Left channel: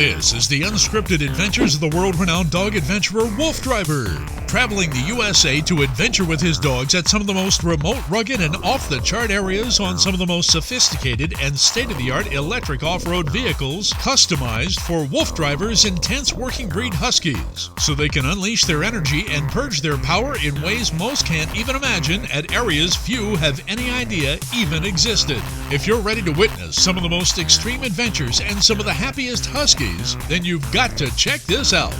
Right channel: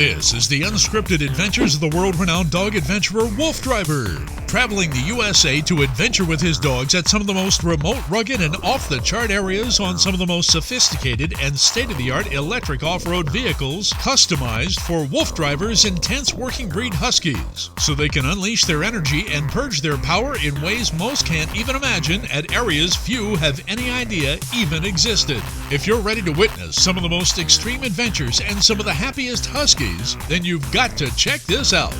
This is the unscripted adventures of the world-renowned dog adventurer Wolf Driver, traveling the USA to adventure with his dogs at some of the most remote, rugged, and off-the-chart areas on some of the most sophisticated and state-of-the-art electric off-road vehicles customized for Wolf Driver's intense working breed huskies, so they can unleash their energy and purge their power in ways most can't even imagine at areas few have any idea even existed. If you're ready to witness some of the most extreme adventures and some of the happiest huskies, then you've got to check this out.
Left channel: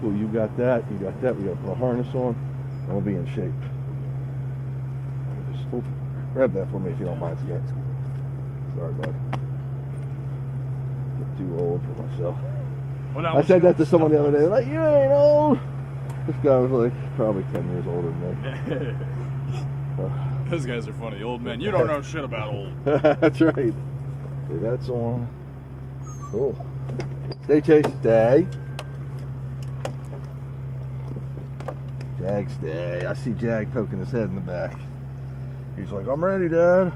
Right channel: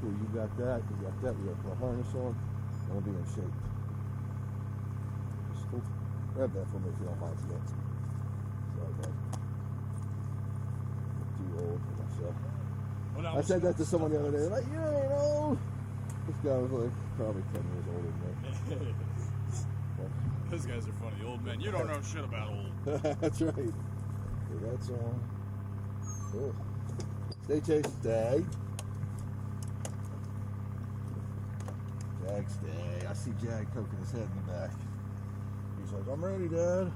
Cool, you got that, we gotta put a harness on, and we'll be in shape. Just grab that for me if you don't mind, yet. Sorry, bud. Get too old for myself. Well, I said that to someone the other day, like, you ain't old. This guy was like, probably 10 years older than me. Those guys are funny, old men. You don't know shit about old. That's right. Okay, that's on. Cool. Stay, Chase, stay. Jag, stay. I see Jag poking his head in the back. He's like, I'm ready, Dad.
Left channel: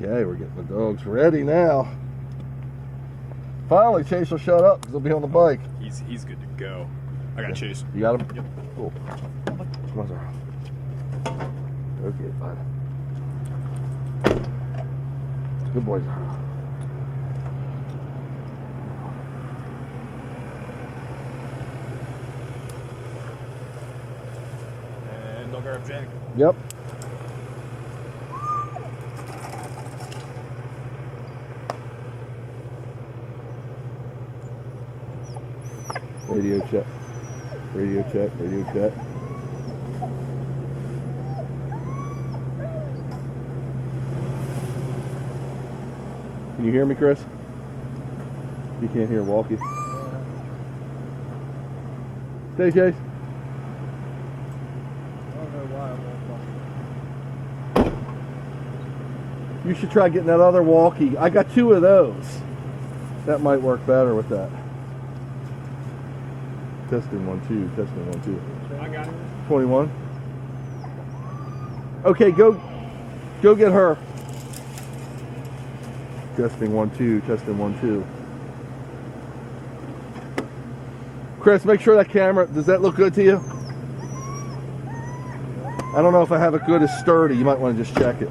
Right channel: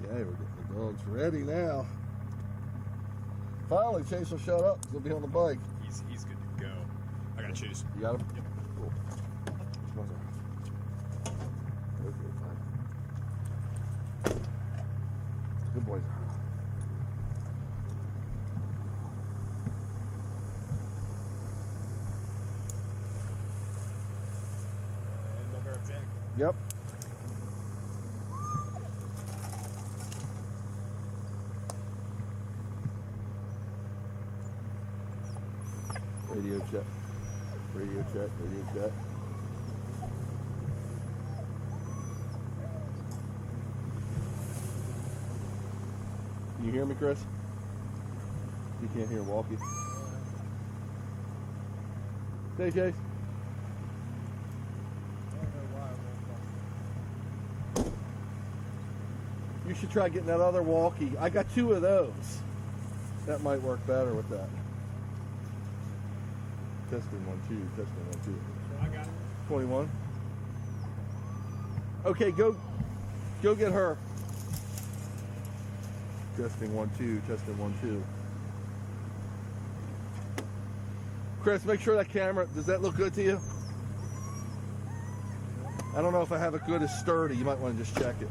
Okay, we're getting the dogs ready now. Finally, Chase will shut up because he'll be on the bike. He's good to go. I got Chase. You got him? Yep. Cool. Come on, Zara. Okay, fine. Good boy, Zara. Jack. Yep. Radio check. Radio check. Radio check. Can you hear me, Chris? You can't hear Walkie. Stay, Chase. You should try getting that other walkie. I got 2 of those. That might work better with that. Testing 1 2. Testing 1 2. I got it. 21. Okay, go get her. Testing 1 2. Testing 1 2. Chris, make sure that camera, does that look good to you? I don't know if I have it good as sturdy. You might want to just check it.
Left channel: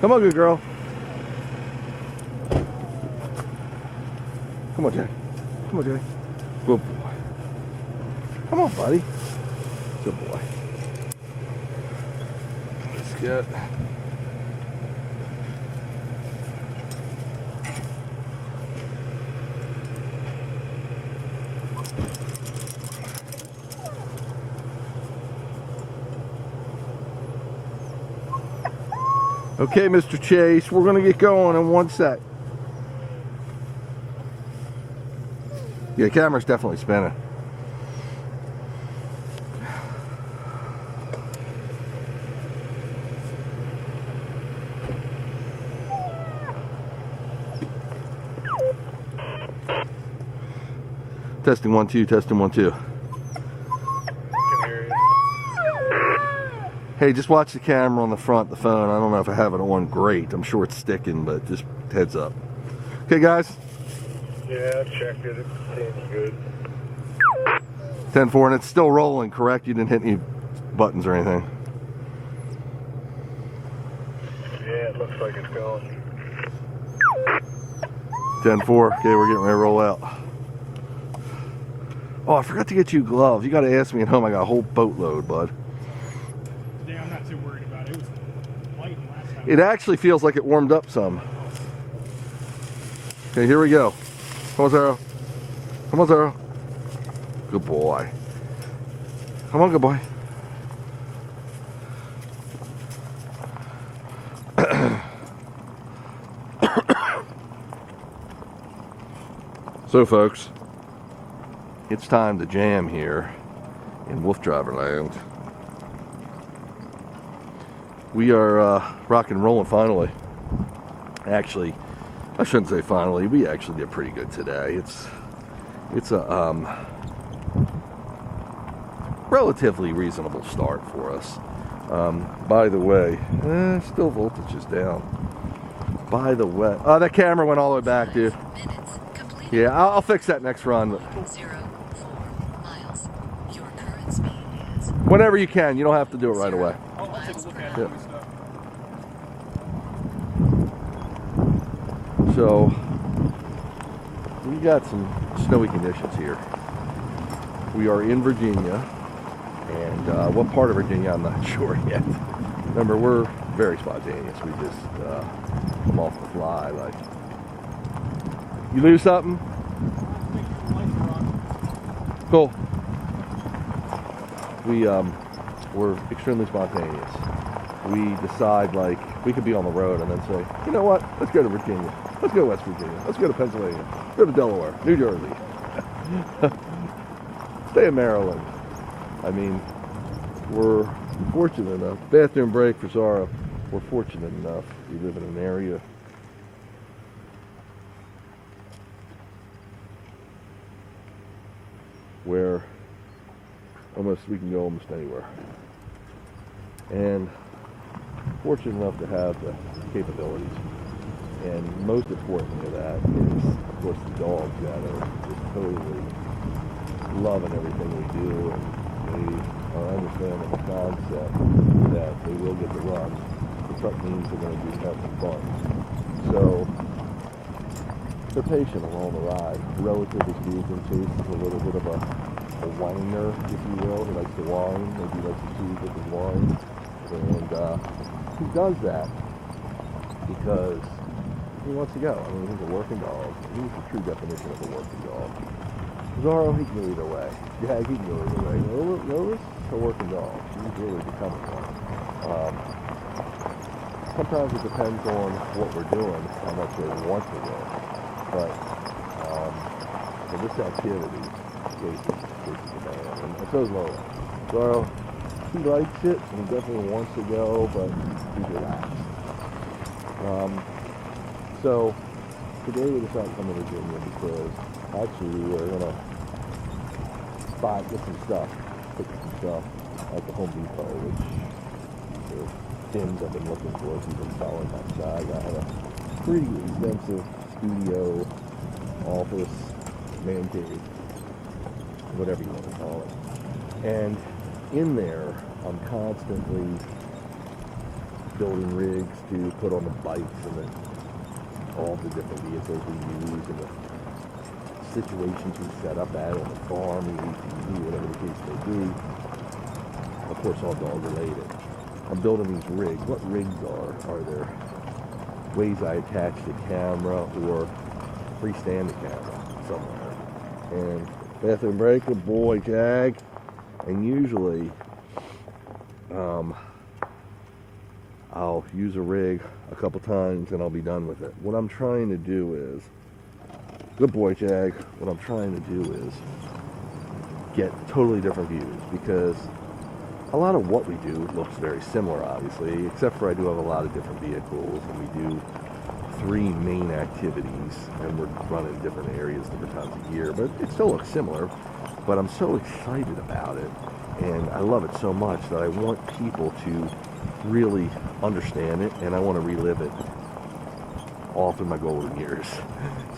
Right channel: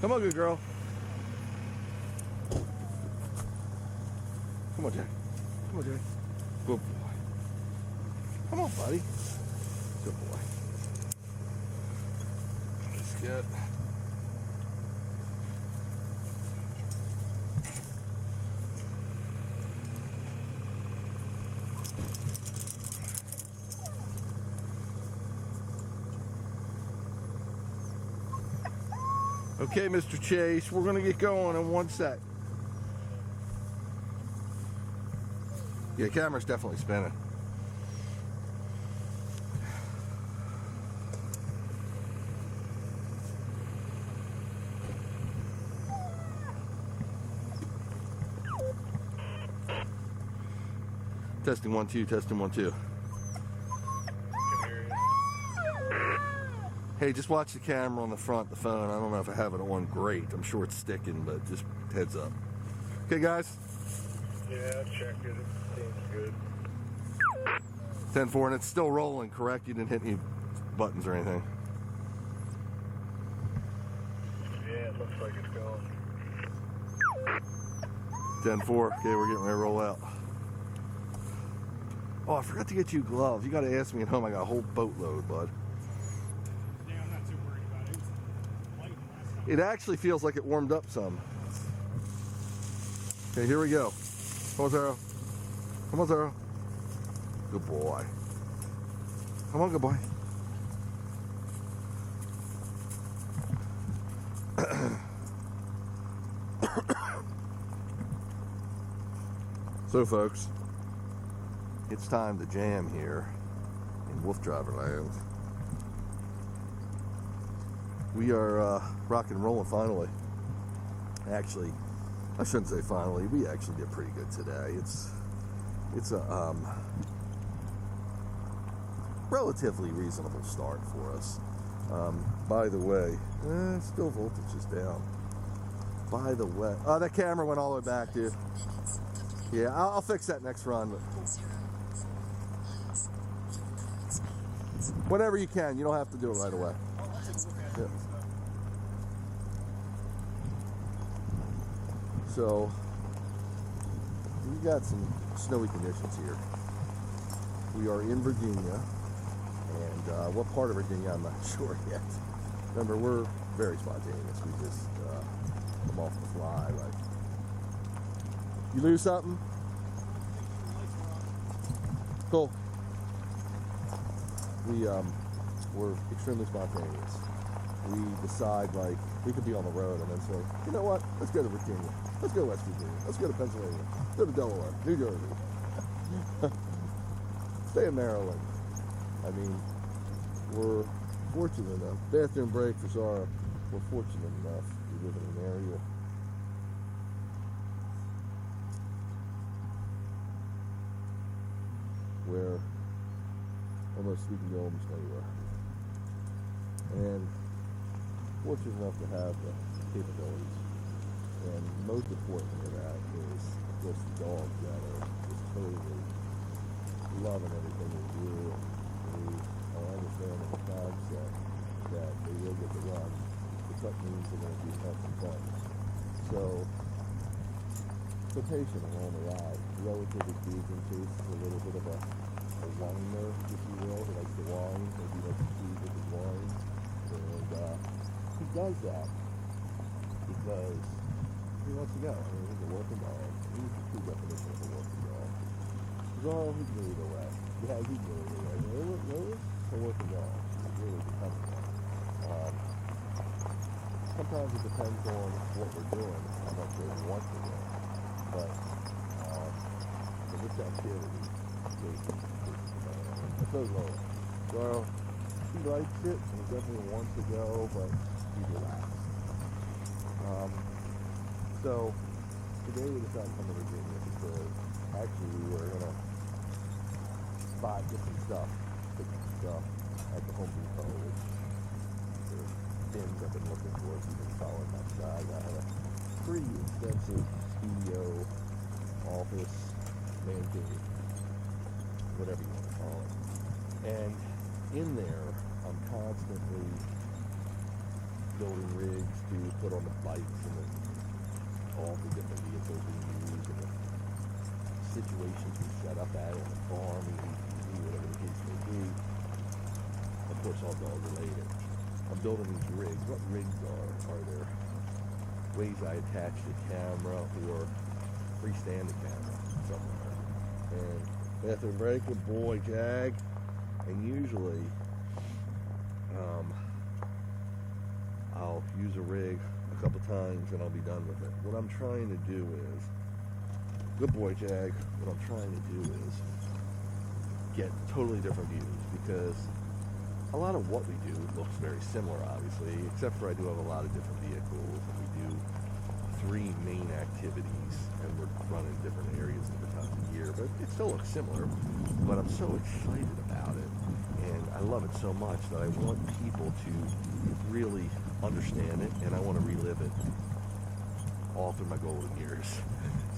Come on, good girl. Come on, Jay. Come on, Jay. Good boy. Come on, buddy. Good boy. That's good. Okay, Mr. Chase, we're going to get going in 1 sec. Yeah, camera's definitely spinning. Testing 1 2, testing 1 2. Hey, just watch the camera on the front, the phone. I don't know if I have it on great. I'm sure it's sticking, but just heads up. Okay, guys? Yeah, I checked it. It seems good. 10-4, and it's still rolling, correct? You didn't hit any buttons or anything? Yeah, it looks like it's going. 10-4. Okay, we're getting ready to roll out. Oh, I forgot to get you gloves. You got to ask me at home. I got a whole boatload, bud. It actually feels like it warmed up some. Okay, here we go. Come on, Zara. Come on, Zara. Good boy. Come on, good boy. So folks, it's time to jam here in Wolf Driver Land. We are rock and rolling finally. Actually, I shouldn't say finally. We actually did pretty good today. It's a relatively reasonable start for us. By the way, still voltage is down. By the way, that camera went all the way back, dude. Yeah, I'll fix that next run. 0.04 miles. Your current speed is. Whenever you can, you don't have to do it right away. I'll take a look at it Yeah. when we stop. So, we got some snowy conditions here. We are in Virginia, and what part of Virginia, I'm not sure yet. Remember, we're very spontaneous. We just come off the fly. Like, you lose something? Cool. We're extremely spontaneous. We decide, like, we could be on the road and then say, you know what, let's go to Virginia. Let's go to West Virginia. Let's go to Pennsylvania. Go to Delaware, New Jersey. Stay in Maryland. I mean, we're fortunate enough. Bathroom break for Zara. We're fortunate enough. We live in an area where we can go almost anywhere. And fortunate enough to have the capabilities. And most importantly of that is, of course, the dogs that are just totally loving everything we do, and they are understanding the concept that they will get the run. The truck means they're going to be having fun. So they're patient along the ride. Relatively speaking, Chase is a little bit of a whiner, if you will. He likes to whine, maybe he likes to cheese with his whine. And he does that because he wants to go. I mean, he's a working dog. He's the true definition of a working dog. Zorro, he can go either way. Yeah, he can go either way. Notice a working dog. He's really becoming one. Sometimes it depends on what we're doing, how much they want to go. But for this activity, Casey is the man. And so is Lola. Zorro, he likes it, and he definitely wants to go, but he's relaxed. So today we decided to come to Virginia because actually we were gonna get some stuff, pick up some stuff at the Home Depot, which the things I've been looking for as we've been following my side. I have a pretty extensive studio, office, man cave, whatever you want to call it. And in there, I'm constantly building rigs to put on the bikes and all the different vehicles we use and the situations we set up at on the farm, whatever the case may be. Of course, all dog related. I'm building these rigs. What rigs are there? Ways I attach the camera or freestand the camera somewhere. And bathroom break, good boy, Jag. And usually, I'll use a rig a couple times and I'll be done with it. What I'm trying to do is, good boy, Jag, what I'm trying to do is get totally different views, because a lot of what we do looks very similar, obviously, except for I do have a lot of different vehicles, and we do 3 main activities, and we're running different areas different times of year, but it still looks similar. But I'm so excited about it, and I love it so much that I want people to really understand it, and I want to relive it all through my golden years.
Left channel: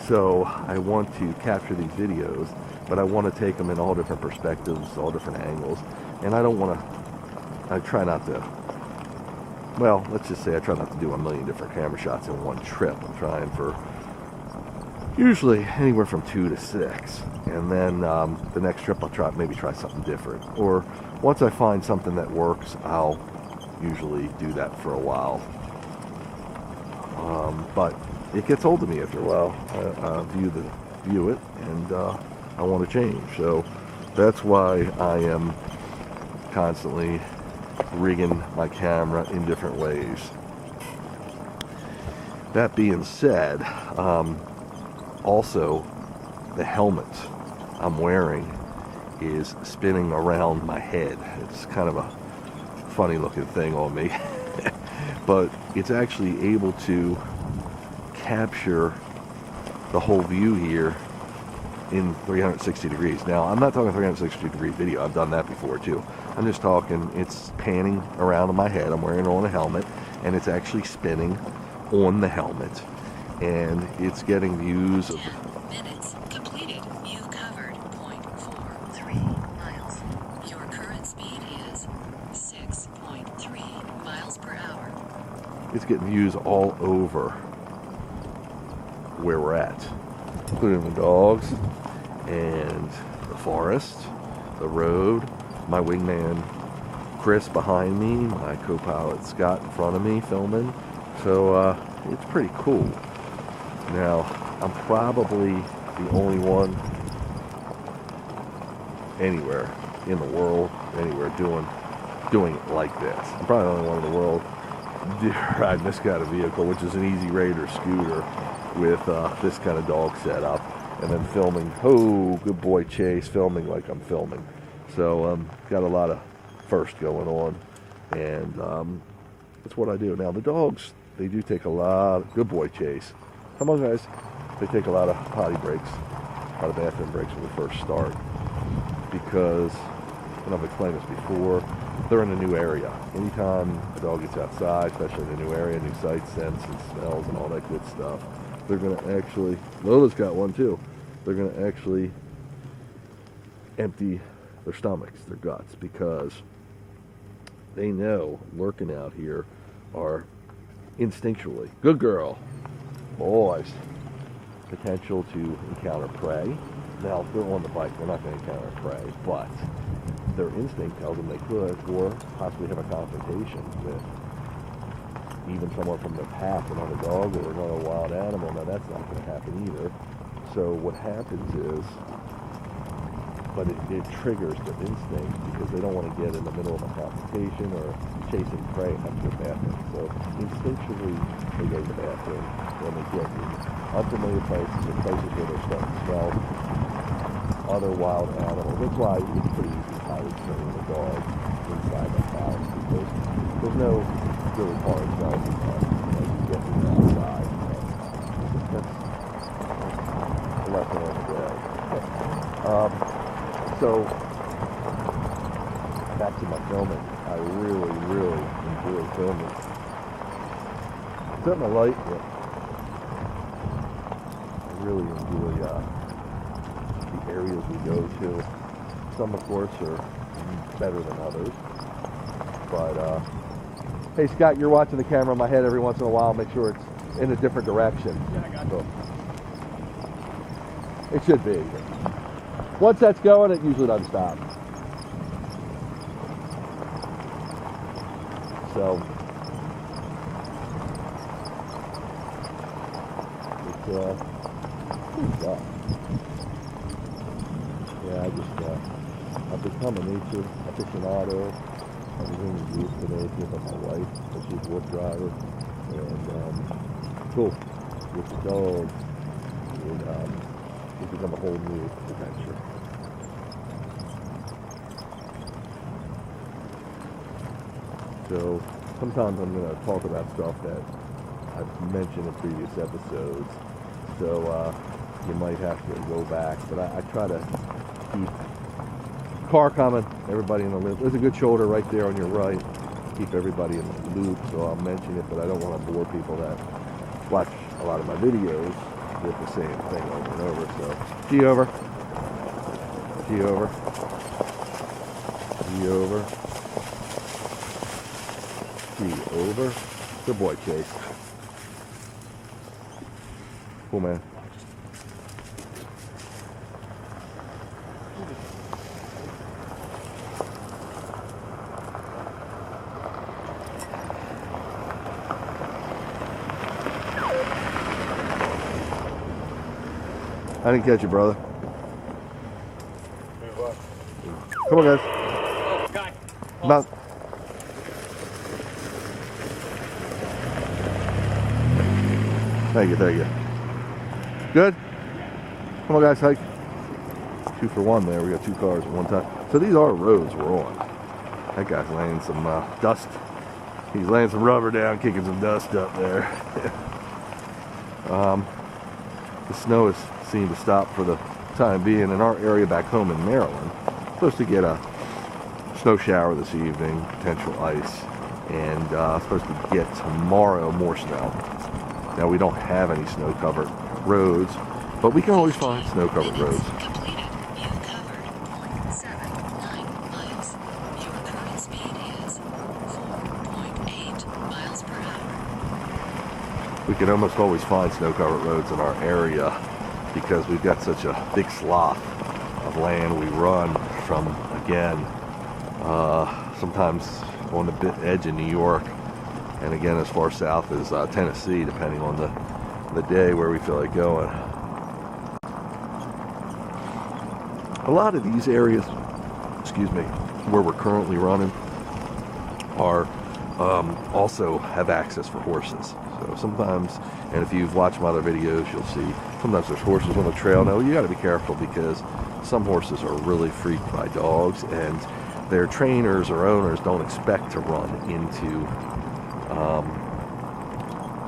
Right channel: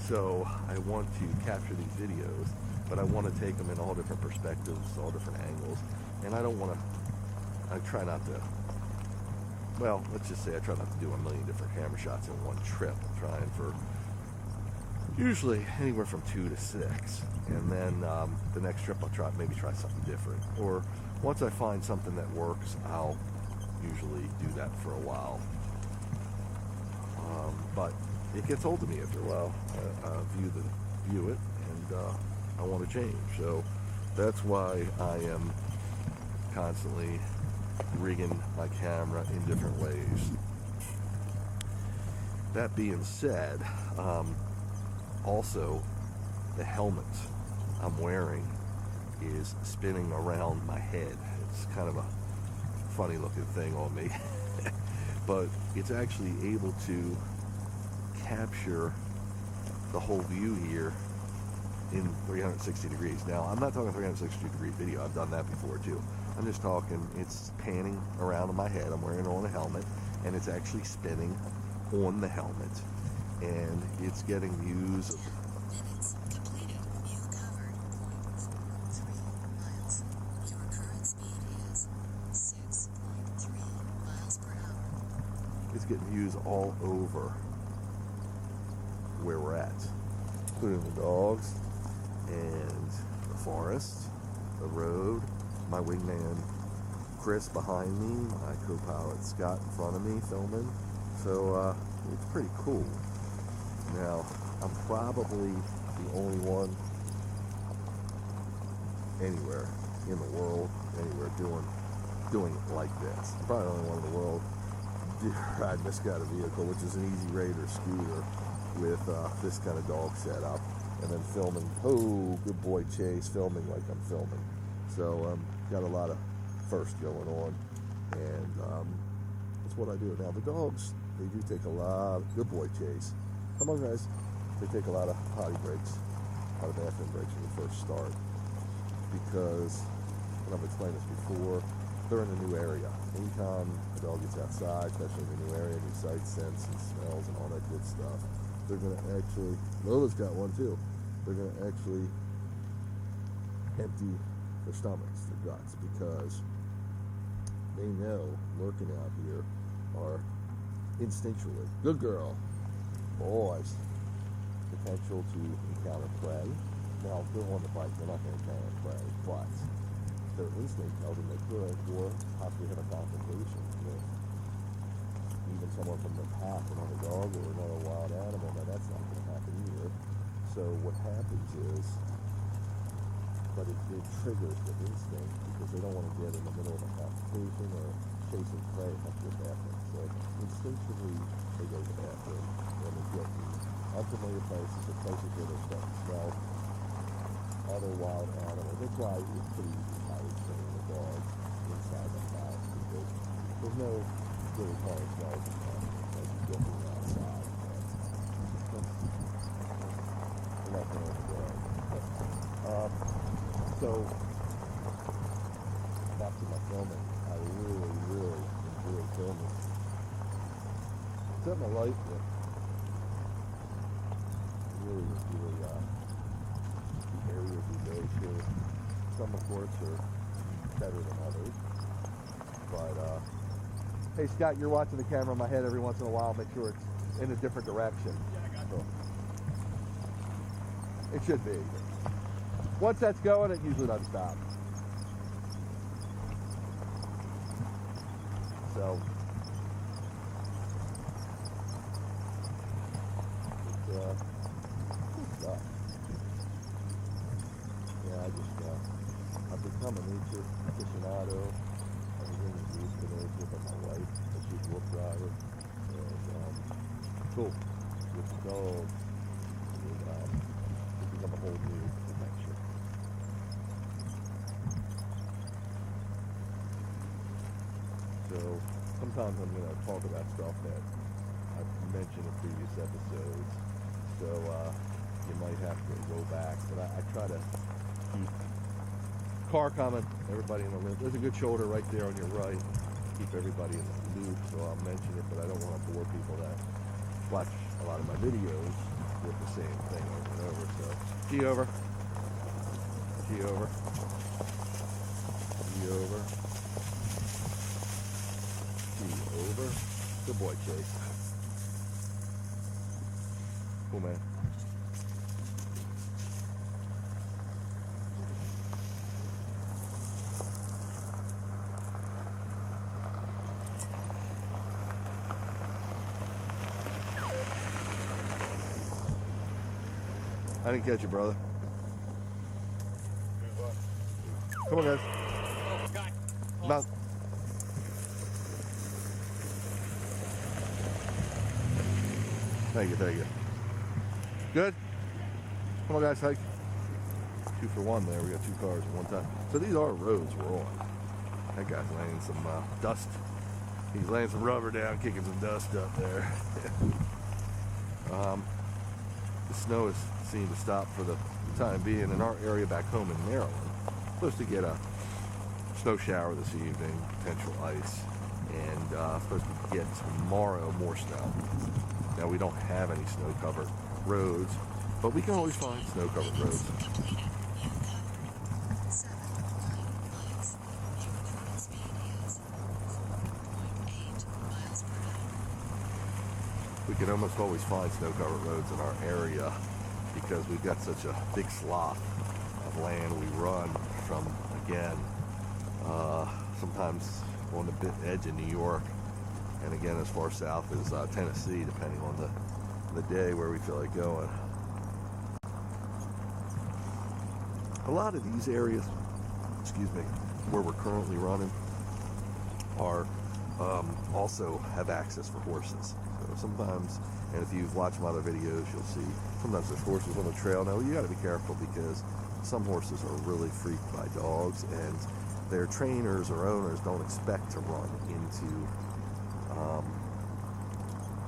So I want to capture these videos, but I want to take them in all different perspectives, all different angles, and I try not to, well, let's just say I try not to do a million different camera shots in one trip. I'm trying for usually anywhere from 2 to 6, and then the next trip I'll maybe try something different, or once I find something that works, I'll usually do that for a while. But it gets old to me after a while. I view it, and I want to change. So that's why I am constantly rigging my camera in different ways. That being said, also the helmet I'm wearing is spinning around my head. It's kind of a funny looking thing on me. But it's actually able to capture the whole view here in 360 degrees. Now, I'm not talking 360 degree video. I've done that before too. I'm just talking, it's panning around on my head. I'm wearing on a helmet, and it's actually spinning on the helmet. And it's getting views of 10 minutes completed. You've covered 0.43 miles. Your current speed is 6.3 miles per hour. it's getting views all over where we're at, including the dogs and the forest, the road, my wingman Chris behind me, my co-pilot Scott in front of me filming. So it's pretty cool. Now, I'm probably the only one anywhere in the world, anywhere doing it like this. I'm probably the only one in the world riding this kind of vehicle, which is an Easy Raider scooter with this kind of dog setup, and then filming, oh, good boy Chase, filming like I'm filming. So got a lot of first going on, and that's what I do. Now the dogs, they do take a lot of, good boy Chase, come on guys, they take a lot of potty breaks, a lot of bathroom breaks when we first start, because, and I've explained this before, they're in a new area. Anytime a dog gets outside, especially in a new area, new sights, scents, and smells, and all that good stuff, they're going to actually, Lola's got one too, they're going to actually empty their stomachs, their guts, because they know lurking out here are instinctually, good girl, boys, potential to encounter prey. Now, if they're on the bike, they're not going to encounter prey, but their instinct tells them they could, or possibly have a confrontation with even someone from their pack, another dog or another wild animal. Now, that's not going to happen either. So what happens is, but it triggers the instinct, because they don't want to get in the middle of a confrontation or chasing prey and have to go to the bathroom. So instinctually, they go to the bathroom when they get in unfamiliar places, or places where they're starting to smell other wild animals. That's why it's pretty easy to hide the dog inside the house, because there's no really hard smells like you get from the outside. That's a lesson on the day. So, back to my filming. I really, really enjoy filming. Something I like, I really enjoy the areas we go to. Some, of course, are better than others. But, hey, Scott, you're watching the camera in my head every once in a while. Make sure it's in a different direction. Yeah, I got So, it should be. Once that's going, it usually doesn't stop. So, it's good stuff. Yeah, I've become a nature aficionado. I was in the today with my wife, but she's a wolf driver, and cool. With the dog, it's become a whole new adventure. So sometimes I'm going to talk about stuff that I've mentioned in previous episodes. So you might have to go back, but I try to keep car coming, everybody in the loop. There's a good shoulder right there on your right. Keep everybody in the loop, so I'll mention it, but I don't want to bore people that watch a lot of my videos with the same thing over and over. So, G over. G over. G over. G over. Good boy, Chase. Cool, man. I didn't catch you, brother. Come on, guys. Oh, guy. About. Thank you. Good? Come on, guys, hike. 2 for 1 there. We got 2 cars at one time. So these are roads we're on. That guy's laying some dust. He's laying some rubber down, kicking some dust up there. The snow has seemed to stop for the time being. In our area back home in Maryland, supposed to get a snow shower this evening, potential ice, and supposed to get tomorrow more snow. Now we don't have any snow-covered roads, but we can always find snow-covered roads. Completed. You've covered 0.79 miles. Your current speed is 4.8 miles per hour. We can almost always find snow-covered roads in our area because we've got such a big swath of land we run from, again, sometimes on the edge of New York, and again as far south as Tennessee, depending on the day where we feel like going. A lot of these areas, where we're currently running are also have access for horses. So sometimes, and if you've watched my other videos, you'll see sometimes there's horses on the trail. Now you got to be careful because some horses are really freaked by dogs, and their trainers or owners don't expect to run into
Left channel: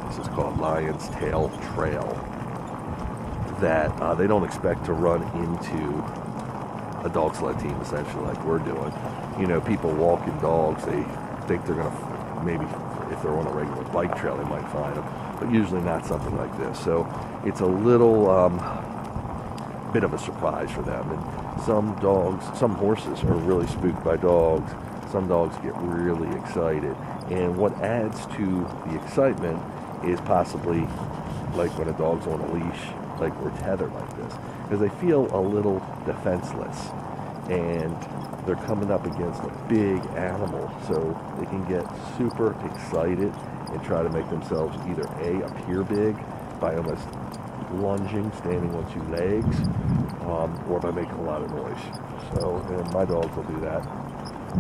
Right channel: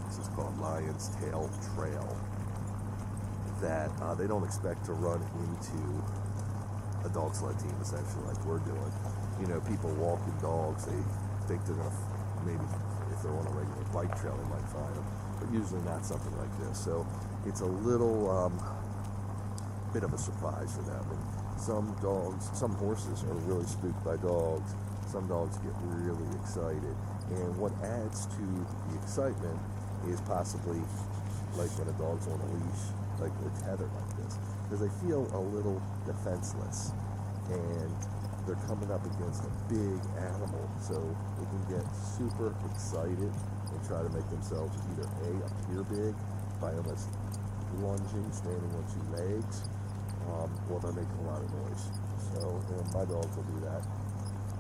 this is called Lion's Tail Trail, that they don't expect to run into a dog sled team, essentially, like we're doing. You know, people walking dogs, they think they're going to, maybe if they're on a regular bike trail, they might find them, but usually not something like this. So it's a little bit of a surprise for them. And some horses are really spooked by dogs. Some dogs get really excited. And what adds to the excitement is possibly like when a dog's on a leash, like we're tethered like this, because they feel a little defenseless and they're coming up against a big animal, so they can get super excited and try to make themselves either appear big by almost lunging, standing on 2 legs, or by making a lot of noise. So, and my dogs will do that.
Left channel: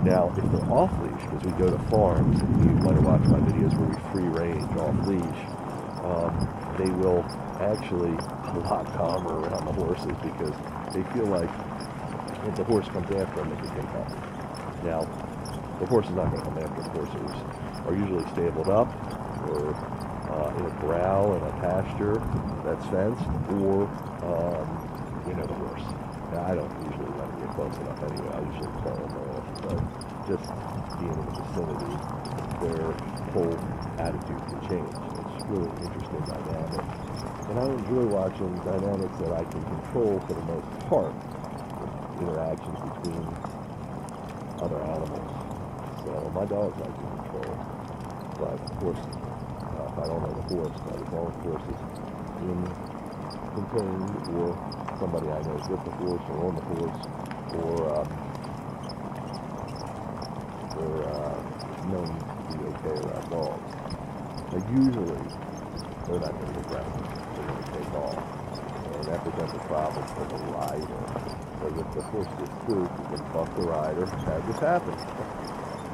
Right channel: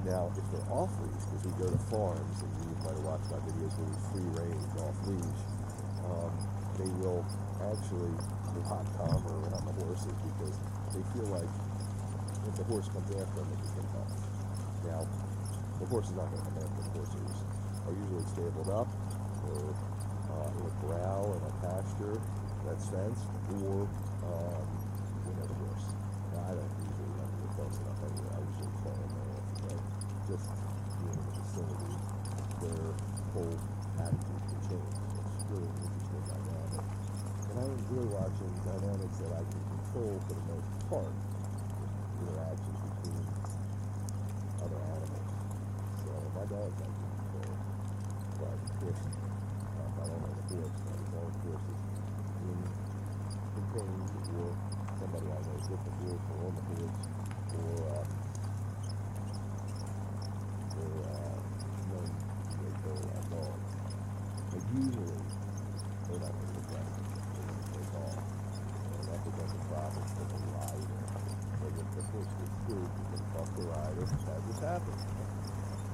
Now, if they're off leash, because we go to farms, and you might have watched my videos where we free range off leash, they will actually a lot calmer around the horses because they feel like if the horse comes after them, they can take off. Now, the horse is not going to come after. The horses are usually stabled up or in a corral in a pasture that's fenced, or the horse. Now, I don't usually let them get close enough anyway. I usually call them off, but just being in the vicinity, their whole attitude can change. It's really interesting dynamic. And I enjoy watching dynamics that I can control for the most part, interactions between other animals. So my dogs I can control, but of course, if I don't know the horse, as long as the horse is contained, or somebody I know is with the horse or on the horse, or they're known to be okay around dogs. But usually, they're not going to get grounded. They're going to take off. And that becomes a problem for the rider. Because if the horse gets spooked, you can buck the rider. That just happens.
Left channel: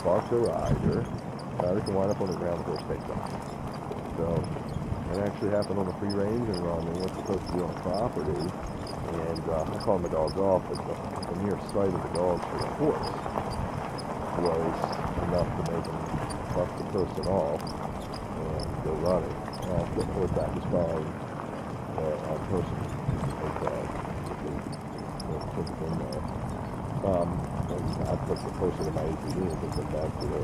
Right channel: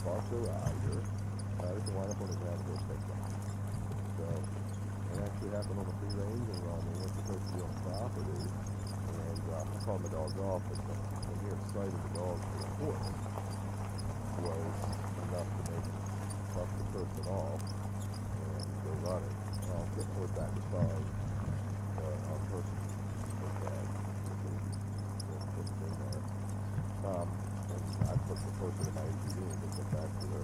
Buck the rider. Rider can wind up on the ground, the horse takes off. So, it actually happened on the free range and run. They weren't supposed to be on property. And I called my dogs off, but the mere sight of the dogs for the horse was enough to make them buck the person off and go running. Get the horse back as fine. Our person was bad. Put it in there. And I put the person in my ATV and took it back to the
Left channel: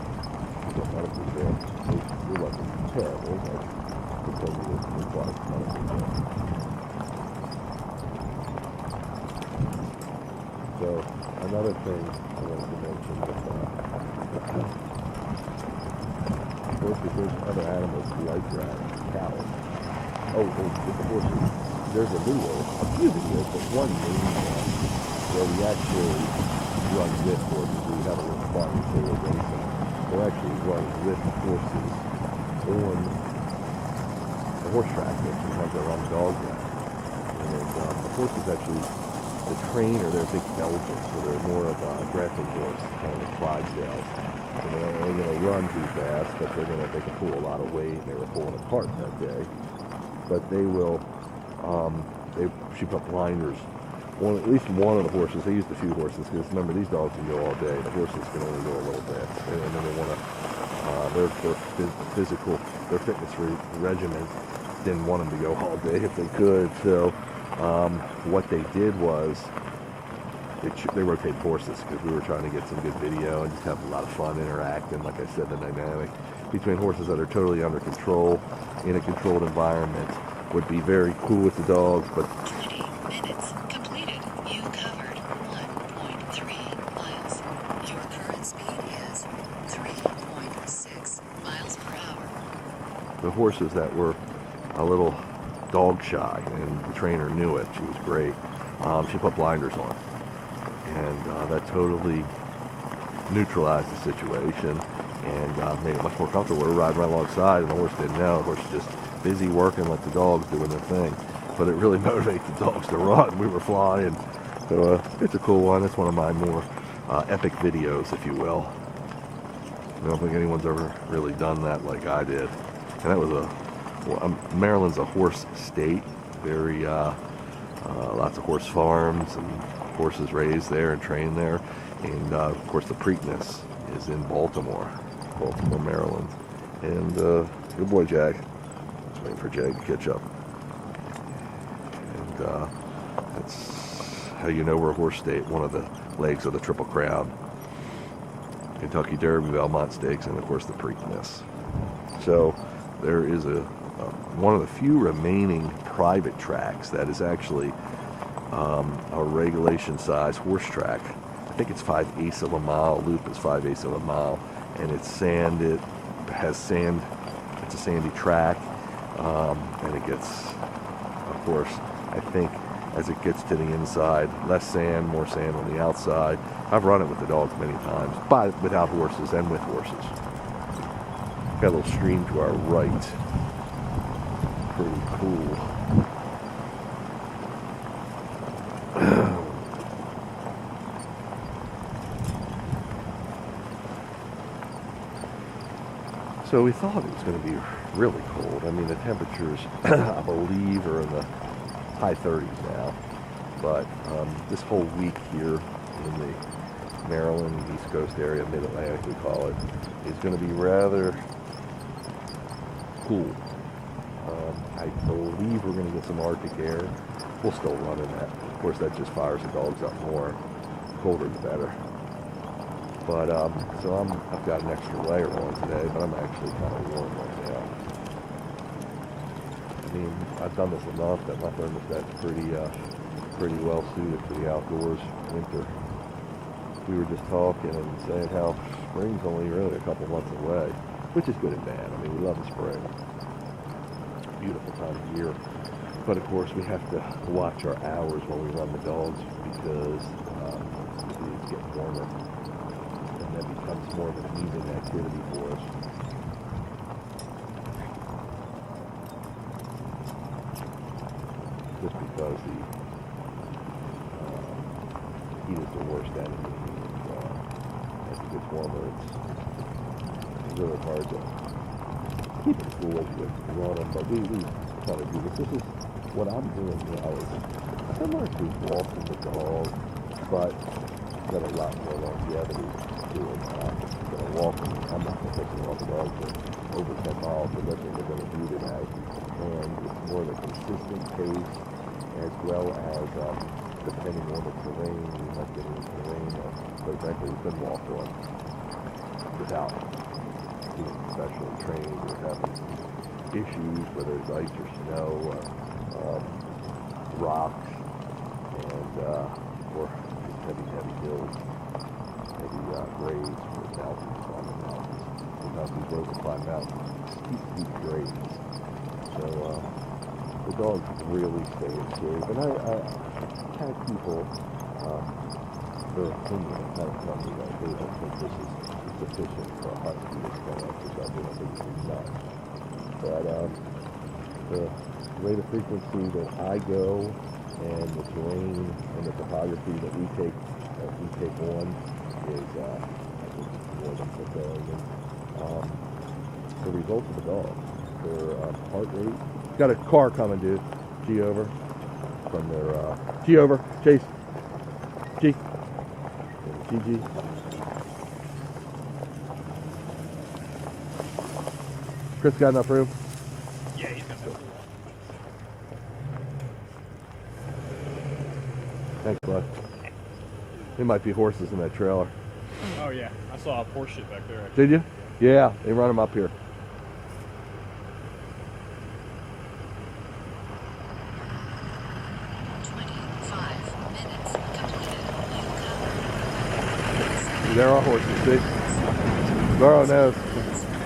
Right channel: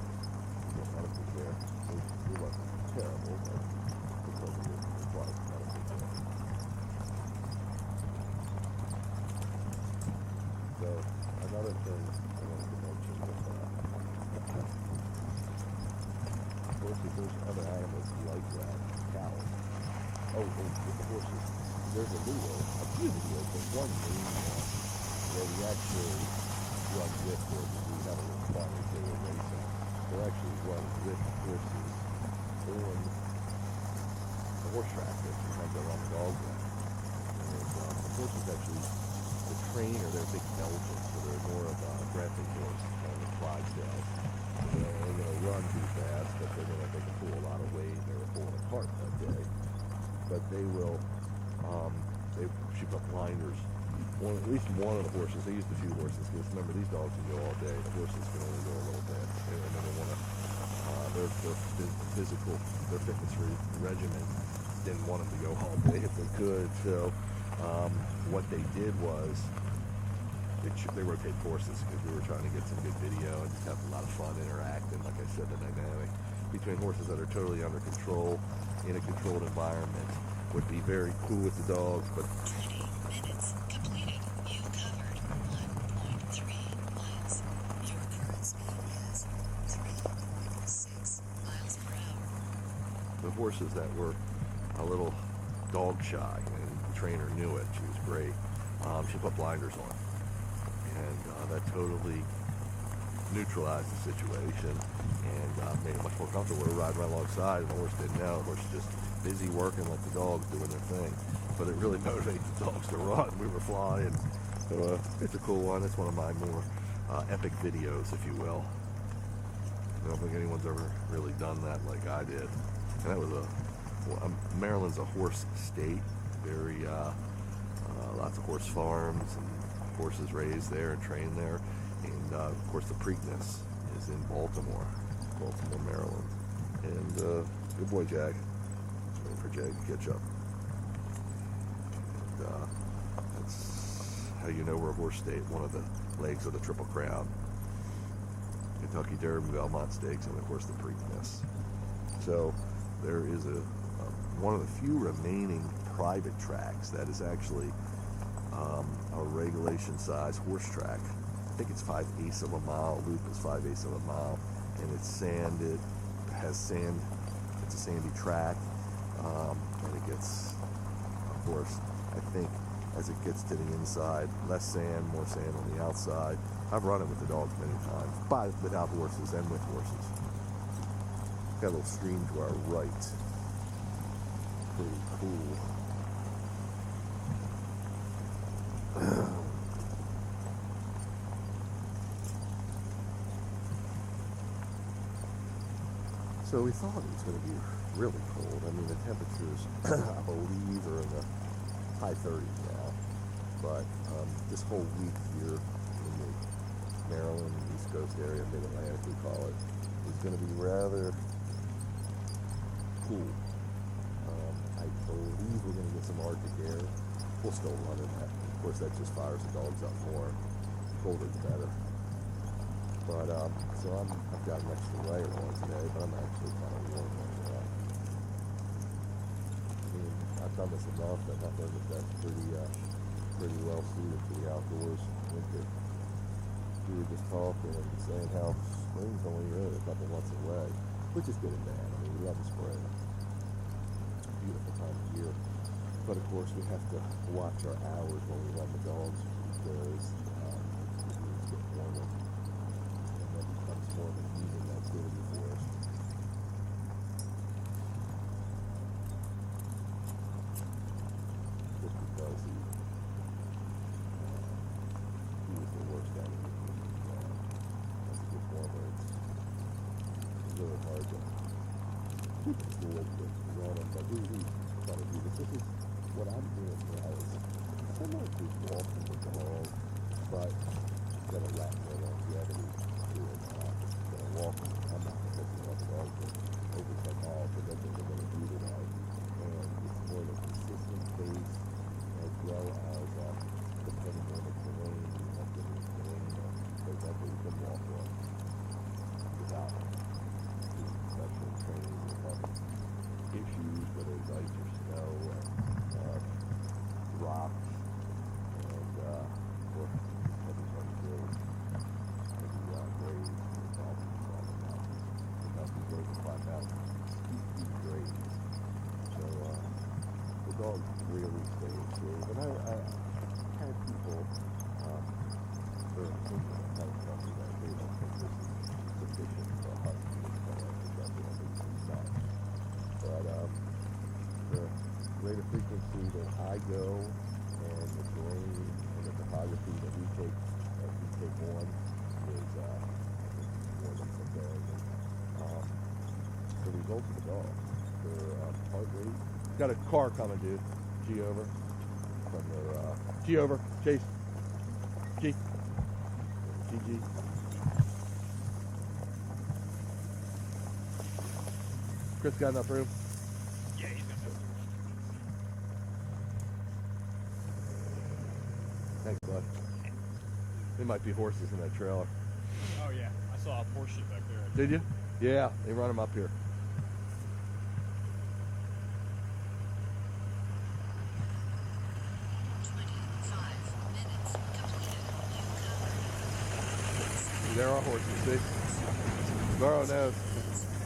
medical care. It wasn't terrible, but because it was required medical care. So another thing I wanted to mention with horses, there's other animals like that, cattle. With the horses, there's a few videos, but one main one where we actually run with horses. We have a little farm trailer racing. We're actually running with horses on the horse track that sometimes I run the dogs at. And the horses actually, the trainer, they're big Belgians, so they're more of a dressing horse, kind of Clydesdales. And they're going to run too fast, but they can pull a lot of weight. They were pulling apart that day. But they will, she put blinders at least one of the horses. They used a few horses because remember these dogs can go all day. The horses can only go a little bit, and then they want to their fitness regimen didn't want them to go all day if they could. So what they did was they rotated horses because we were trying to get some good video and just have a lot of fun interacting. Like I said, the dynamic between horses that are totally under control in a controlled environment would be very cool with the dogs, but 20 minutes completed. You've covered 1.3 miles. Your current speed is 3.6 miles per hour. the horses that were a little dog shy, and the trainer knew it. She was great. She put blinders on, and that totally neutralized the situation and made it much more comfortable. We were riding right alongside, and the horse didn't know. The horse was just busy working, like the dogs doing their thing. But it really motivates the dogs to run. We were flying, so it's a cool one. It's one of my more epic videos, if you will. I don't think anyone's ever really done that like I did. And that was Maryland's a horse state. Very lots of horse farms and horses raised there and trained there. And of course the Preakness is in Baltimore, Maryland. And good boy, Jag. Just waiting for Jag to catch up. And that's how you know we're a horse state. One of the legs of the Triple Crown. Kentucky Derby, Belmont Stakes, and of course the Preakness. So there is one of the few remaining private tracks that is actually a regulation size horse track. I think it's 5/8 of a mile. Loop is 5/8 of a mile, and it's sand. It has sand. It's a sandy track, and it gets, of course, I think as it gets to the inside, less sand, more sand on the outside. I've run it with the dogs many times, but without horses and with horses. Got a little stream to our right. Pretty cool. So we thought it was going to be really cold. I mean, the temperatures, I believe, are in the high 30s now. But this whole week here in the Maryland, East Coast area, Mid-Atlantic we call it, is going to be rather cool. I believe we're going to get some Arctic air. We'll still run in that. Of course, that just fires the dogs up more. Colder the better. But so I've got an extra layer on today, but I'm actually kind of warm right now. I mean, I've done this enough that my thermostat's pretty well suited for the outdoors winter. We were just talking and saying how spring's only really a couple months away, which is good and bad. I mean, we love the spring. Beautiful time of year. But of course, we have to watch our hours while we run the dogs because the days get warmer. And that becomes more of an evening activity for us. Just because the heat is the worst enemy. As it gets warmer, it's really hard to keep it cool as you run them. But we try to do this. This is what I'm doing now. Is similar to walking the dog, but got a lot more longevity to it. Gonna walk them. I'm not going to take them off the dog for over 10 miles, but that's what we're going to do tonight. And it's more of a consistent pace, as well as depending on the terrain. We might get into terrain that, quite frankly, we couldn't walk on without being professionally trained or having issues, whether it's ice or snow, rocks, and or just heavy hills, heavy grades or mountains on the mountains. Sometimes these roads will climb mountains, steep grades. So the dogs really stay in shape. And I had people, their opinion on how to tell me that they don't think this is sufficient for a hunt to do this kind of exercise. They don't think it's enough. But the rate of frequency that I go and the terrain and the topography that we take on is I think more than fulfilling. And the results of the dog, their heart rate. Got a car coming, dude. G over from their G over. Chase. G. GG. Chris got enough room? Yeah, he's got that. Thanks, bud. There might be horses in that trailer. Oh yeah, I saw a horse shit back there. Did you? Yeah, they run them up here. There are horses, see? Burrow knows.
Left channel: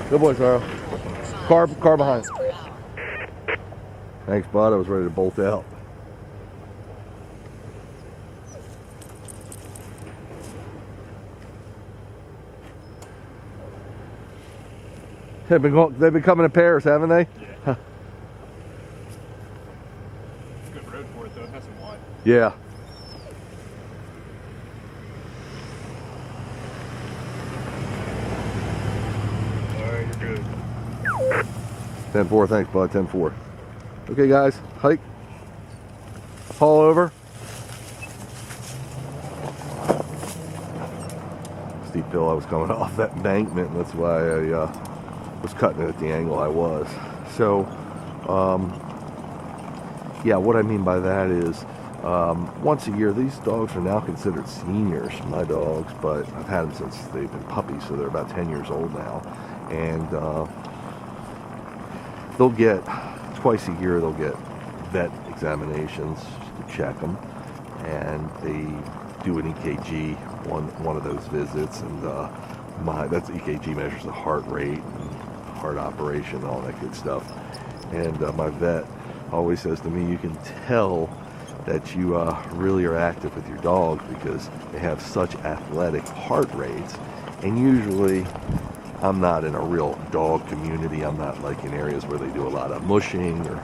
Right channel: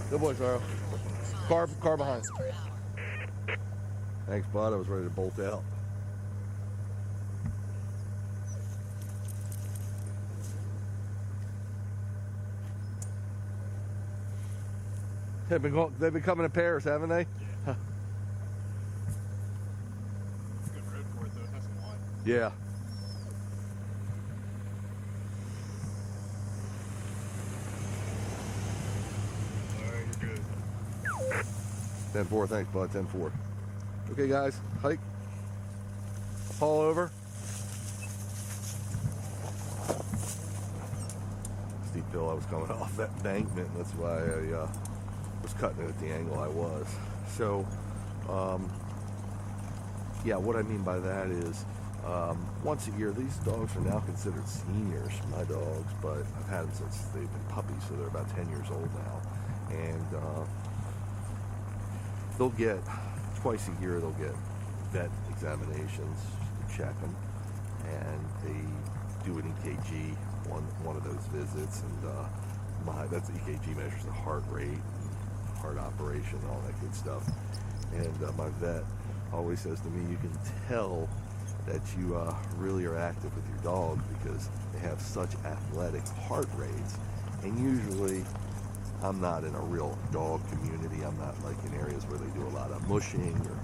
Good boy, Burrow. Car behind. Thanks, bud. I was ready to bolt out. They've been coming in pairs, haven't they? Yeah. It's a good road for it though. It has some wide. Yeah. Alright, you're good. 10-4, thanks, bud. 10-4. Okay, guys, hike. Haul over. Steep hill. I was coming off that embankment, and that's why I was cutting it at the angle I was. So, yeah, what I mean by that is, once a year, these dogs are now considered seniors, my dogs, but I've had them since they've been puppies, so they're about 10 years old now. And they'll get, twice a year, they'll get vet examinations to check them, and they do an EKG one of those visits, and that's EKG measures the heart rate, and heart operation, and all that good stuff. And my vet always says to me, you can tell that you really are active with your dogs because they have such athletic heart rates. And usually, I'm not in a real dog community. I'm not like in areas where they do a lot of mushing or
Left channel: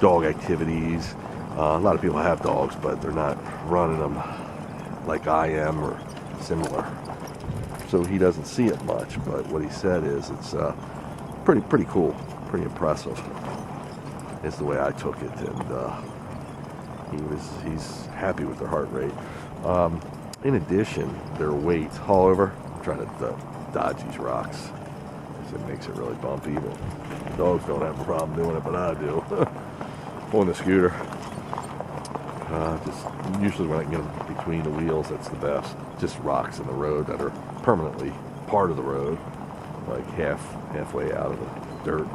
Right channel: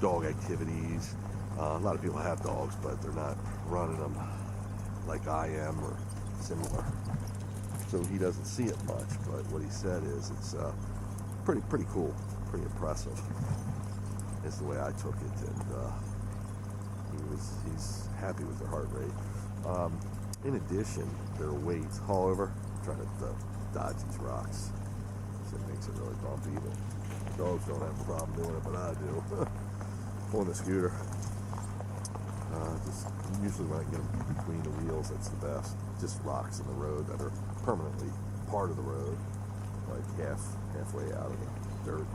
dog activities. A lot of people have dogs, but they're not running them like I am or similar. So he doesn't see it much, but what he said is it's pretty cool, pretty impressive is the way I took it, and he's happy with their heart rate. In addition, their weight. Haul over. I'm trying to dodge these rocks. It makes it really bumpy, but dogs don't have a problem doing it, but I do. On the scooter. Just usually when I can get them between the wheels, that's the best. Just rocks in the road that are permanently part of the road, like halfway out of the dirt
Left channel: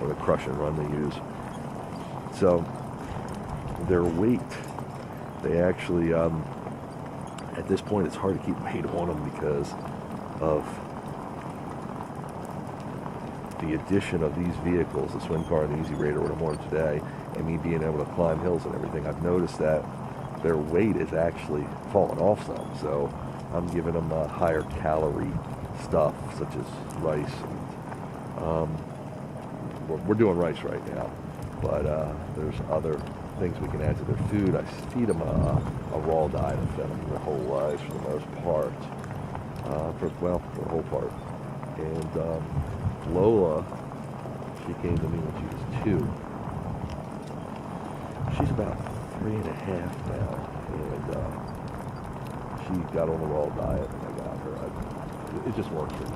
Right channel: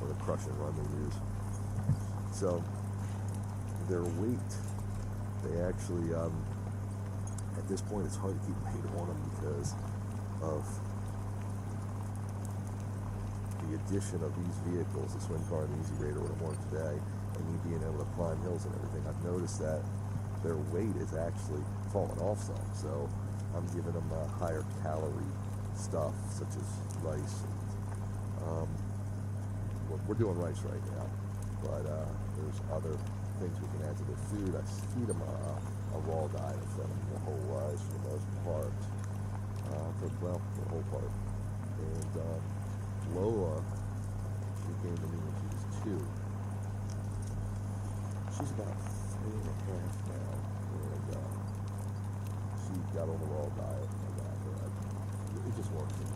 or the crush and run they use. So their weight, they actually at this point it's hard to keep weight on them because of the addition of these vehicles, the Swim Car and the Easy Raider, what I'm on today, and me being able to climb hills and everything. I've noticed that their weight is actually falling off some, so I'm giving them higher calorie stuff such as rice. And, we're doing rice right now, but there's other things we can add to their food. I feed them a raw diet. I've fed them their whole lives for the most part, for the whole part. And Lola, she came to me when she was 2. She's about 3.5 now, and she got on the raw diet and I got her. It just works for me.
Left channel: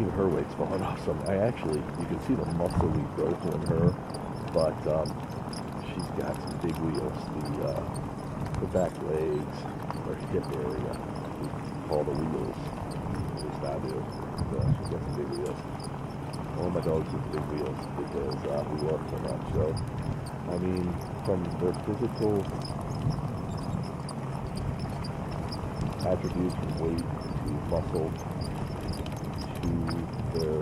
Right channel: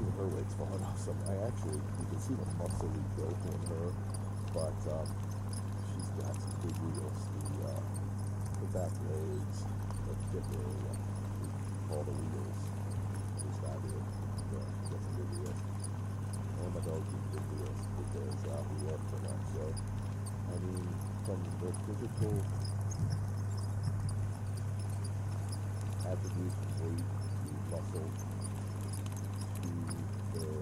Even her weight's falling off some. You can see the muscly growth on her, but she's got some big wheels. The back legs, or hip area, we call the wheels. At least I do. She's got some big wheels. All my dogs with big wheels because we work so much. So, I mean, from their physical attributes, from weight to muscle to their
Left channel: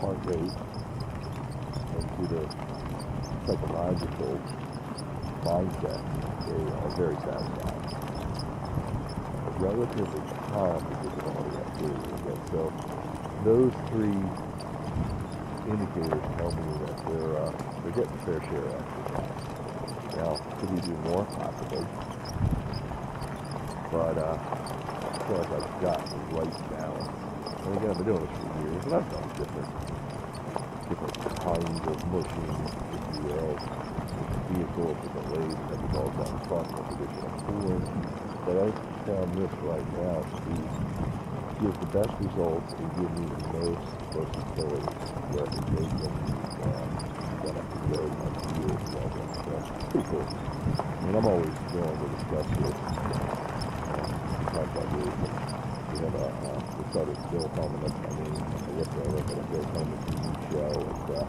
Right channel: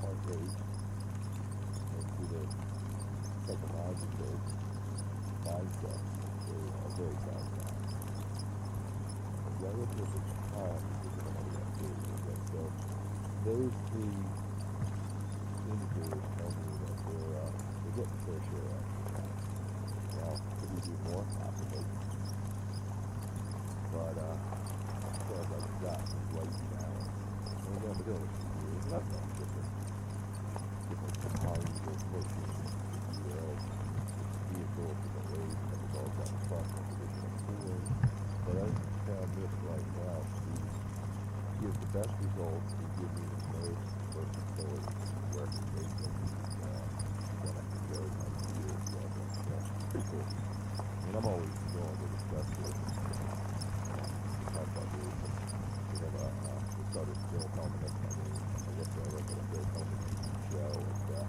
heart rate and to their psychological mindset, they are very satisfied. Relatively calm because of all the activity. So those 3 indicators tell me that they're getting a fair share of exercise. Now, could we do more? Possibly. But I feel like I've got the right balance. And again, I've been doing this for years, and I've done different kinds of mushing, if you will. vehicle, different ways, and have the dogs out in front in a position of pulling. But I found this right now to give the best results and give me the most versatility where I can take them when I can go my field level. So it's pretty cool. I mean, I'm always willing to discuss this. Talk about this. We started Bill Coleman, that's my name. I look at a Bill Coleman TV show, and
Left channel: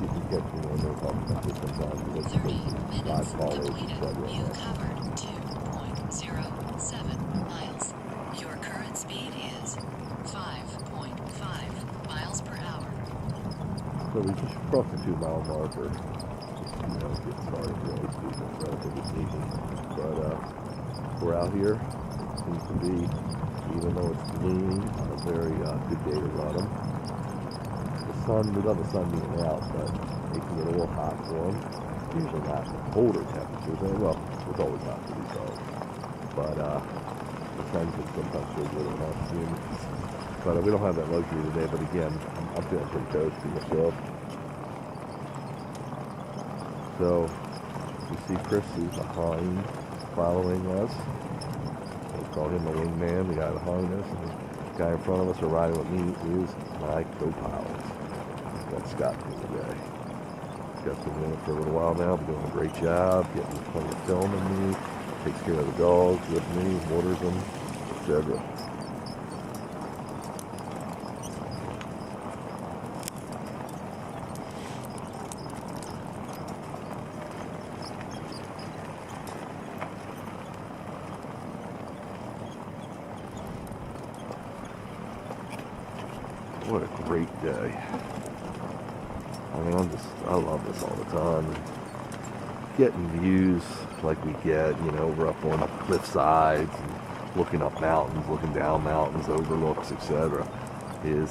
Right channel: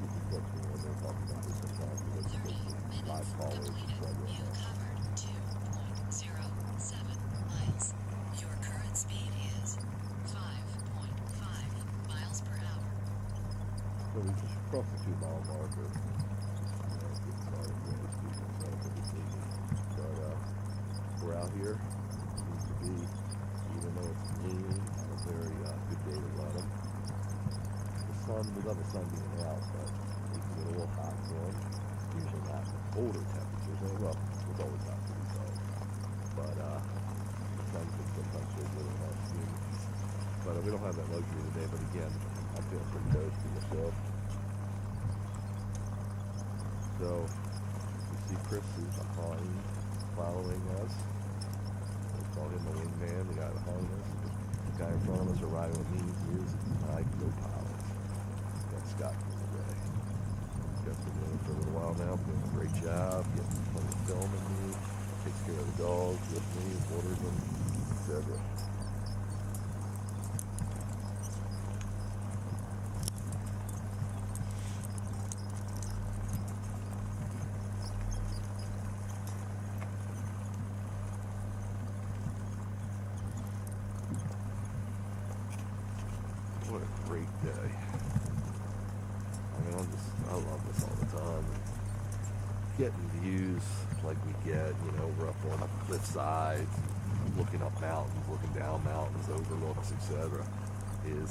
you can catch me when they're talking about this sometimes. Because 30 minutes live callers, completed. You etc. covered 2.07 miles. Your current speed is 5.5 miles per hour. So we just crossed the 2 mile marker. Get started really speaking, relatively speaking. But we're out here. Seems to be, even though it's gloomy, a very good day to run them. The sun, we love the sun being out, but it can get a little hot for them. Usually not colder temperatures. Well, it's always hot for these dogs. But the sun can sometimes feel really hot soon. But we don't have that luxury today. But again, I'm feeling pretty toasty myself. So you see Chris is behind, following us. Let's call him the wingman, the guy behind us. And the guy in front of us are riding with me is my co-pilot. Got Scott here today. Scott's been doing it for a little while now, been doing a great job, getting plenty of film in me, takes care of the dogs with me, waters them, etc. What a great day. I mean, I love this all the time. Getting views like we get, we're up on cliff sides, and looking up mountains, looking down mountains, overlooks, etc. is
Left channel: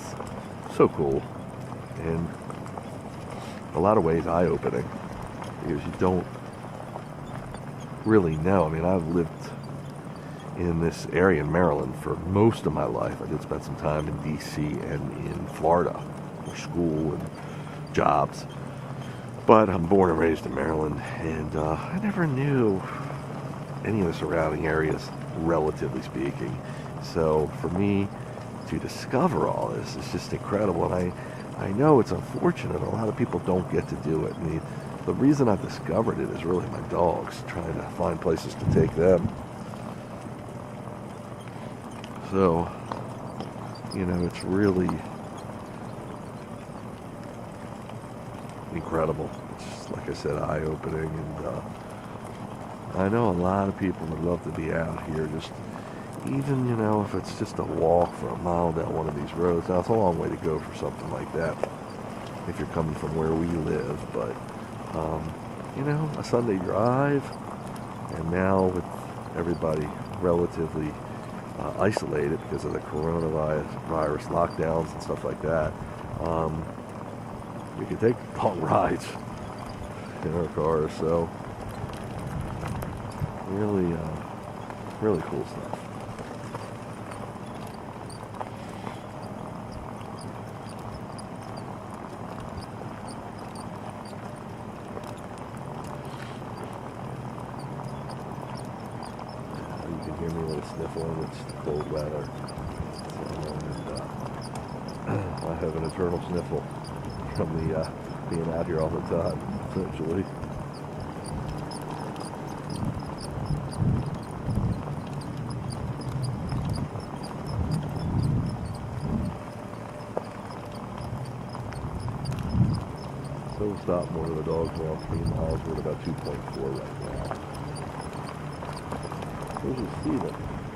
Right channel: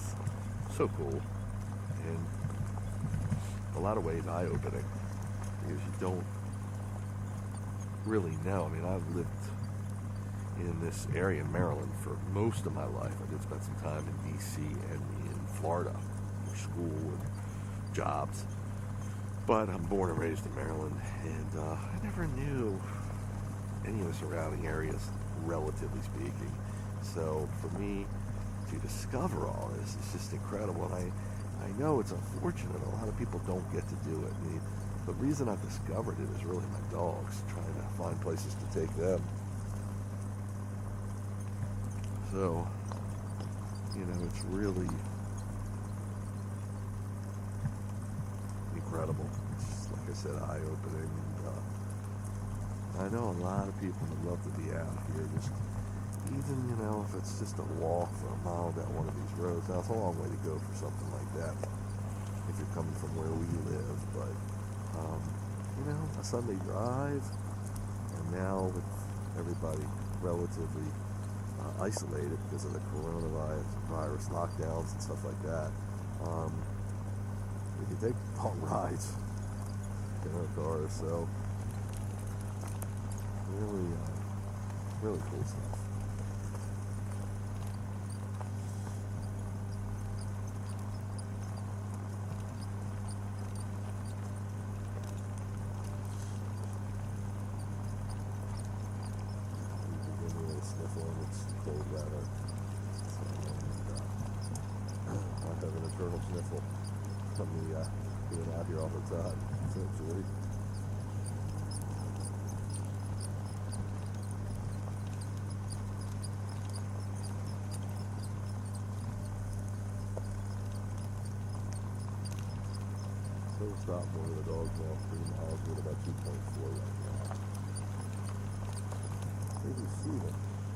so cool. And a lot of ways eye-opening, because you don't really know. I mean, I've lived in this area in Maryland for most of my life. I did spend some time in D.C. and in Florida for school and jobs. But I'm born and raised in Maryland, and I never knew any of the surrounding areas, relatively speaking. So for me to discover all this is just incredible. And I know it's unfortunate. A lot of people don't get to do it. And the reason I've discovered it is really my dogs, trying to find places to take them. So, it's really incredible. It's, like I said, eye-opening. And I know a lot of people would love to be out here, just even, if it's just a walk for a mile down one of these roads. Now, it's a long way to go for something like that if you're coming from where we live. But, a Sunday drive, and now with everybody relatively isolated because of the coronavirus lockdowns and stuff like that, we can take long rides in our cars. So really, really cool stuff. Sniffling, it's cold weather, and I have an eternal sniffle from the being out here all the time, essentially. So we'll stop one of the dogs now, 3 miles, we're at about 2.4 right now.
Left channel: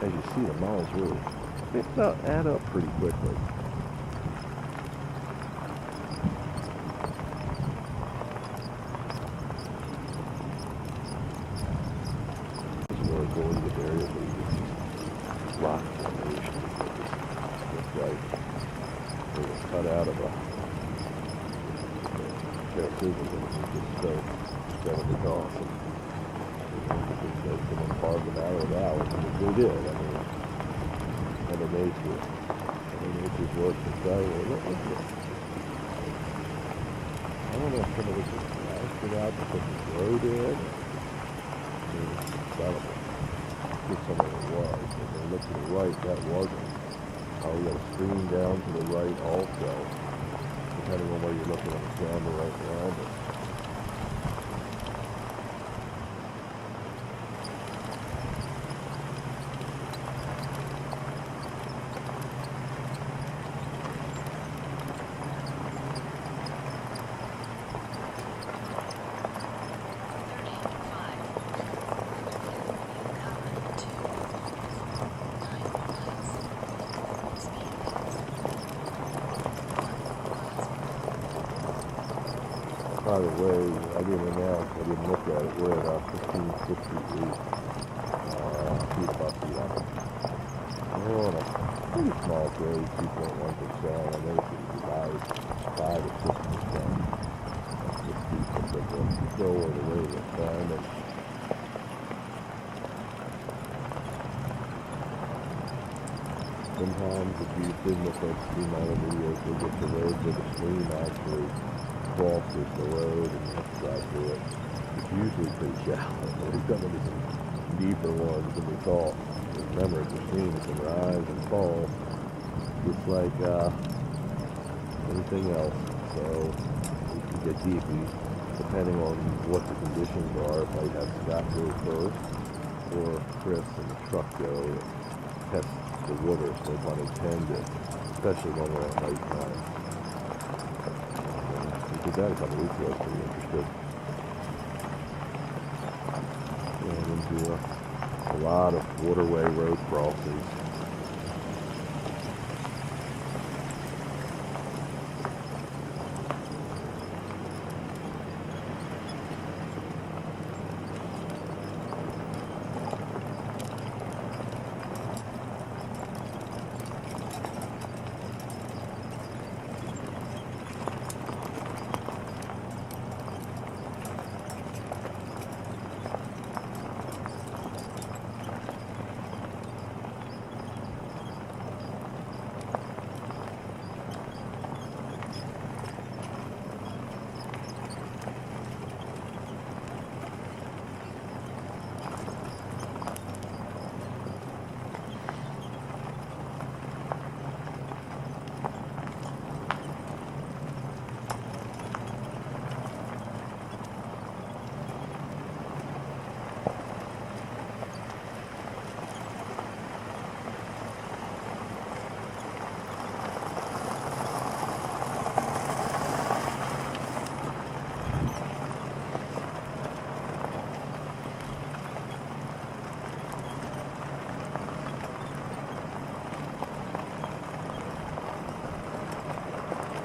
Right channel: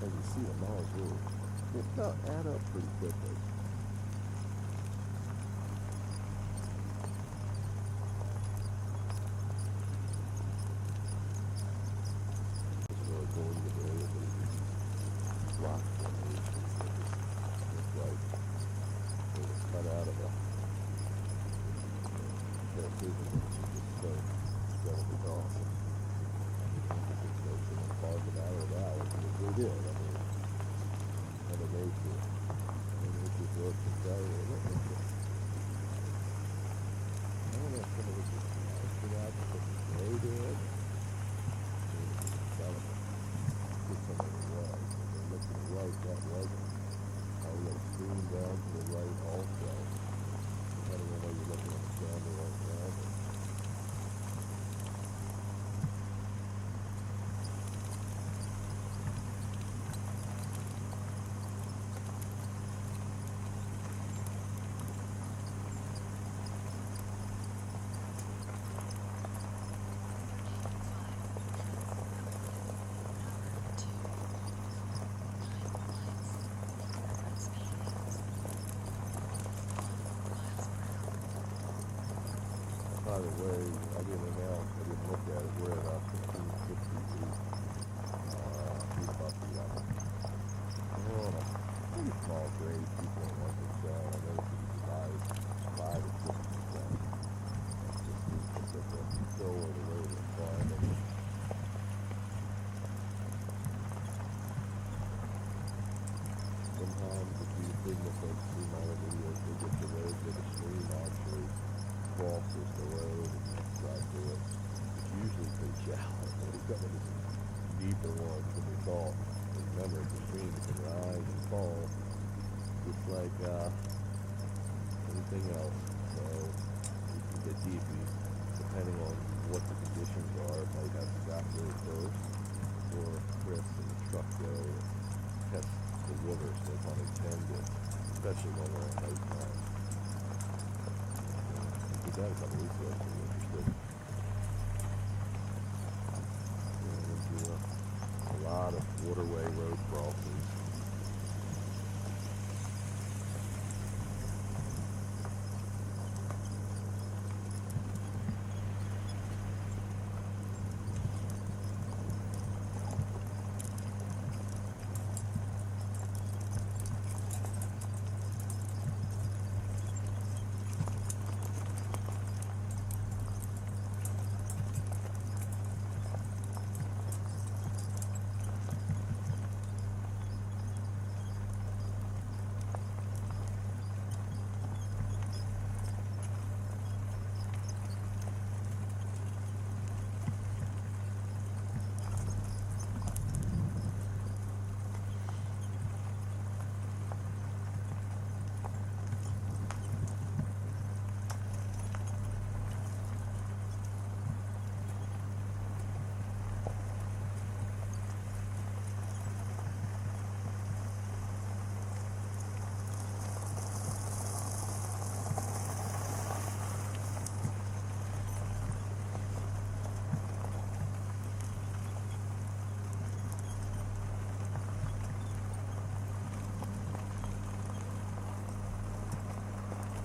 As you see, the miles really, they about add up pretty quickly. We're going to the area where you see rock formations that just like they were cut out of a pair of scissors and just so incredibly awesome. Someone carved them out of the valley, and they did. I mean, Mother Nature's work to say, well, look at this. I don't know if some of this is get out to put this road in. Incredible. Get some of it was. If they look to the right, that wasn't. Oh, we got a stream down to the right also. Depending on where you're looking on the camera right now. But by the way, I didn't announce, I didn't look at it. We're at 1568 feet above sea level. We're on a pretty small grade, 2.1%. I noticed it was about 5 or 6%. That's just decent, but still where the rate is climbing. Sometimes if you signal folks see my other videos, they get the road where the stream actually crosses the road and that's drive through it. It's usually pretty shallow. We've done it in deeper ones than we thought. But remember, the stream can rise and fall just like anything else. So it can get deep. Depending on what the conditions are, it might have Scott go first or Chris and the truck go and test the water, so pun intended, especially when we're at night time. We did that a couple weeks ago. I was pretty interested. Going into a lot of waterway road crossings.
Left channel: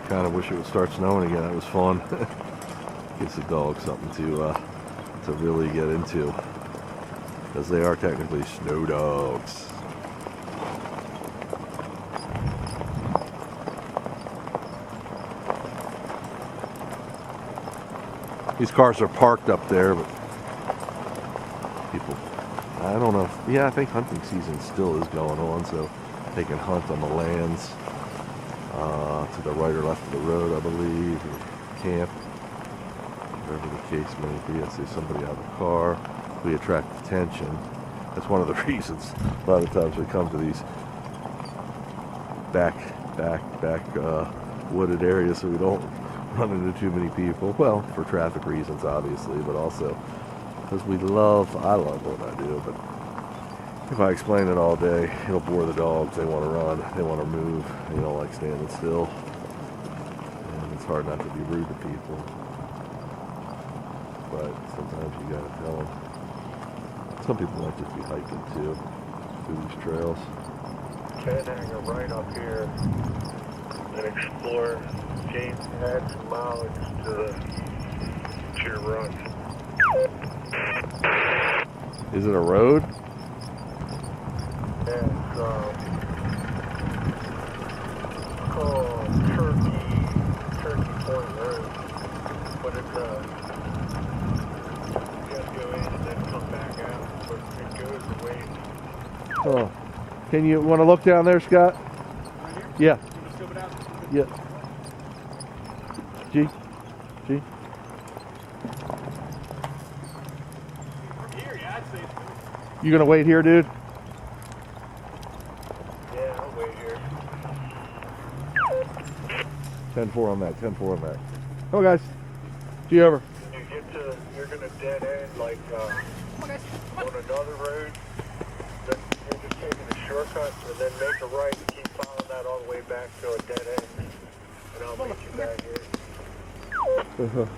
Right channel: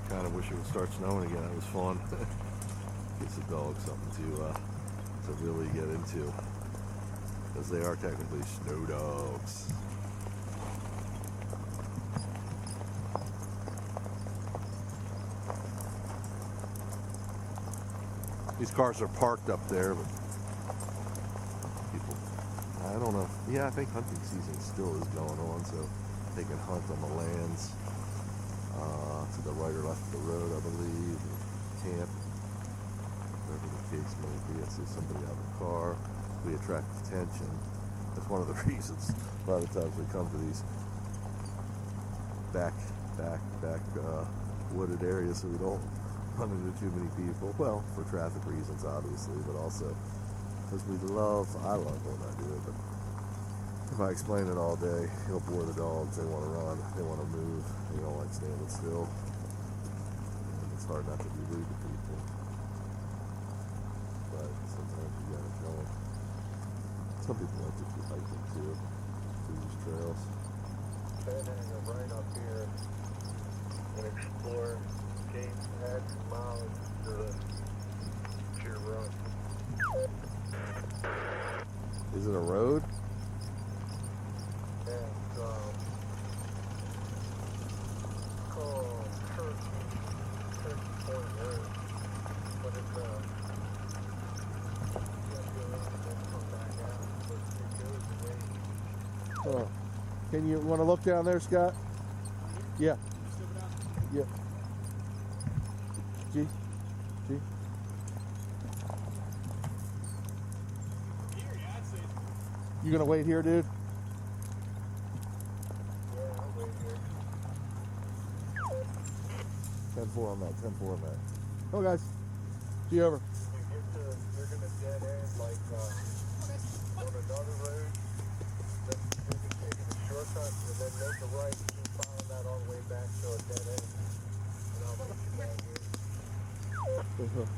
Kind of wish it would start snowing again. That was fun. Gives the dogs something to really get into, because they are technically snow dogs. These cars are parked up there, but people, I don't know. Yeah, I think hunting season still is going on, so they can hunt on the lands to the right or left of the road, I believe, or camp, whatever the case may be. I see somebody out of the car. We attract attention. That's one of the reasons a lot of times we come to these back wooded areas, so we don't run into too many people. Well, for traffic reasons, obviously, but also because I love what I do, but if I explain it all day, it'll bore the dogs. They want to run, they want to move, they don't like standing still. And it's hard not to be rude to people. But sometimes you gotta tell them. Some people might just be hiking too, through these trails. Can hang a right up here and explore. Gain add some mileage to your run. Is it a road? Yeah, it's called Turkey Point Road, but it's you gotta go in and then come back out, but it goes away. Oh, can you want to look down there, Scott? Right here? Yeah. Can you scope it out? Yeah. G. You gonna wait here, dude? Yeah, I'll wait here. 10-4 on that. 10-4 on that. Oh, guys. See you over. When you get to, you're gonna dead end like on another road. Then you're just taking a shortcut and then make a right and keep following that all the way back to a dead end. And I'll meet you back here.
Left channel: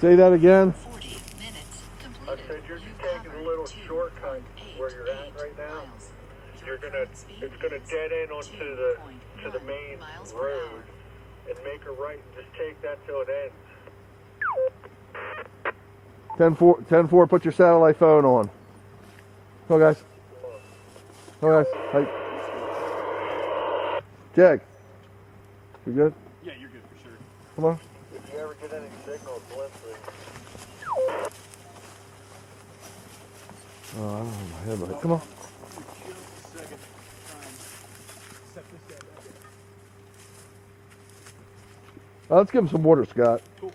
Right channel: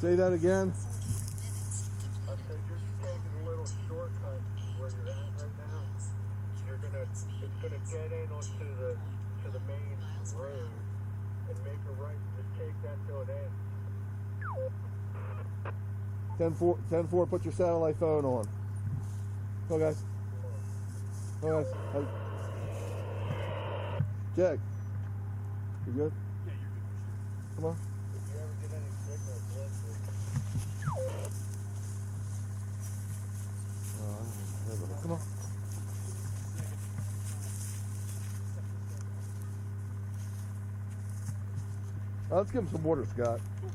Say that again. 40 minutes I completed. said you're just taking a little shortcut where you're at right now. You're gonna, it's gonna dead end onto the main road and make a right and just take that till it ends. 10-4. 10-4. Put your satellite phone on. Oh, guys. Oh, guys. Hey. Jag. You good? Yeah, you're good for sure. Come on. If you ever get any signal blitzing, Oh, I don't know my head right. Come on. Let's give him some water, Scott. Cool.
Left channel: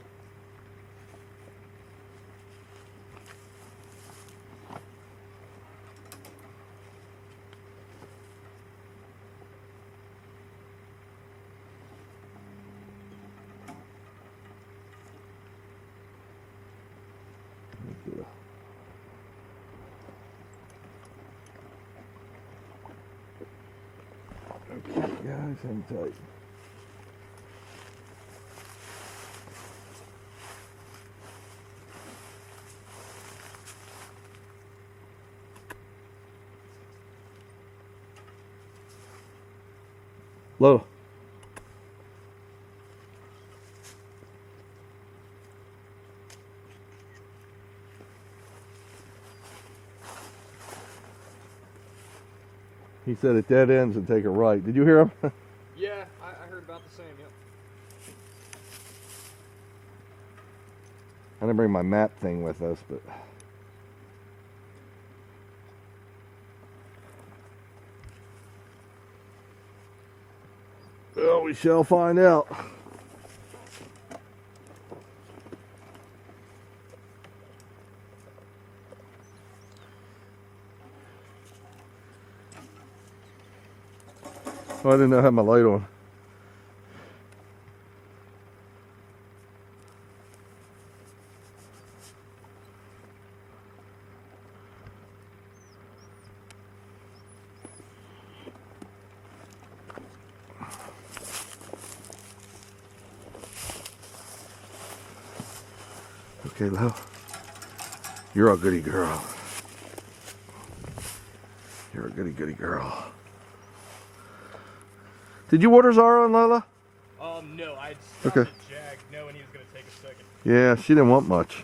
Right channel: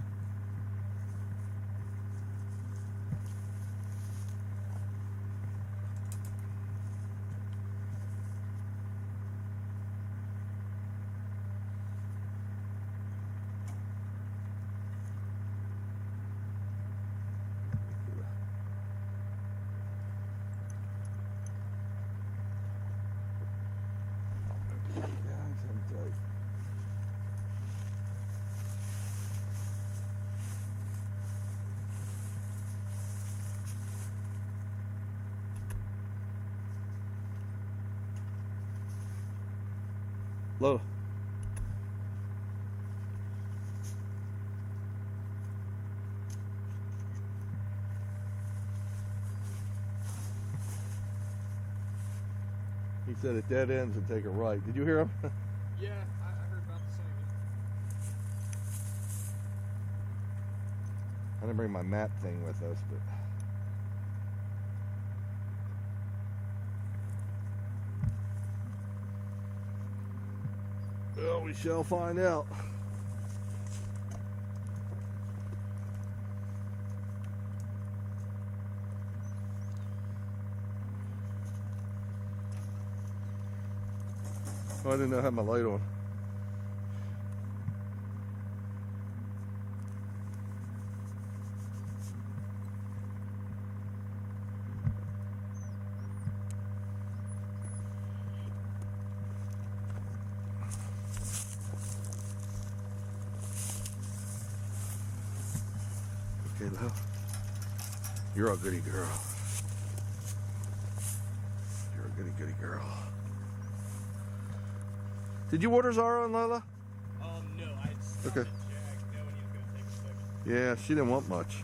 Okay, guys, hang tight. Low. He said it dead ends and take a right. Did you hear him? Yeah, I heard about the same, yeah. I didn't bring my map thing with us, but well, we shall find out. Oh, I didn't know I had my light on. Okay, Lo. You're a goody girl. You're a goody girl. Did you order Zara and Lola? No, I stopped Okay. at Jag knowing he was going to take a second. Yeah, she didn't want much.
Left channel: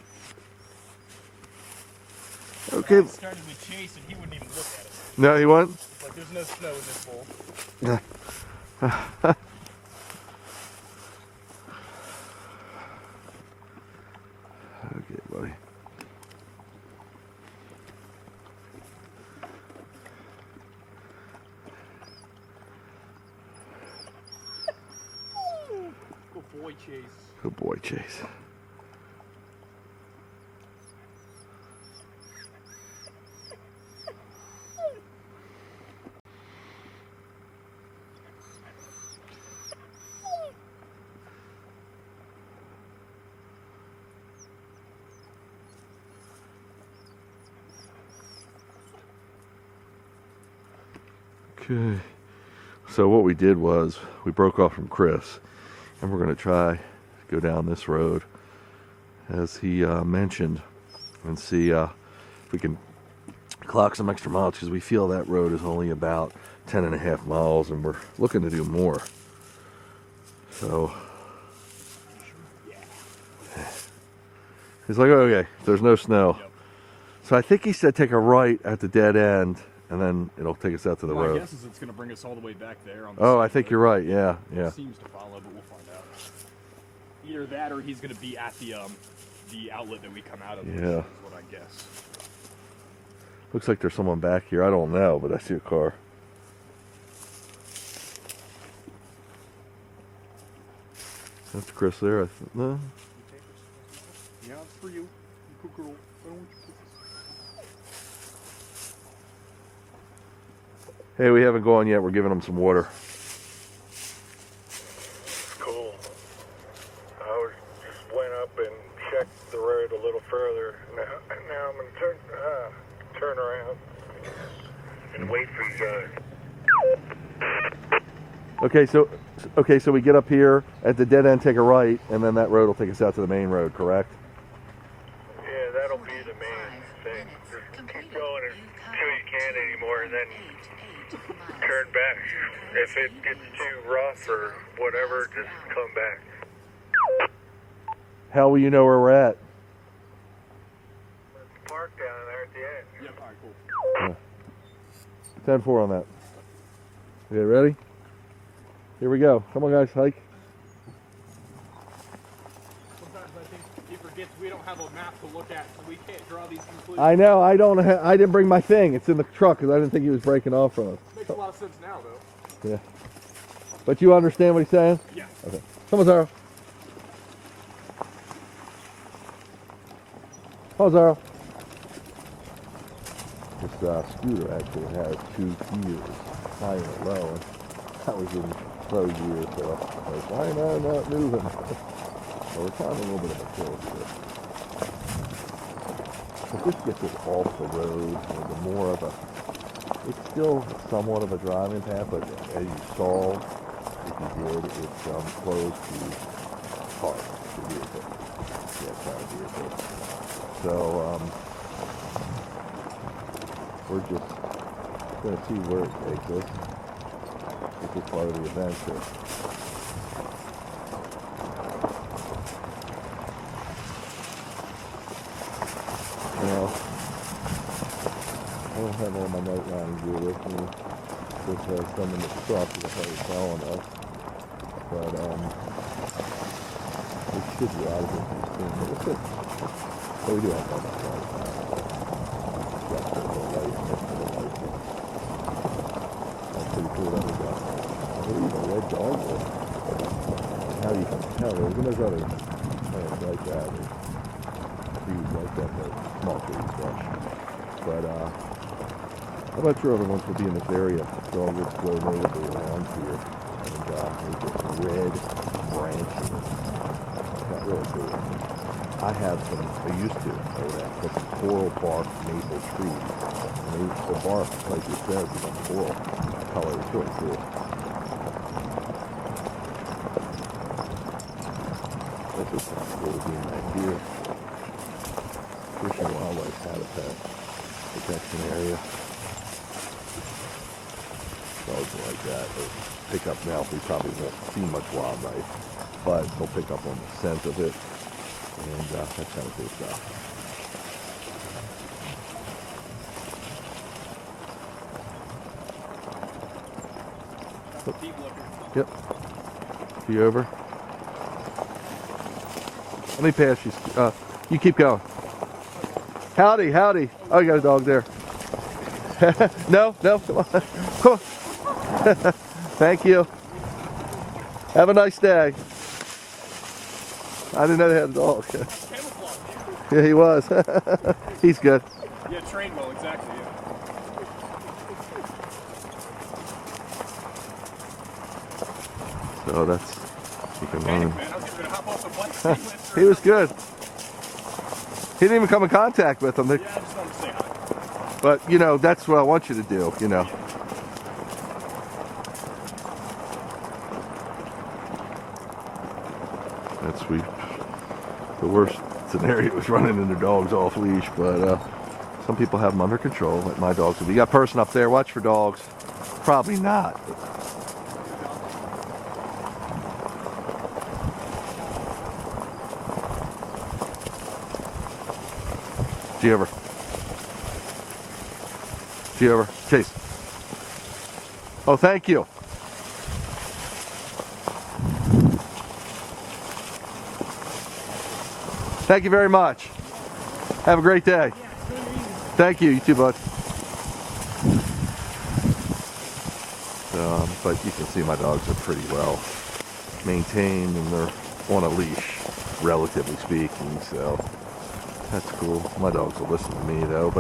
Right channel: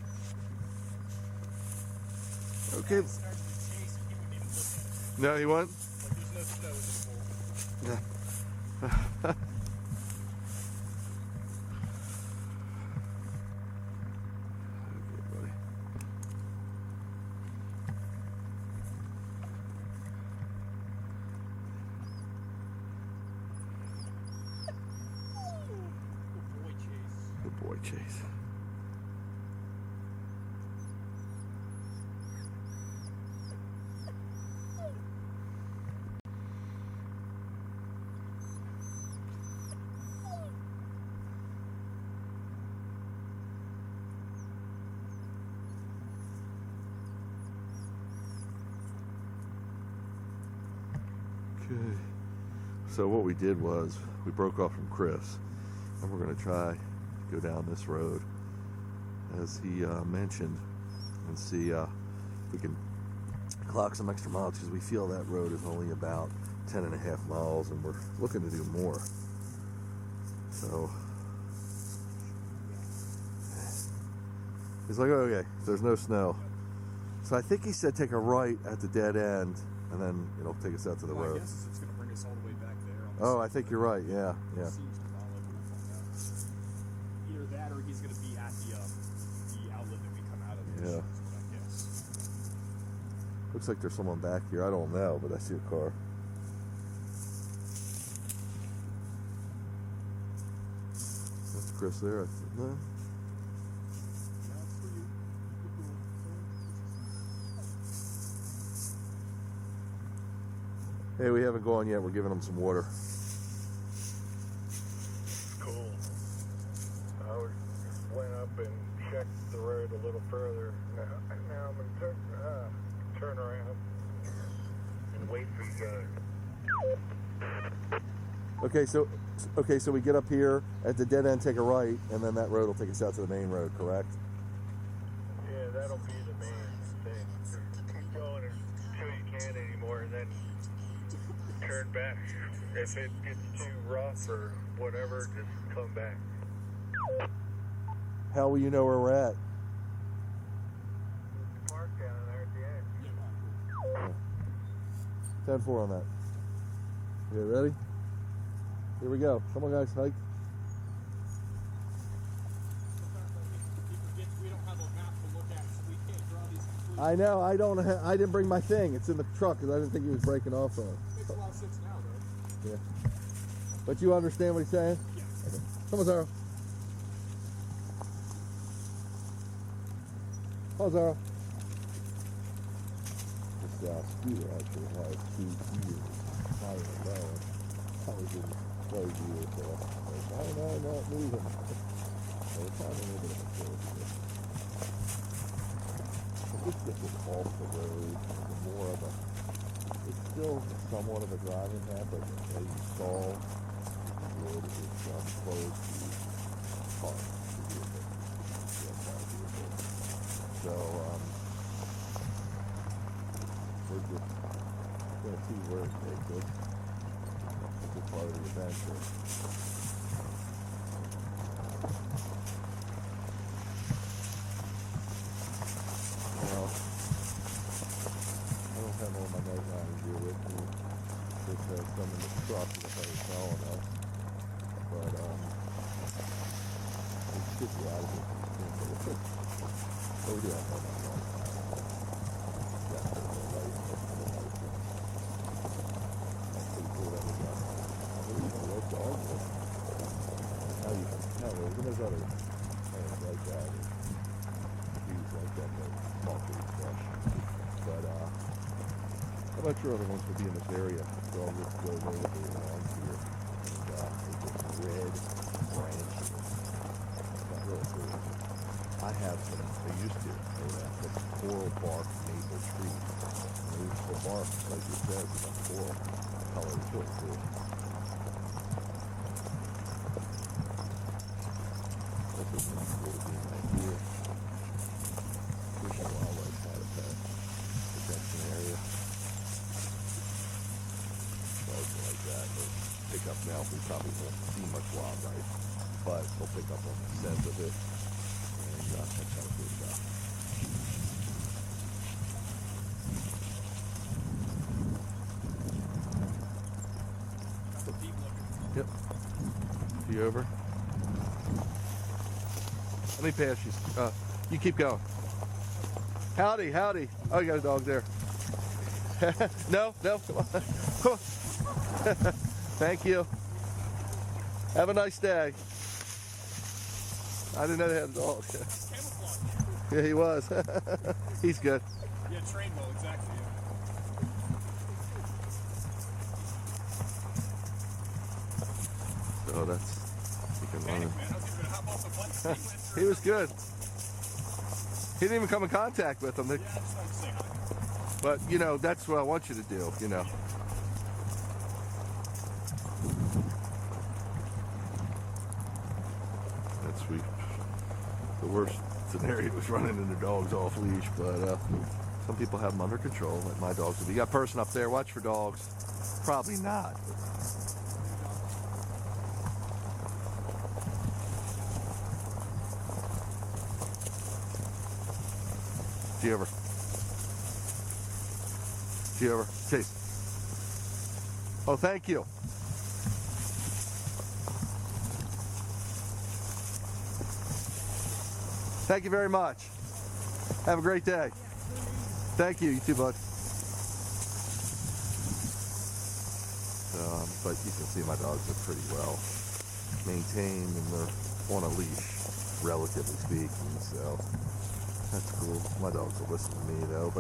Okay. I started with Chase and he wouldn't even look at it. No, he went? Like, there's no snow in this bowl. Yeah. Okay, buddy. Good boy, Chase. Good boy, Chase. Okay, so what we did was we broke off from Chris and we're going to try to go down this road as he mentioned and see if we can clock some extra miles, because we feel that road is only about 10.5 miles and we're looking to do more. So he's like, oh, okay, there's no snow. Yep. So I think he said take a right at the dead end and then it'll take us out to the My road. guess is it's going to bring us all the way back there. On the Oh, side I of think the you're road. right. Yeah, yeah. It seems to follow, but we'll find out. Either that or he's going to be at the outlet that we come out of. Yeah. Is what I guess. Looks like there's someone back here. I don't know, but I see a car. That's Chris there. No. Yeah, it's for you. Cool girl. Hey, we haven't gone yet. We're giving them some water. Cool. Just went up and checked the road a little further. Now I'm gonna turn around and wait for you guys. Okay, so we get up here at the dead end, take a right, and then that road will take us out to the main road, correct? Yeah, that'll be the main thing. Just keep going until you can't anymore, and then turn back. If it gets too rough or whatever, just come back. How will you know where we're at? Let's park down there at the end. Yep, alright, cool. 10-4 on that. Okay, ready? Here we go. Come on, guys, hike. Sometimes I think he forgets we don't have a map to look at, so we can't draw these conclusions. I know. I don't. I didn't bring my thing. It's in the truck because I didn't think he was breaking off from us. Makes a lot of sense now, though. Yeah. But you understand what he's saying? Yeah. Okay. Come on, Zara. Come on, Zara. This scooter actually has 2 gears, high and low, and I was in low gear, so I was like, why am I not moving? So we're kind of a little bit of a hill here. If this gets it off the road, the more of a, it's still somewhat of a driving path, but as you saw, if you did, it's close to park, the vehicle. Yeah, kind of vehicle. So, we're just going to see where it takes us. This is part of the adventure. Now, I don't have all my night riding gear with me, which has some in the truck that I was telling us. But, we should be out of here pretty soon. But we do have all that light. That's pretty cool that we got. What are you, a red dog? How you can tell, there's other plants like that, trees like that, but small trees, brush. But, I'm not sure other ones will be in this area. Dog would flow natively around here, and we get red branches. Not really cool. I have some, I used to, but some coral bark maple trees. And the bark, like you said, is a coral color. It's really cool. This is kind of cool to be in right here. Fish and Wildlife Habitat Protection Area. Dogs like that. They'll pick up now. We probably won't see much wildlife, but they'll pick up on the scent of it. And that's kind of cool stuff. Yep. You over? Let me pass you. You keep going. Howdy, howdy. Oh, you got a dog there. No, come on. Come on. Thank you. Have a nice day. I didn't know they had a dog. Yeah, he was. He's good. Yeah, trained well, exactly, yeah. So that's, you can learn. Man, I was gonna hop off the bike. He was good. He didn't even come in contact with them. Yeah, I just wanted to say hi. But, you know, that's what I want you to do, you know. That's sweet. The worst scenario is running into dogs off leash, but some people have them under control, like my dogs. If you got a person up there, watch for dogs. Probably not. G over. G over. Chase. Oh, thank you. Thank you very much. Have a great day. Thank you. You too, bud. But you can see my dogs are pretty well maintained and they're on a leash, relatively speaking. So That's cool. My dogs will listen to me though,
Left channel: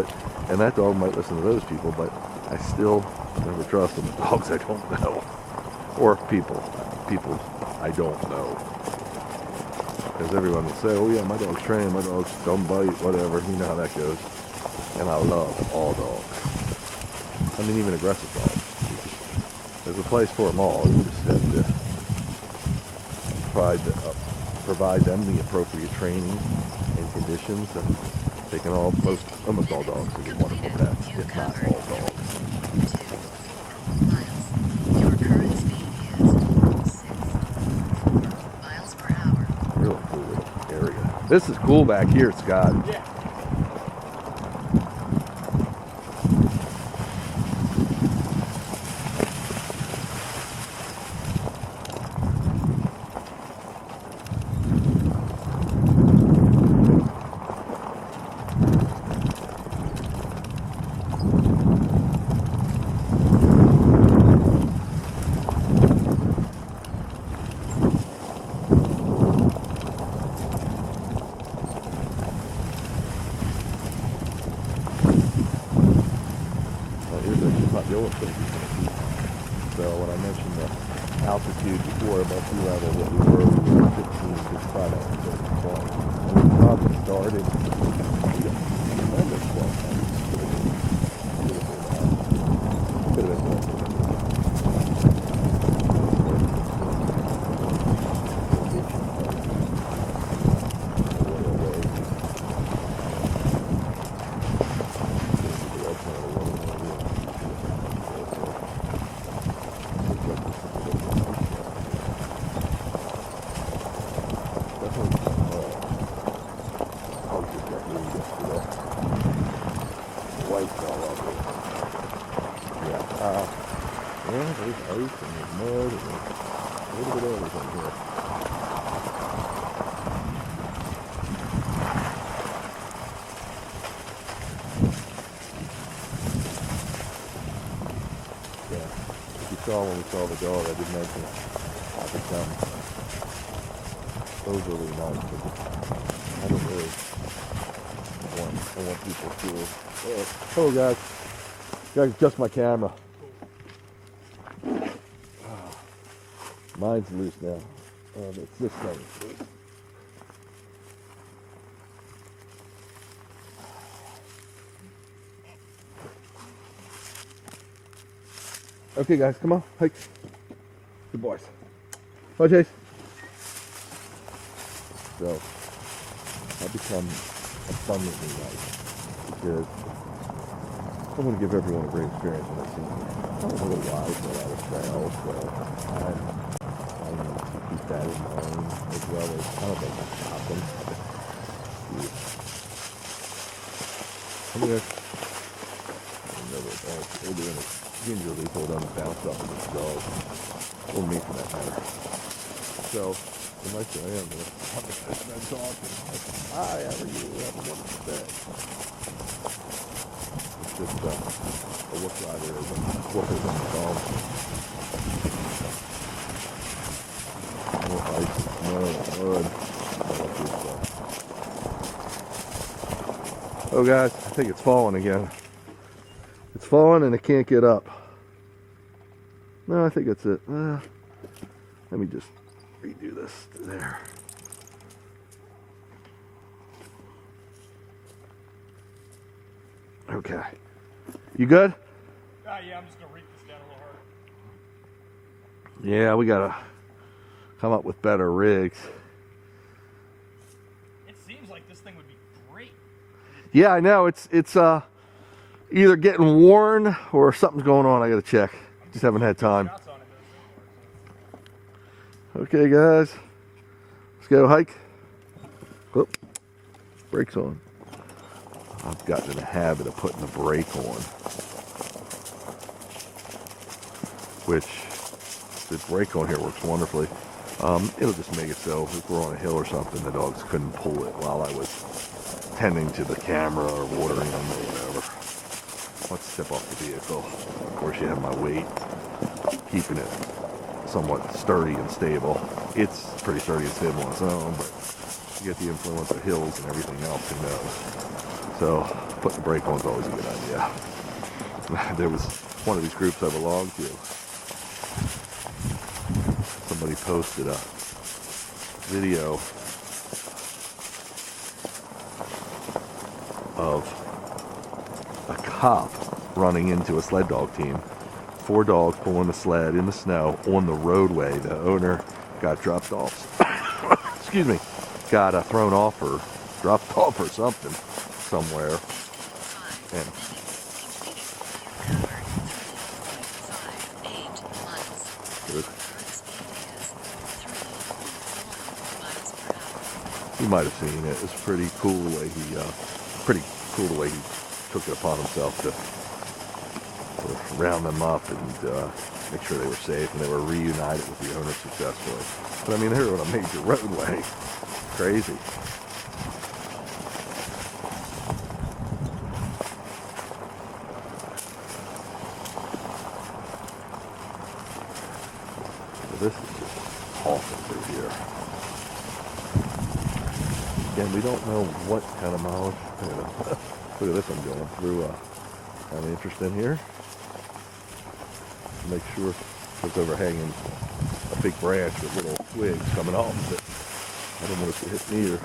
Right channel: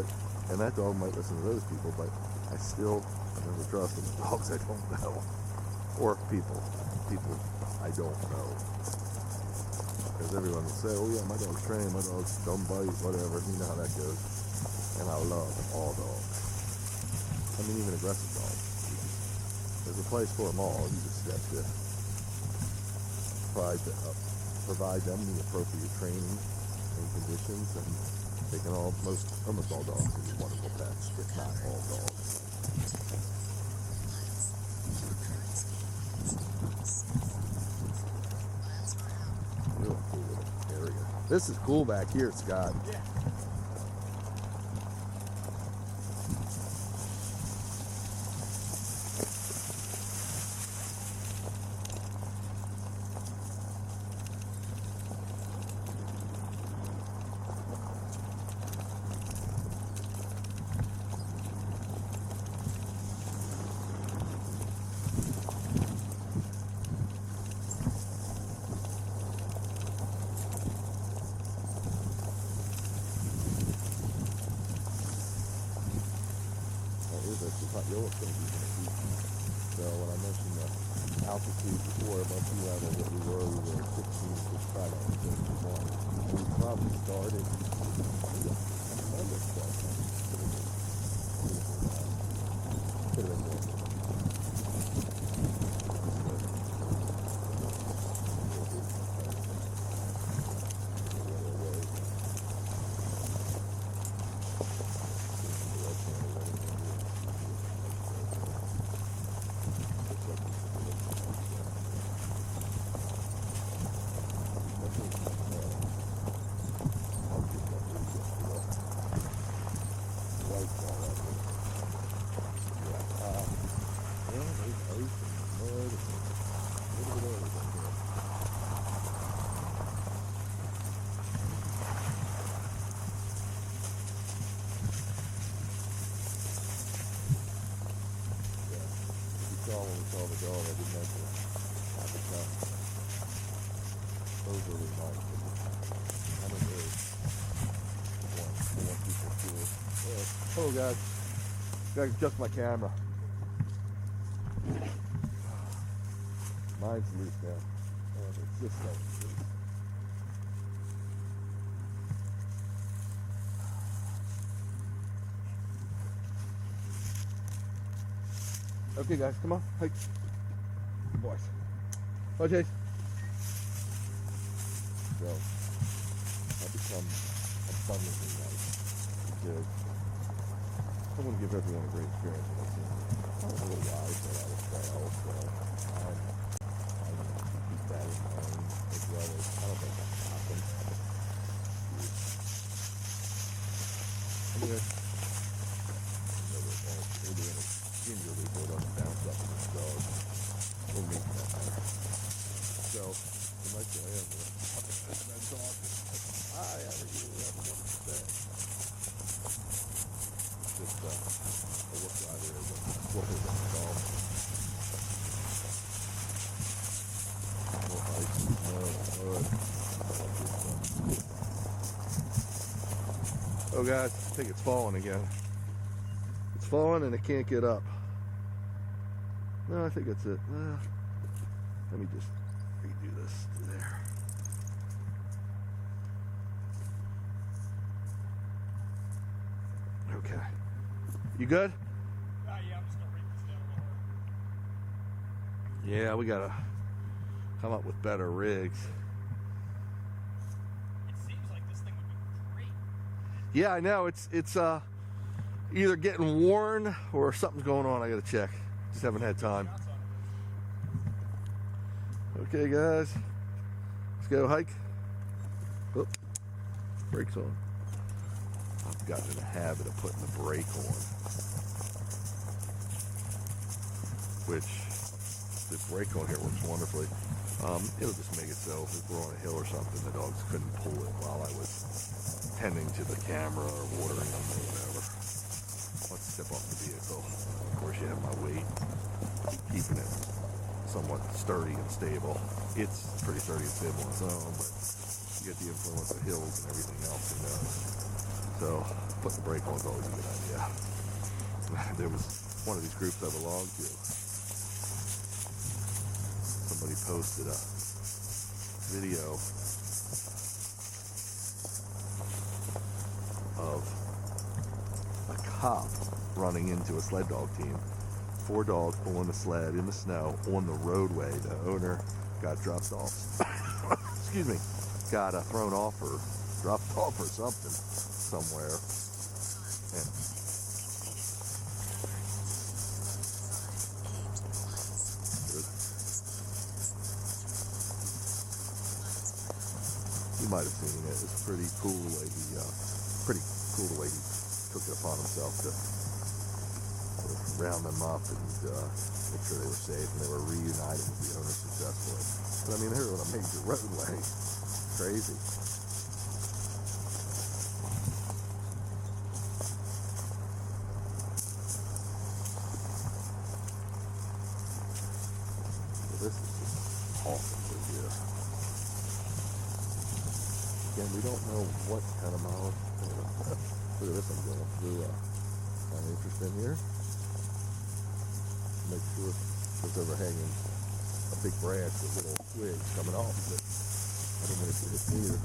and that dog might listen to those people, but I still never trust them with dogs I don't know. Or people I don't know. Because everyone will say, oh yeah, my dog's trained, my dog's don't bite, whatever. You know how that goes. And I love all dogs. I mean, even aggressive dogs. There's a place for them all. You just have to provide them the appropriate training and conditions, and they can almost all dogs can be wonderful pets, if not all dogs. 2 miles. Your current speed is 6 miles per hour. Really cool little area. This is cool back here, Scott. Yeah. So when I mentioned the altitude before above sea level, what we were 15, 65 hours, 20. And we probably started, we don't remember 12 months. Could have been more. Yeah, there's ice and there's mud and there's a little bit of everything here. Yeah, if you saw when we saw the dog, I did mention I become overly nice. I don't really want people to. Oh, guys. Gotta adjust my camera. Mine's loose now. But this thing is loose. Okay, guys, come on, hike. Good boys. Bye, Chase. So, I've become abundantly nice because I want to give everyone a great experience when I see them. I don't know why, but I was trails, so I'm going to keep that in mind as well as kind of like a shopping. Come here. We're doing a gingerly hold on the bounce up of this dog. Or me for that matter. So, the nice I am, I'm talking. Hi, how are you? Have a wonderful day. Just a look rider as I'm whooping on the dog. More ice and snow and mud. Oh guys, I think it's falling again. It's falling and it can't get up. No, I think that's it. Let me just redo this there. Okay. You good? Yeah, I'm just gonna read this down a little harder. Yeah, we gotta come up with better rigs. It seems like this thing would be great. Yeah, I know. It's either getting worn or something's going on. I gotta check. Just haven't had time. Shots on it, though. Okay, guys. Let's go hike. Oh, brakes on. I've gotten in the habit of putting the brake on, which the brake on here works wonderfully. It'll just make it so if we're on a hill or something, the dogs couldn't pull it while I was tending to the camera or watering them or whatever. Let's step off the vehicle. Of course, you have my weight, keeping it somewhat sturdy and stable. It's pretty sturdy and stable on its own, but you get the influence of hills and everything else, who knows. So putting the brake on is always a good idea. There was one of these groups I belonged to. Somebody posted a video of a cop running into a sled dog team. 4 dogs pulling the sled in the snow on the roadway. The owner got dropped off. Excuse me. Got thrown off or dropped off or something somewhere. And you might have seen it. It's pretty cool the way he took it upon himself to round them up and make sure they were safe and they were reunited with the owner successfully. But I mean, they're on a major roadway. Crazy. So this is just awesome through here. Again, we don't know what kind of mileage. Look at this, I'm going through kind of interesting here. Make sure it's overhanging a big branch with little twigs coming off of it. I don't want it to hit me either.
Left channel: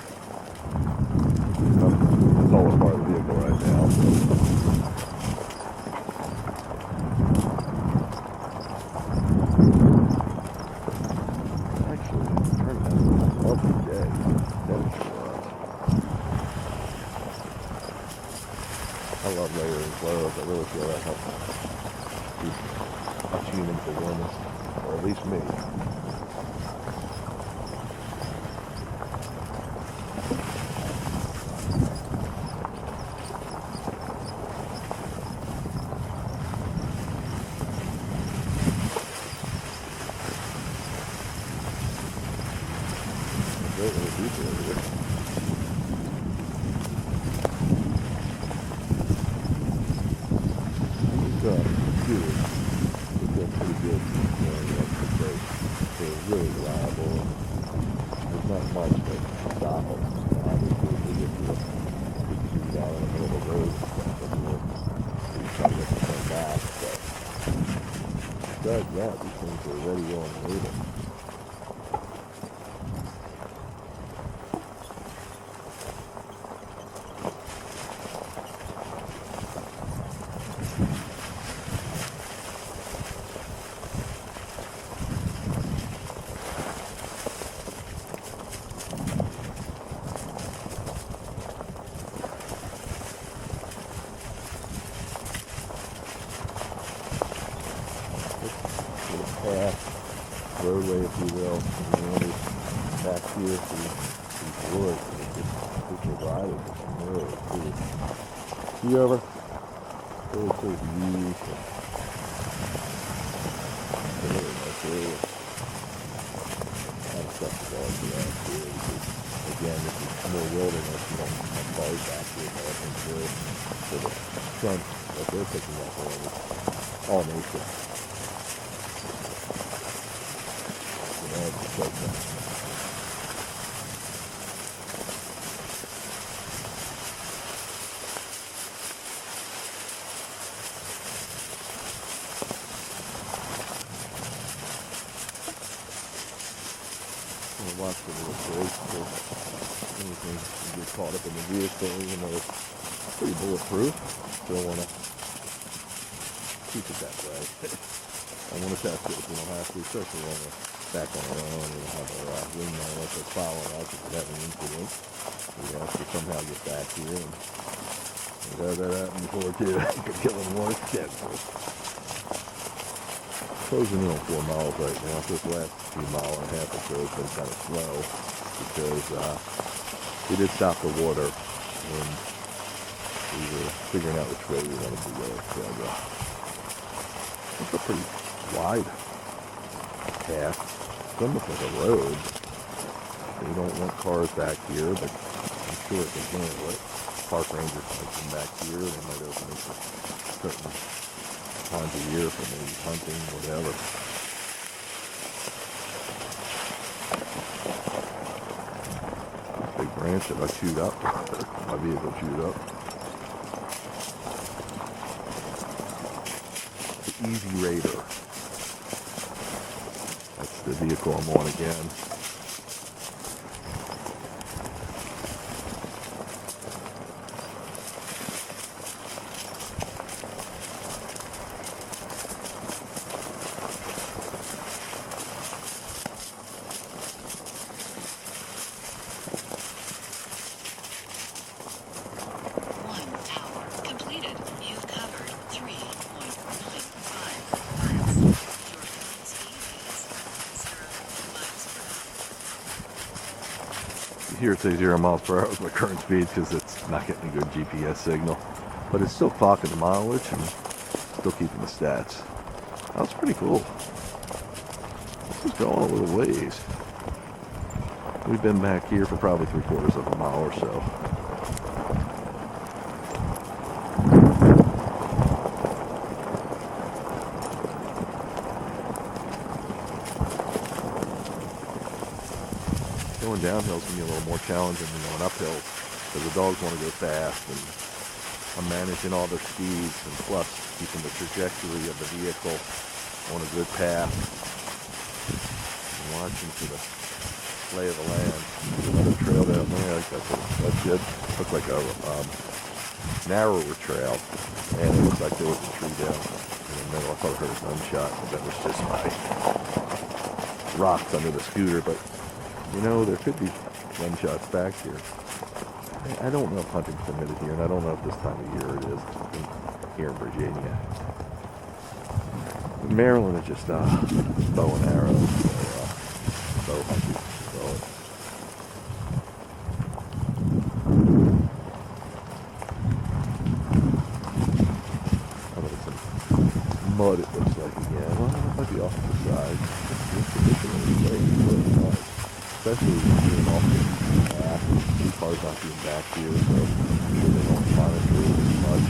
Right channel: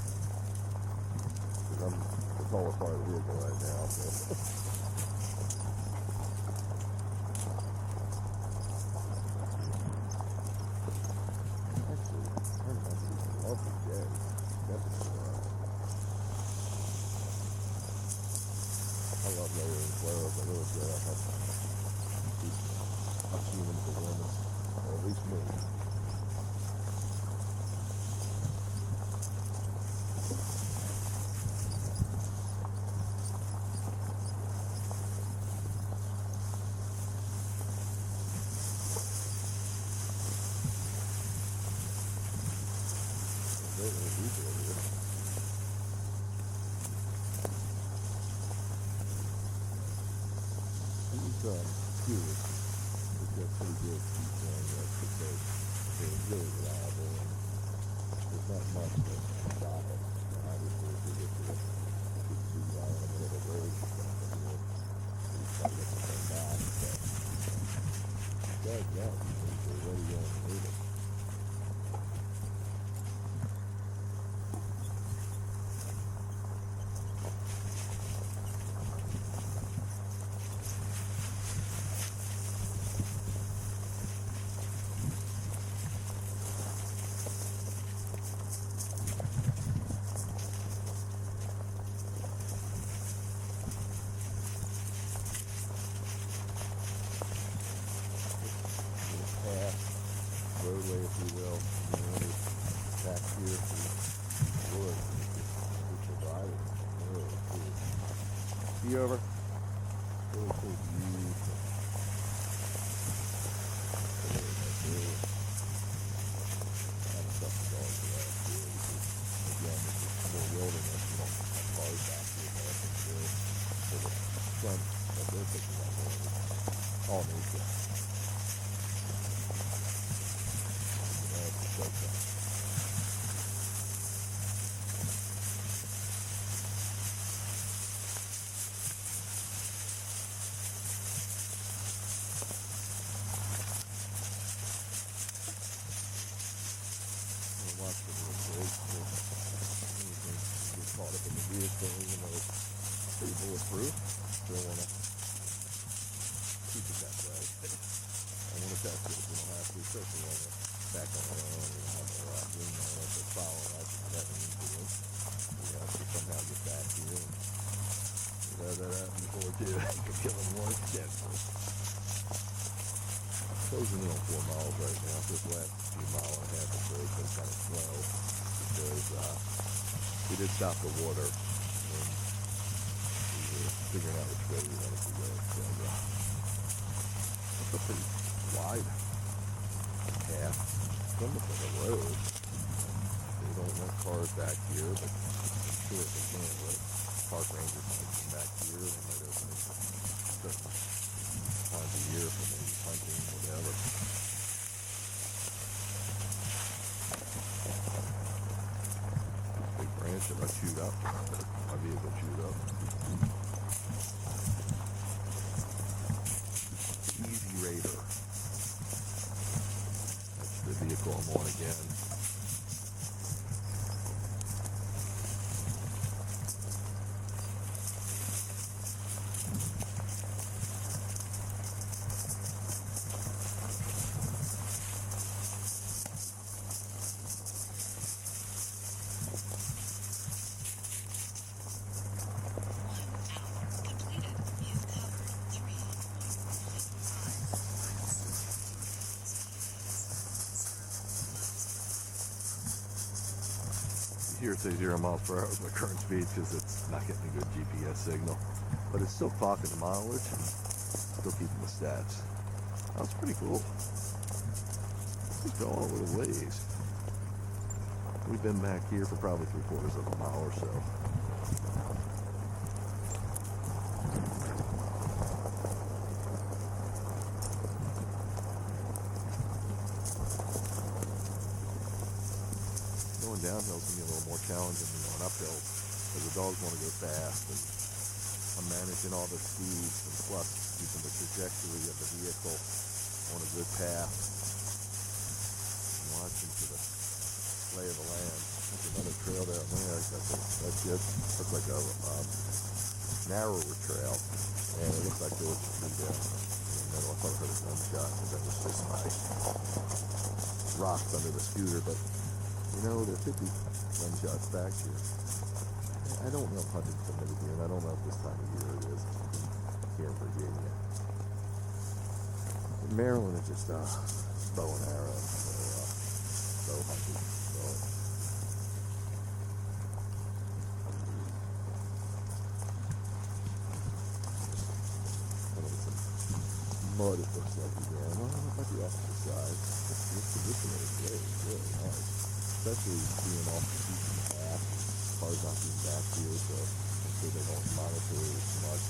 It's all a part of the vehicle right now. Actually, it's turning out a lovely day. I love layering clothes. I really feel that helps keep us humans the warmest, or at least me. Great little beach over here. Good. It's pretty good. They're really reliable. There's not much that stop them. Obviously, if they get to a 52 out in the middle of the road, you try to get them turned back. But besides that, these things are ready, willing, and able. Roadway, if you will, and then when it's back here to the woods, it's just people driving some really cool. See over? Really cool views. Really nice area. Kind of stuff to go into that too, because again, this is more wilderness. You don't have cars back here, but I think for the front that they're picking up on is all nature. Like that. Watch the little break so anything can get caught up in the vehicle, even though it's pretty bulletproof. Still want to keep it that way. I want to test it if we don't have to, especially when we're back on our own. We don't have our wing on us or following us if we have an incident. We have to somehow get back here. And that happened before too. I could kill him once. Closing in on 4 miles right now. This last few mile and a half or so has been kind of slow because we did stop the water and we were figuring out which way we wanted to go. So it's a pretty wide path. It's almost like a road. They don't want cars back here, but I'm sure if they handle it, park rangers might come back here. They might open it for certain times of year for maybe hunting, whatever. Big branch that I chewed up. My vehicle chewed up. Easy Raider. That's the vehicle I'm on again. Here it says 0 miles per hour is my current speed because it's not getting a good GPS signal, but it's still clocking the mileage and still keeping the stats. That was pretty cool. This is going a little ways. We've been back here for probably 3/4 of a mile or so. Going downhill is going to be a little more challenging than going uphill because the dogs want to go fast, and I'm managing all their speeds and plus keeping the trajectory of the vehicle on a good path. I'm watching for the lay of the land. There's another trail down there. That's good. Looks like a narrower trail, and it looks like there was a tree down in the middle. I thought I heard a gunshot, but that was just my rocks under the scooter. But you know, there could be gunshots back here. I don't know if hunting's permitted here, and I don't know if this time of year it is here in Virginia. In Maryland, it's just bow and arrows, so bow hunting. So some mud, it looks like again. Well, it might be off to the side. This position is really nice. Especially being off the path, cars not being back here, so I'm sure they don't monitor it as much.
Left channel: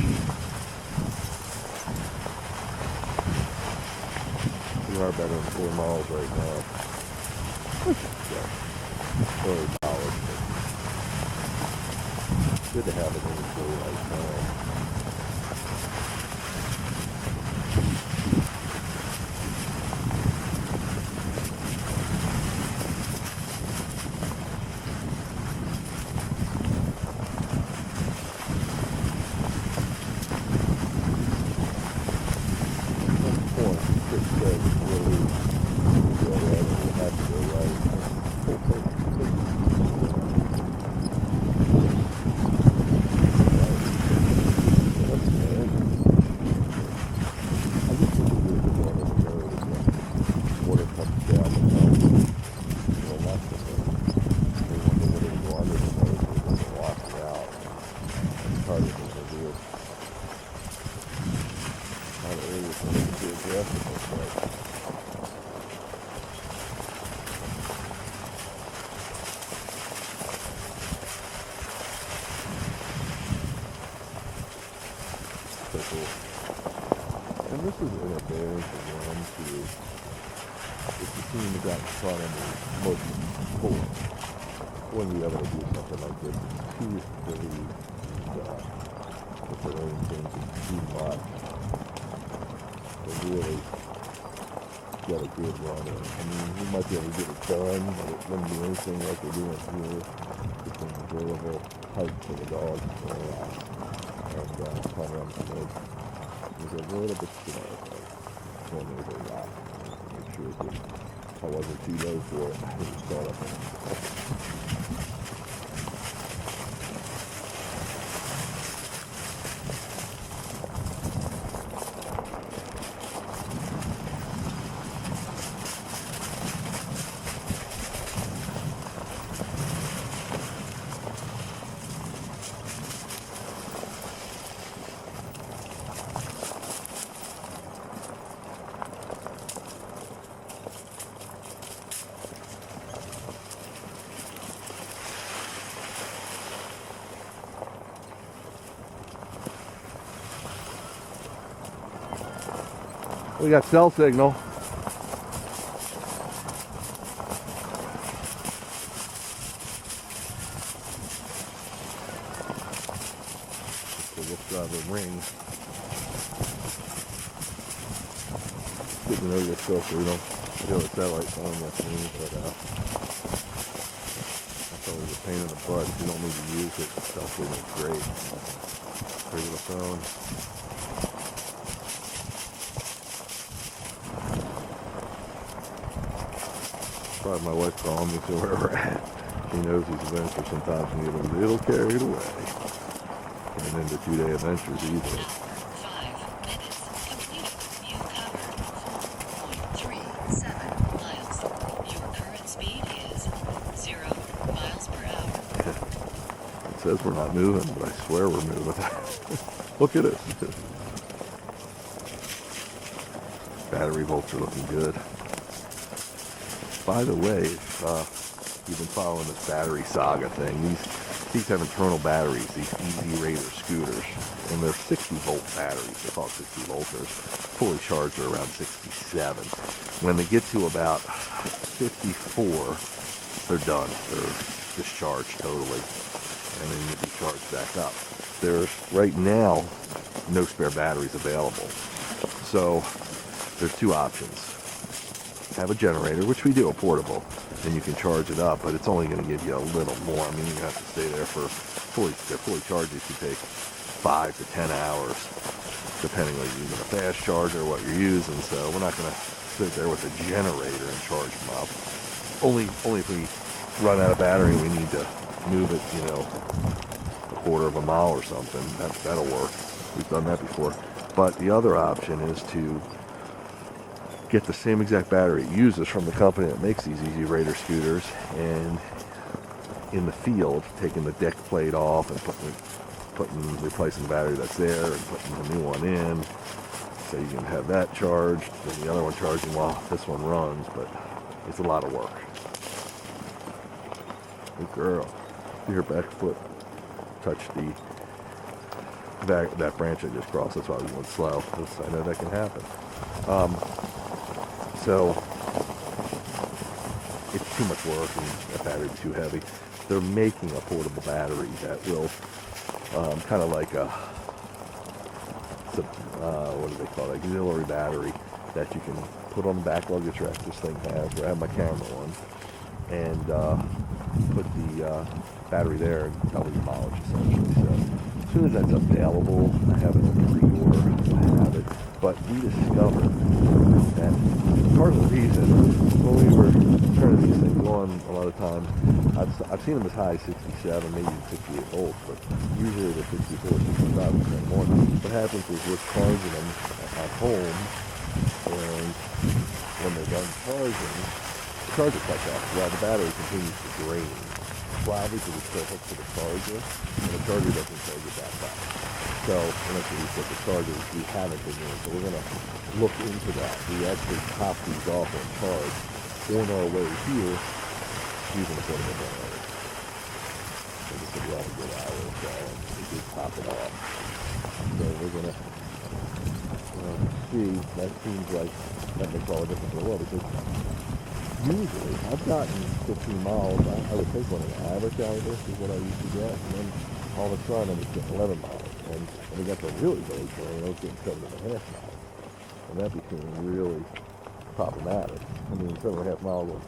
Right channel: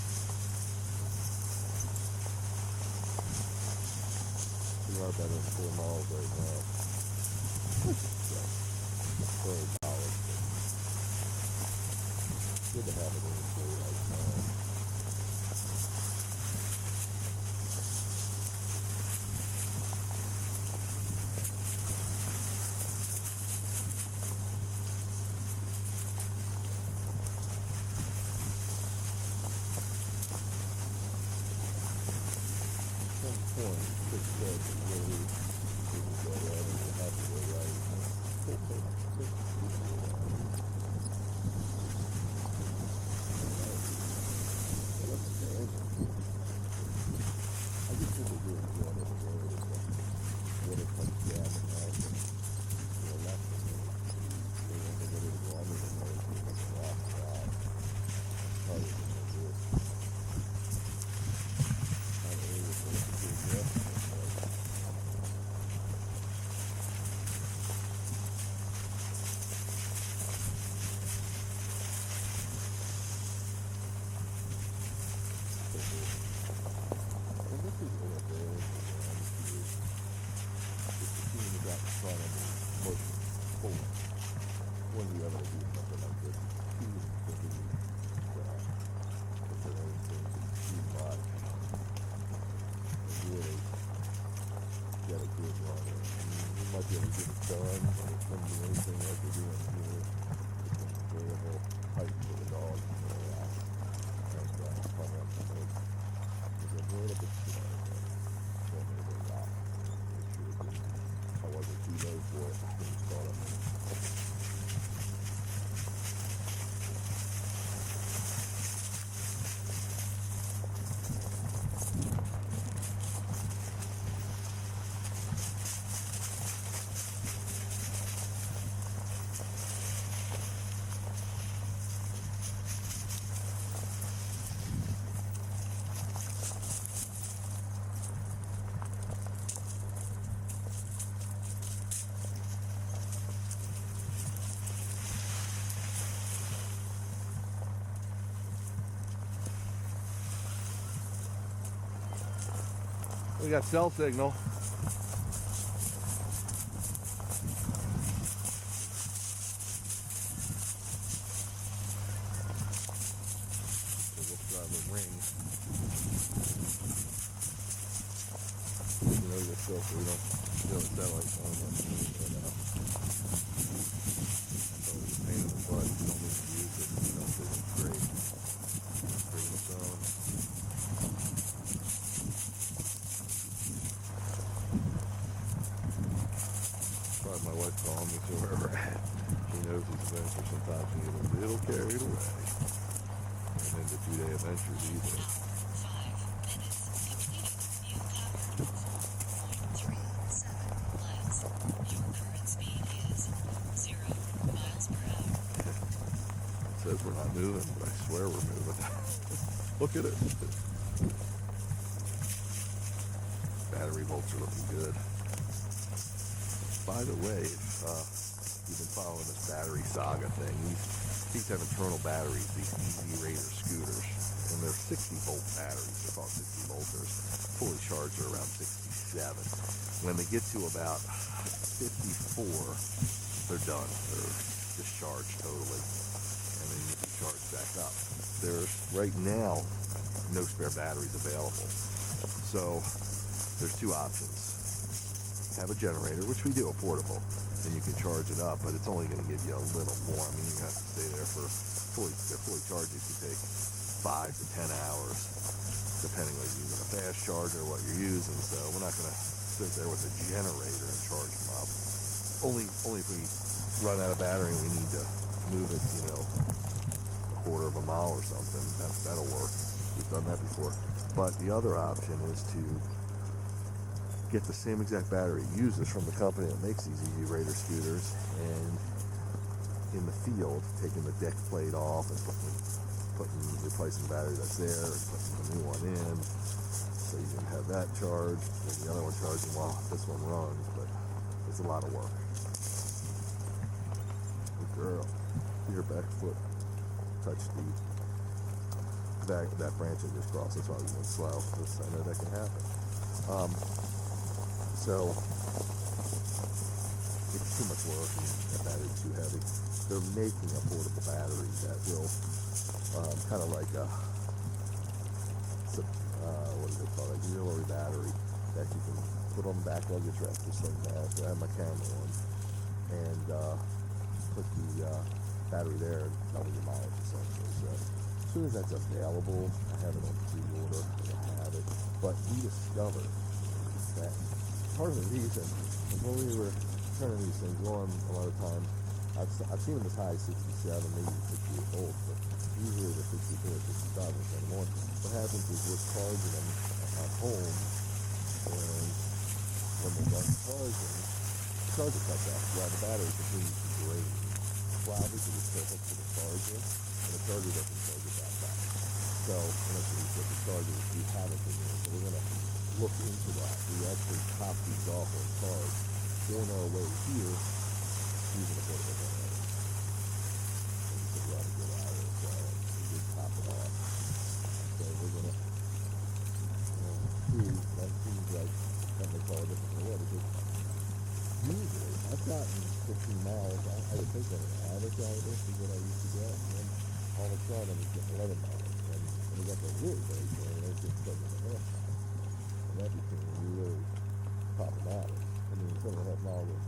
We are better than 4 miles right now. Early college, but good to have it inventory right now. And this is an advantage of one too. If the team is out in front of me, most of them score. When we ever do something like this, it's too silly with their own things and too much. They really get a good runner. I mean, we might be able to get it done, but it wouldn't be anything like we're doing here. It's an enjoyable hike for the dogs and cover them some eggs. There's a little bit slow, but told me to rock. Make sure it didn't, if I wasn't too low for it, I didn't start up on it. We got cell signal. good to know this stuff so we don't feel it's that like on that thing, but that's always a pain in the butt if you don't need to use it. Cell signal's great. Great with a phone. Probably my wife calling me to where we're at. She knows these adventures sometimes can get a little carried away. And then the 2-day adventures either. 5 minutes completed. You covered 4.37 miles. Your current speed is 0 miles per hour. It says we're not moving, but I swear we're moving. Look at it. Battery volts are looking good. By the way, if you've been following this battery saga thing, these have internal batteries, these Easy Raider scooters, and they're 60-volt batteries. They're called 60 volters. Fully charged are around 67. When they get to about 54, they're done. They're discharged totally, and then you can charge back up. There's right now no spare batteries available, so there's two options. Have a generator, which we do, a portable, and you can charge it up, but it's only going to give you a little more. I mean, you have to stay there for they're fully charged. These can take 5 to 10 hours, depending on using a fast charger or what you're using. So we're not going to sit there with a generator and charge them up. Only if we run out of battery and we need to move it, a quarter of a mile or something. That'll work. We've done that before. But the other option is to get the same exact battery it uses from the company that makes these Easy Raider scooters, and in the field, taking the deck plate off and replacing the battery that's there and putting a new one in, so you can have that charged and the other one charging while this one runs. But it's a lot of work. Good girl. Your back foot touched that branch I just crossed. That's why we went slow. I know that can happen. So it's too much work and that battery would be too heavy. They're making a portable battery that will kind of like a what do they call it? Auxiliary battery that you can put on the back luggage rack. This thing has, where I have my camera on, and put the battery there and double your mileage essentially. So as soon as that's available, I have it on pre-order. I have it. But we discovered that part of the reason when we were turning these things on, a lot of times I've seen them as high as 67, maybe 68 volts, but usually they're 64, 65% more. What happens is we're charging them at home, and when they're done charging, the charger cuts off while the battery continues to drain. Probably because it's still hooked to the charger, and the charger doesn't charge it back up. So, unless we put the chargers, we haven't been doing. So we're going to look into that. We actually top these off on charge on our way here using a portable generator. So this will be all a good hour or so, and we just top it off. So we're going to see. That seems like that makes all the difference in the world, because usually I've gotten 15 miles. I would think on an average out of this is what I used to get, and then all of a sudden I was getting 11 miles. And when we got the really big terrain, I was getting 7.5 miles. And that became really problematic. I mean, 7.5 miles of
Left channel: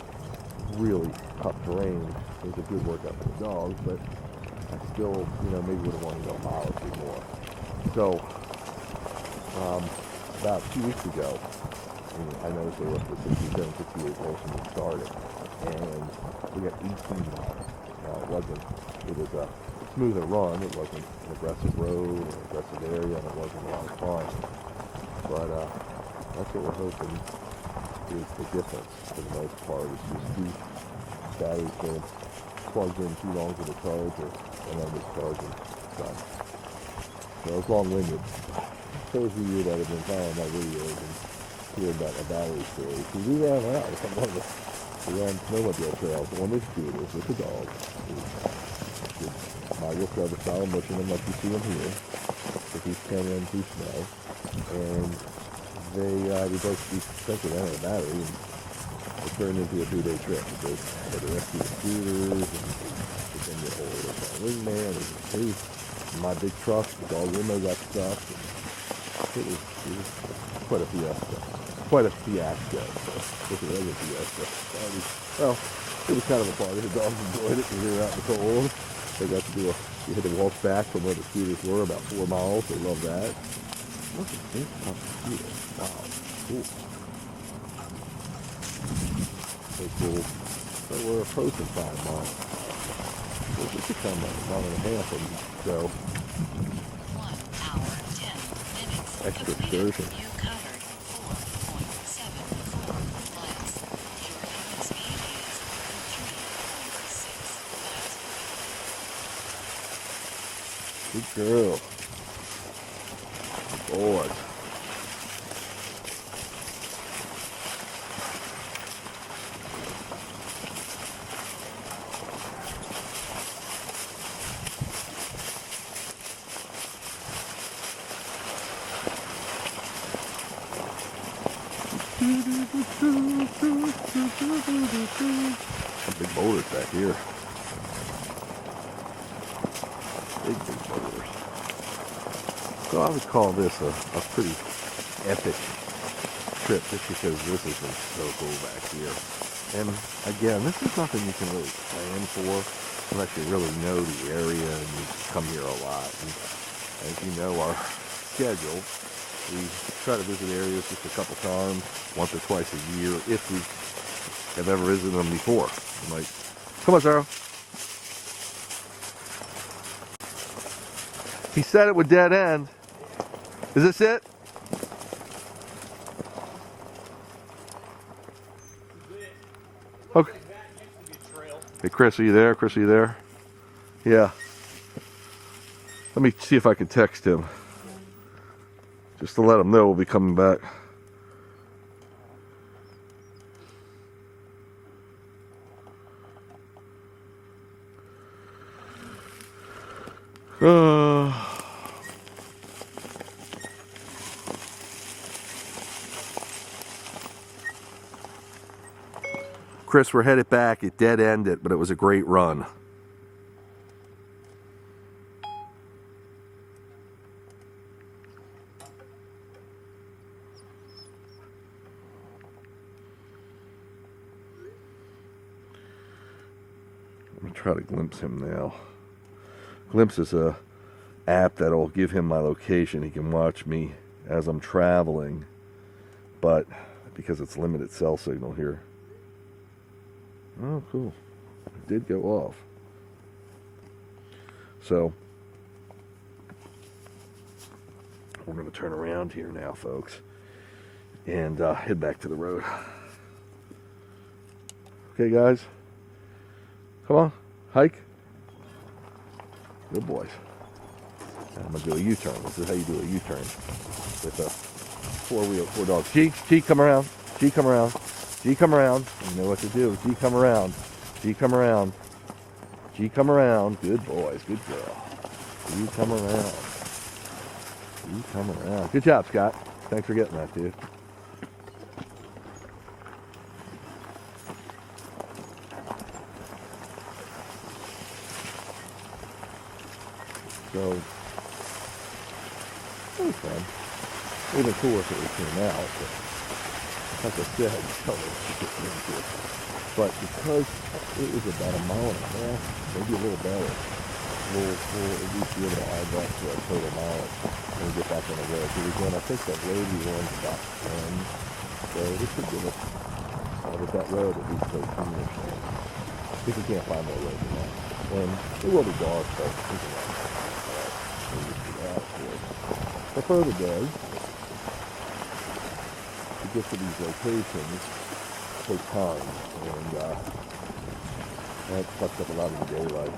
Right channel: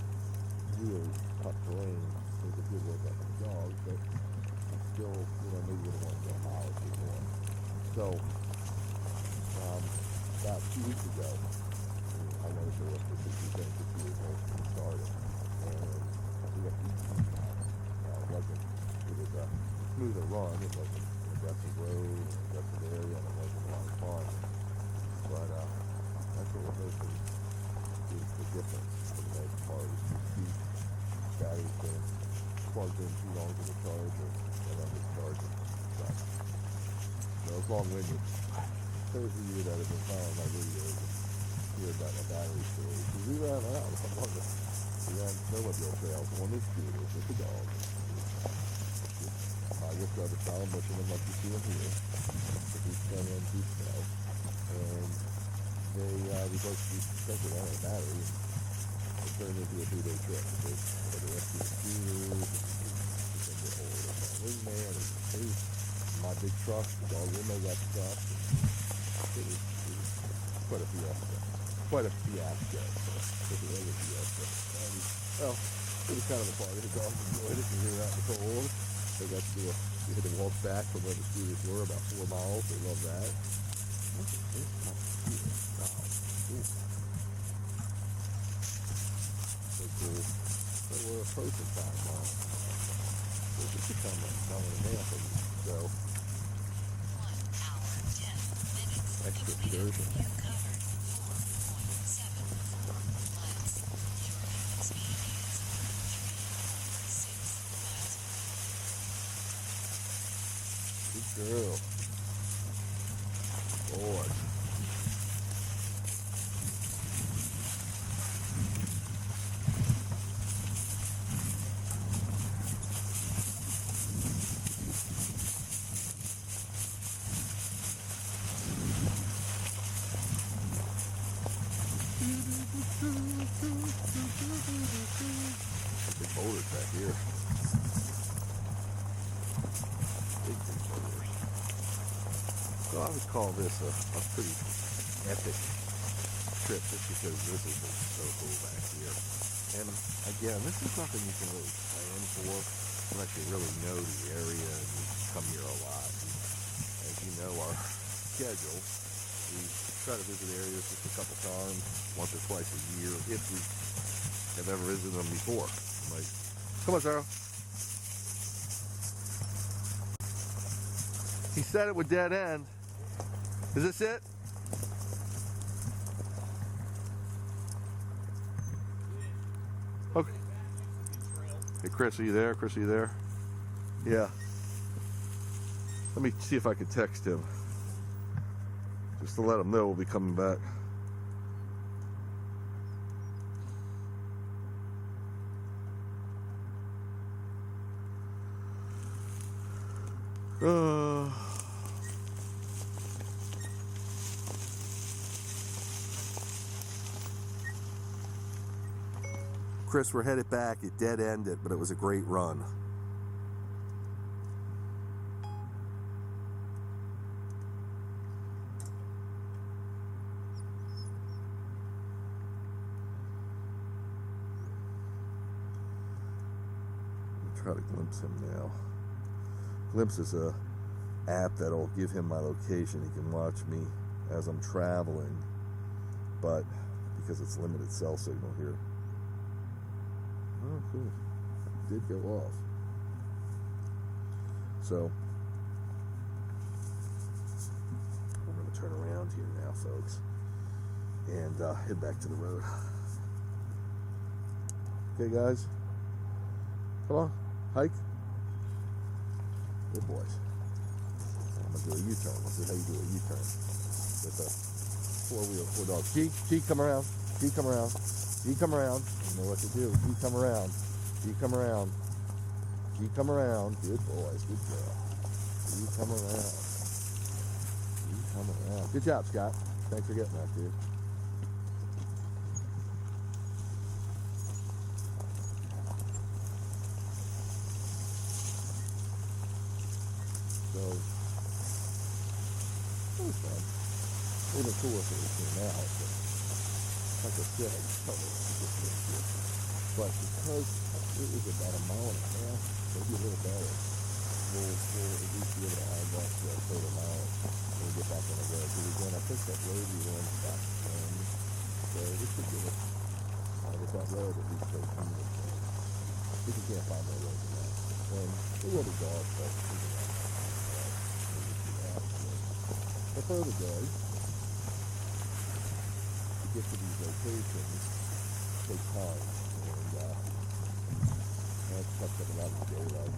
really tough terrain was a good workout for the dogs, but I still, maybe would have wanted to go a mile or two more. So, about 2 weeks ago, I noticed they were up to 67, 68 volts when we started, and we got 18 miles. Now, it was a smoother run. It wasn't an aggressive road, an aggressive area, and it wasn't a lot of fun. But that's what we're hoping is the difference for the most part. It's just these batteries getting plugged in too long to the charger, and then discharging. So it's long-winded. Those of you that have been following my videos and hear about my battery story, because we ran out. We ran snowmobile trails on this scooter with the dog. I just got a solid mushing them like you see them here, with these canyon through snow, and we both expected out of the battery, and it turned into a 2-day trip because I had to rescue the scooters, and then get hold of my wingman, and my big truck, the dog window got stuck, and it was quite a fiasco. quite a fiasco. It was a fiasco. Well, it was kind of a party. The dogs enjoyed it because they were out in the cold. They got to do you had to walk back from where the scooters were, about 4 miles. They loved that. Look at this mosquito. Wow. Cool. So cool. So we're approaching 5 miles. So we could come a mile and a half and go. 1 hour, 10 minutes. Extra Completed. excursion. You covered 4.74 miles. Your current speed is 3.6 miles. Good girl. Boy. Big boulders back here. Big boulders. So I would call this a pretty epic trip just because this has been so cool back here. And again, this is nothing you can really plan for unless you really know the area and you come here a lot. And as you know, our schedule, we try to visit areas just a couple times, once or twice a year, if we have ever visited them before. I'm like, come on, Sarah. He said it would dead end. Is this it? Okay. Hey, Chris, are you there? Chris, are you there? Yeah. Let me see if I can text him. Just to let him know we'll be coming back. Chris, we're headed back. It dead ended, but it was a great run. I'm gonna try to glimpse him now. Glimpse is a app that'll give him my location. He can watch me as I'm traveling, but because it's limited cell signal here. Oh, cool. It did go off. So, we're going to turn around here now, folks, and head back to the road. Okay, guys? Come on. Hike. Good boys. I'm going to do a U-turn. This is how you do a U-turn with a four dogs. G, come around. G, come around. G, come around. You know what to do. G, come around. G, come around. G, come around. Good boys. Good girl. G, come around. G, come around. Good job, Scott. Thanks for getting that, dude. So, it was fun. It would have been cool if it came out, but like I said, you don't know what you get into it. But because it was about a mile and a half, maybe a little better, we'll at least be able to add that to our total mileage when we get back on the road. So again, I think that road we were on is about 10, so this should give us, with that road, at least 13 or so. If we can't find more road than that. And it will be dark, but we can the further day, to get to these locations takes time, and that sucks up a lot of the daylight.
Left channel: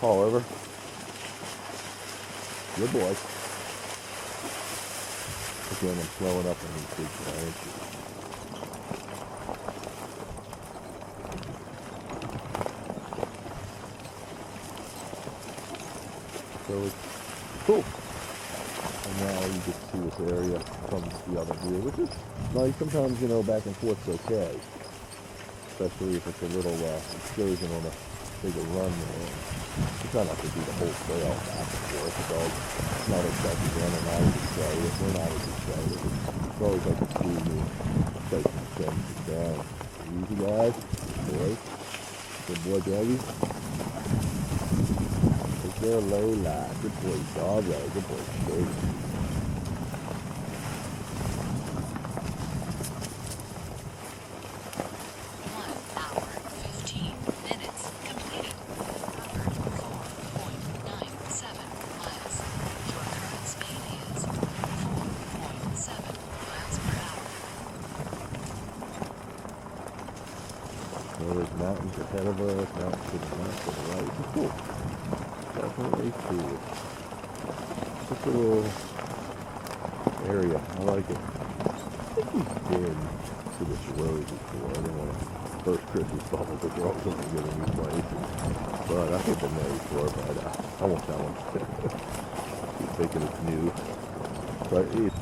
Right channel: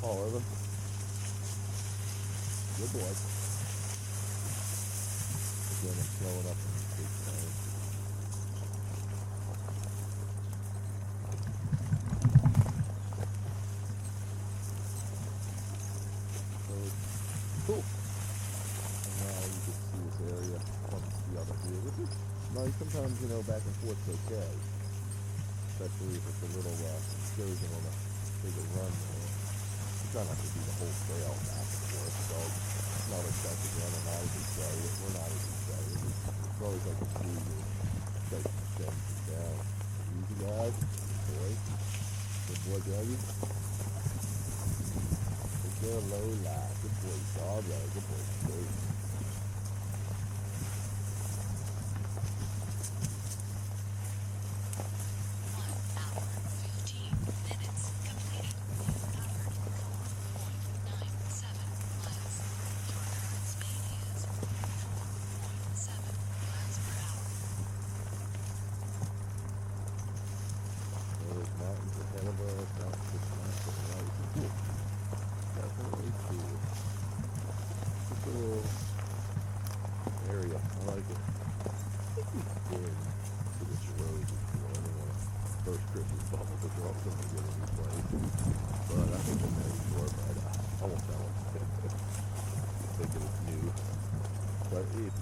Paul, over. Good boy. Again, I'm slowing up on these big giants. So it's cool. And now you get to see this area from the other view, which is nice. Sometimes, you know, back and forth's okay. Especially if it's a little excursion on a bigger run there. We try not to do the whole trail back and forth. The dog's not excited, and I'm not as excited. We're not as excited. It's always like to see me take some things down. Easy, guys. Boy. Good boy, Dougie. Good girl, Lola. Good boy, Doggo. Good boy, Steve. 1 hour, 15 minutes completed. Covered 4.97 miles. Your current speed is 4.7 miles per hour. There's mountains ahead of us, mountains to the left and the right. It's cool. Definitely cool. It's a little area. I like it. I think we've been to this road before. I don't want to first Chris's fault because we're all going to get a new place. But I think I've been there before, but I won't tell them. Keep thinking it's new. But it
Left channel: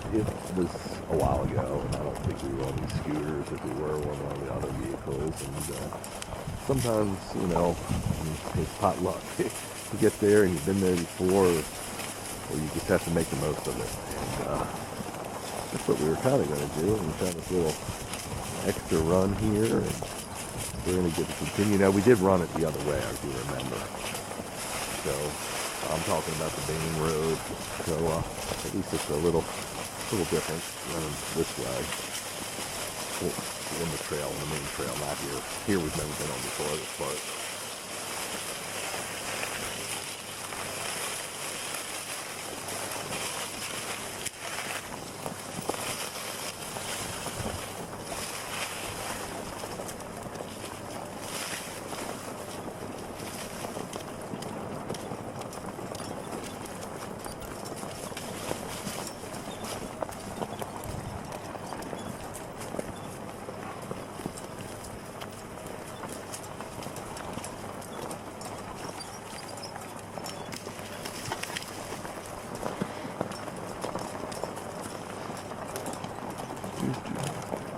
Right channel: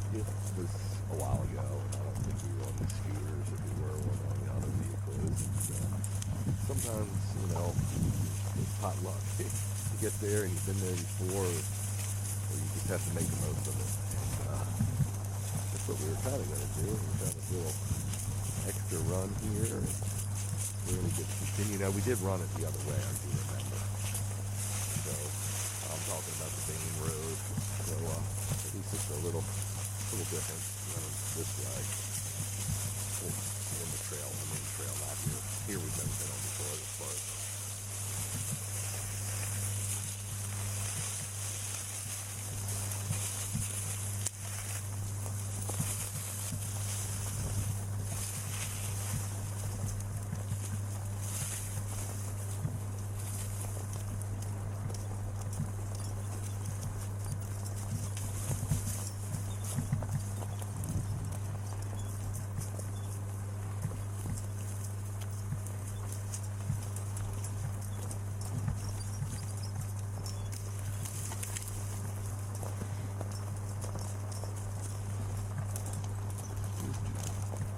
was a while ago, and I don't think we were on these scooters if we were on the other vehicles. And sometimes, you know, it's pot luck. You get there and you've been there before, or you just have to make the most of it. And that's what we were kind of going to do. We found this little extra run here, and we're going to get to continue. Now, we did run it the other way, I do remember. So, I'm talking about the main road. So, at least it's a little different running this way. In the trail, on the main trail, not here. Here we've never been on before, this part.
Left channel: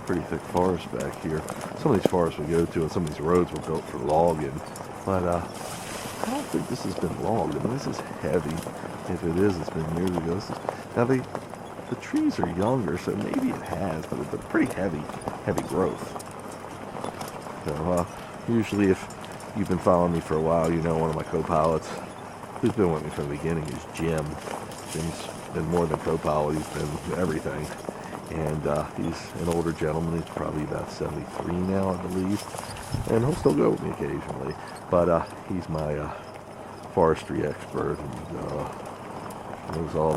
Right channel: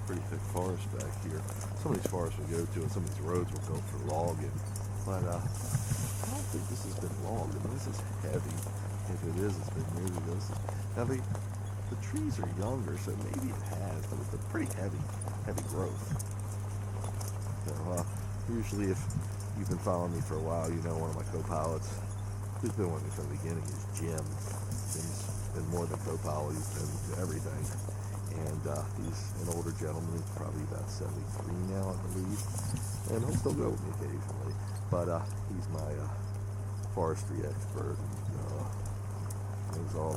Pretty thick forest back here. Some of these forests we go to and some of these roads were built for logging, but I don't think this has been logged. I mean, this is heavy. If it is, it's been years ago. Now the trees are younger, so maybe it has, but it's a pretty heavy growth. So usually if you've been following me for a while, you know one of my co-pilots who's been with me from the beginning is Jim. Jim's been more than co-pilot, he's been everything. And he's an older gentleman. He's probably about 73 now, I believe. And he'll still go with me occasionally. But he's my forestry expert. And knows all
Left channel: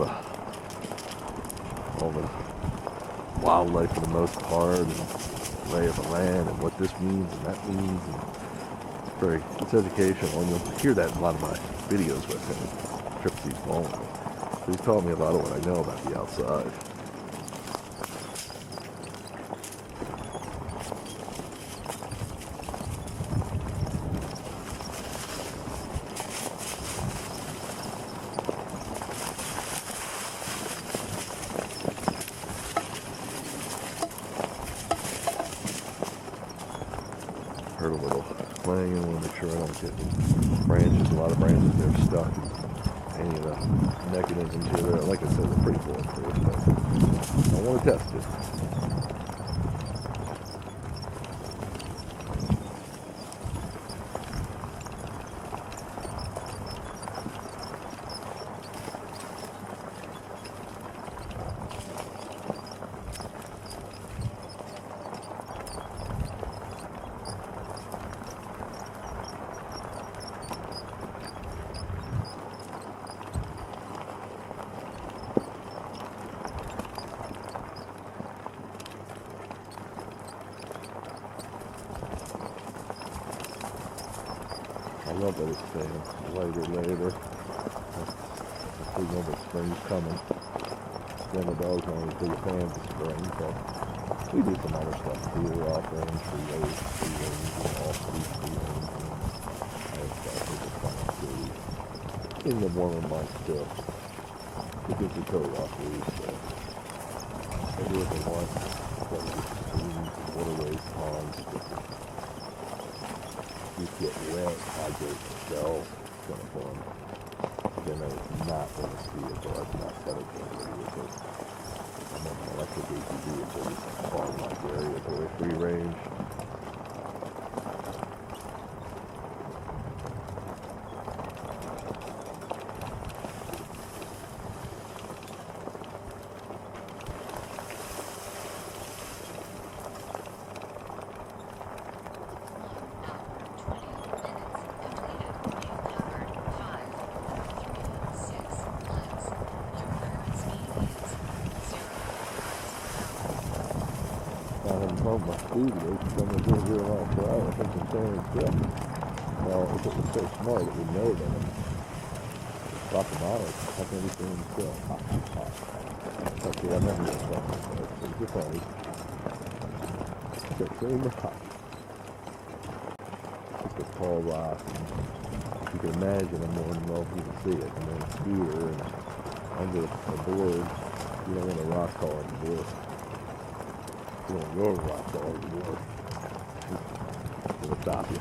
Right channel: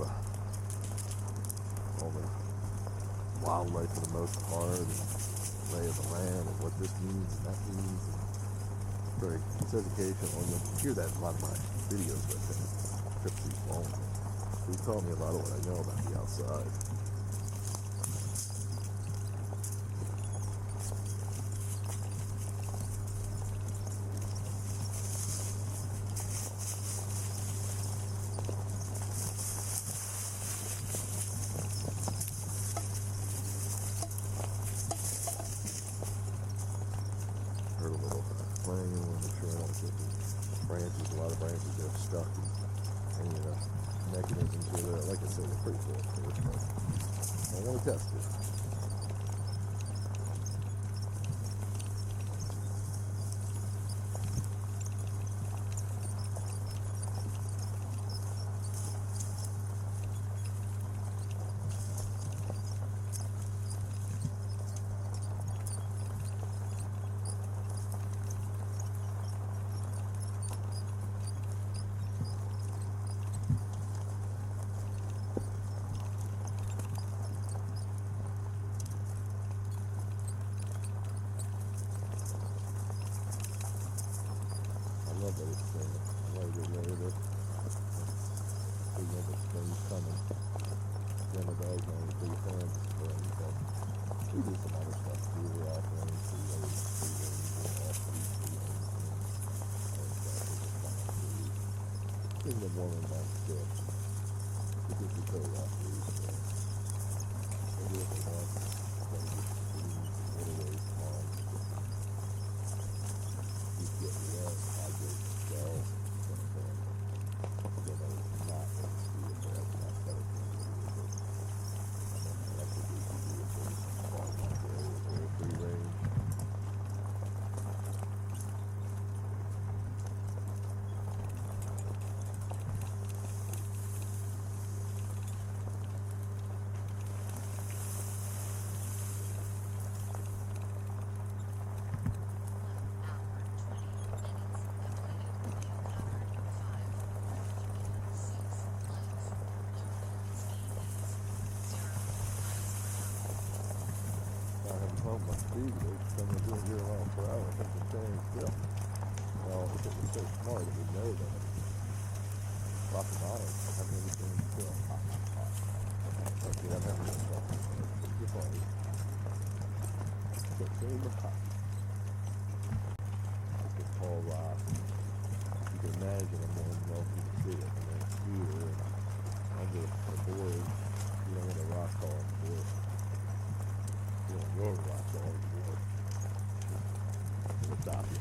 the wildlife for the most part, and lay of the land, and what this means and that means. And it's educational. And you'll hear that in a lot of my videos with him. Trips he's going. So he's taught me a lot of what I know about the outside. Heard a little clanging. I want to make sure I don't get any branches. A lot of branches that are stuck. Any of the mechanisms here. There, like I said, they're pretty bulletproof, but I want to test it. I love that it's staying later. We know that spring's coming. Then the dogs aren't as big a fans of spring, so we do some other stuff too. We're offering tree rings, and off these tree rings, and other stuff we just find too. In the warmer months too. To get the coat off loose, so they do what they want. So we get streams, waterways, ponds, you get wet, hydrate yourself, on a farm. Then I was not going to see it, but I was not dedicated with it. And then an electric ATV is a farm-like area, very free range. I haven't told my speed is somewhere 0 miles per hour. I think I'm staying still. Well, if it was so smart, it would know that I'm dropping miles. How can I be staying still? Okay, I'm never going to stop myself. It's just funny. Okay, staying the hot. It's called rock. You can imagine I'm more than well you can see it. And then a scooter and under a board, you don't want a rock car on the board. You don't go rock all the war. It'll stop you.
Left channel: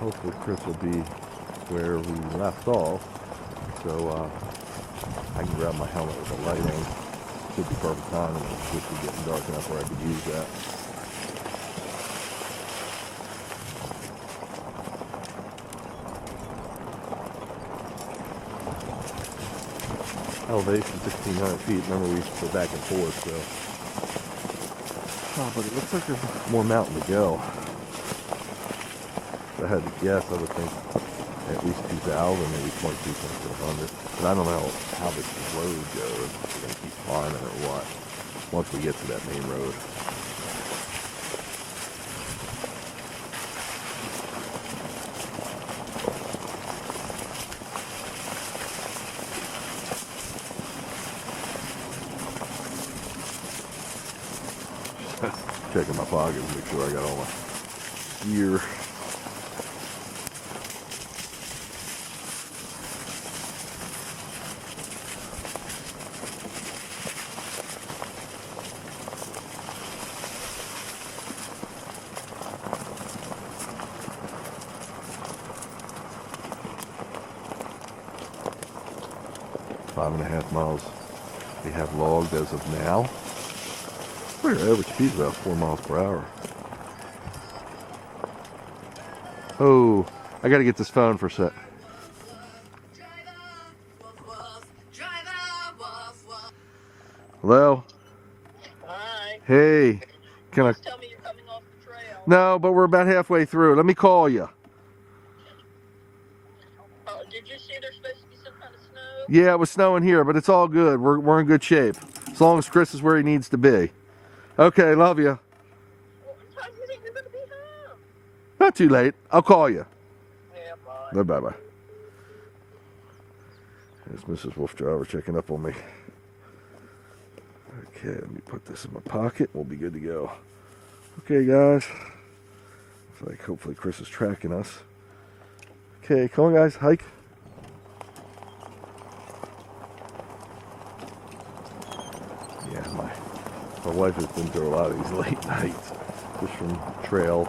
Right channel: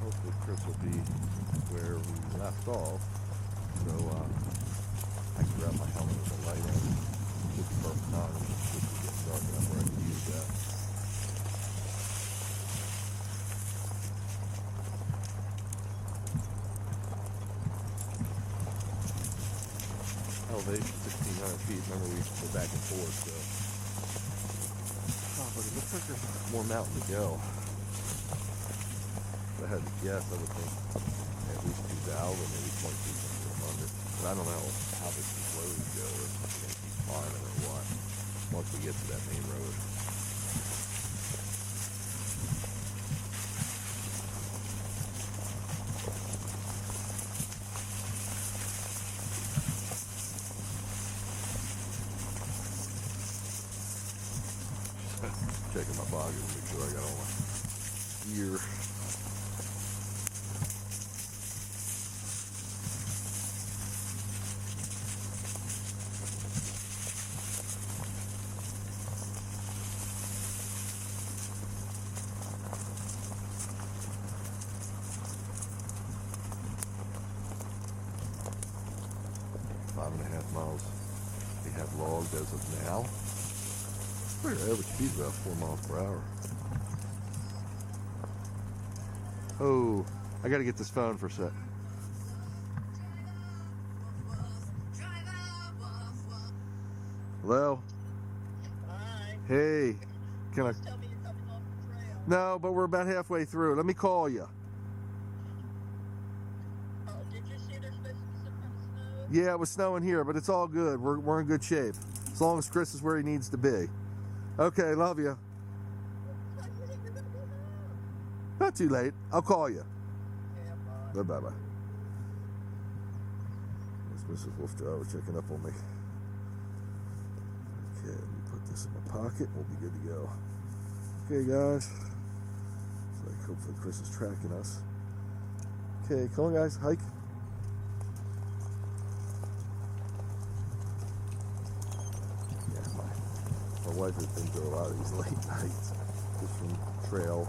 Hopefully Chris will be where we left off, so I can grab my helmet with the light on. Should be perfect timing. It should be getting dark enough where I could use that. Elevation 1,600 feet. Remember, we go back and forth, so. Oh, but it looks like there's more mountain to go. If I had to guess, I would think at least 2,000, maybe 2,200. But I don't know how this road goes. If we're going to keep climbing or what. Once we get to that main road. Checking my pockets to make sure I got all my gear. Five and a half miles we have logged as of now. Our average speed is about 4 miles per hour. Oh, I gotta get this phone for a sec. Hello? Hi. Hey, can I? Tell me you're coming off the trail. No, but we're about halfway through. Let me call you. Did you see there's supposed to be some kind of snow? Yeah, it was snowing here, but it's all good. We're in good shape. As long as Chris is where he needs to be. Okay, love you. What time do you think you're going to be home? Not too late. I'll call you. Yeah, bye. Bye-bye. There's Mrs. Wolf Driver checking up on me. Okay, let me put this in my pocket. We'll be good to go. Okay, guys. So, like, hopefully Chris is tracking us. Okay, come on, guys. Hike. Yeah, my wife has been through a lot of these late nights. Just from trail,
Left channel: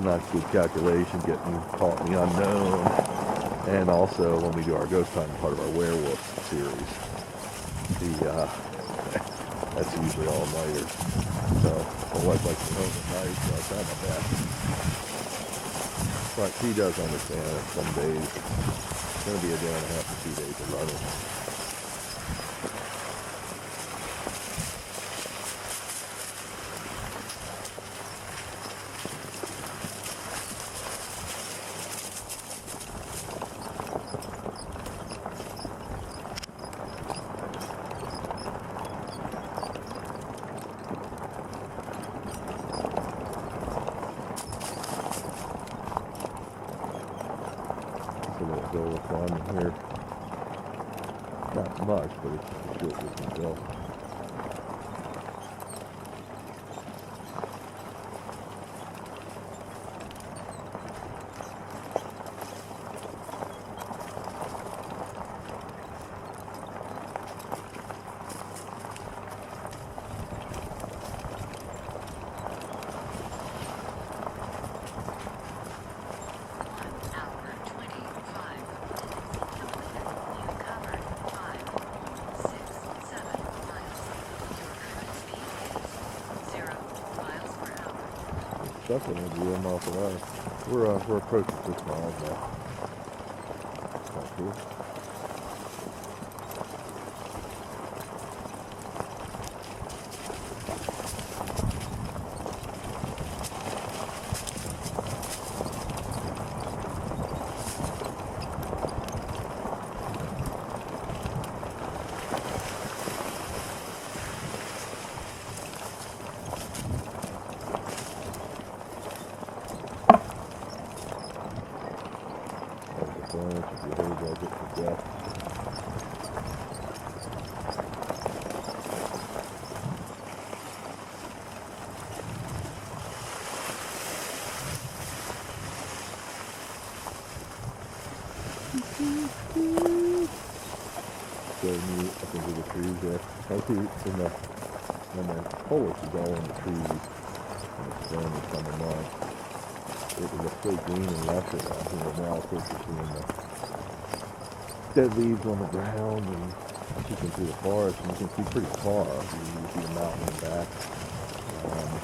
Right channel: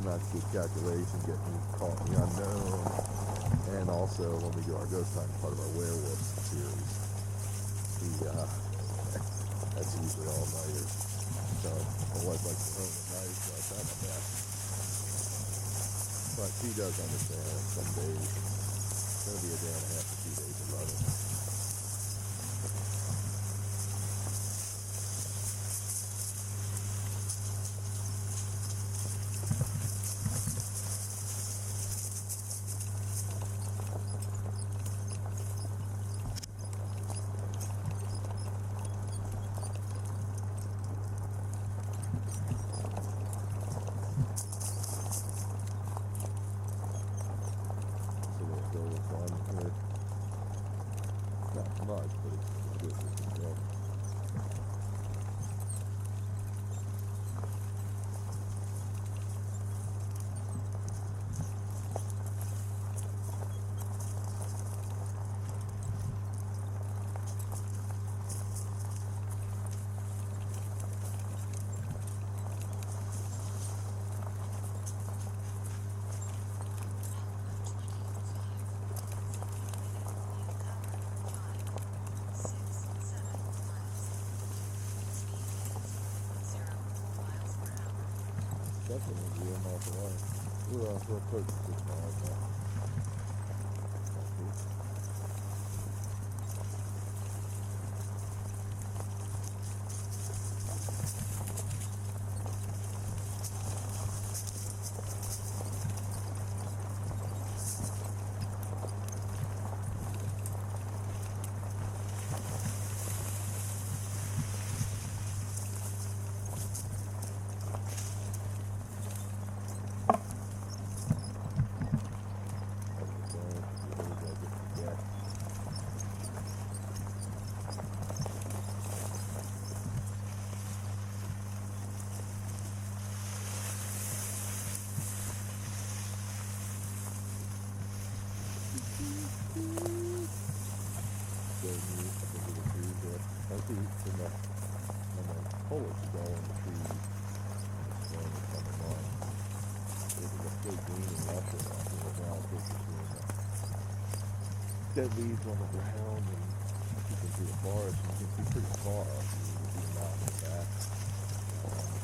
not good calculation, getting caught in the unknown. And also when we do our ghost time, part of our werewolf series. That's usually all nighters. So my wife likes to home at night, so I try my best. But she does understand that some days it's going to be a day and a half to 2 days of running. Go with one here. Not much, but it's a short distance still. Definitely be a mile per hour. We're approaching 6 miles now. That's cool. Up into the trees there. I see when the foliage is all in the trees and the sun is coming on. It was so green and lush enough, now of course you're seeing the dead leaves on the ground, and you can see the forest, and you can see pretty far. You see the mountain in the back.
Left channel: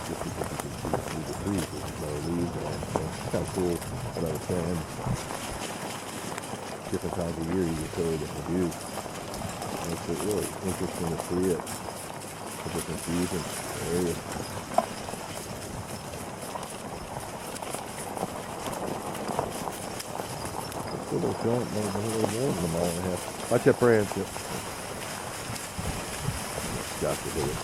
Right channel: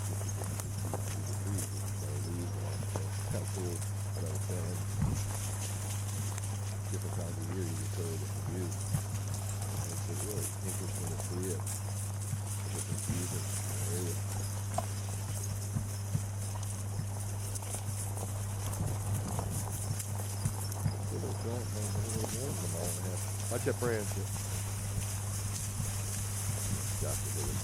Just because you can see through the trees, there's no leaves on it. So it's kind of cool. What I was saying, different times of year you get totally different views. It's really interesting to see it. The different views in the area. Still don't feel it, maybe more than a mile and a half. Watch that branch. Got to do it.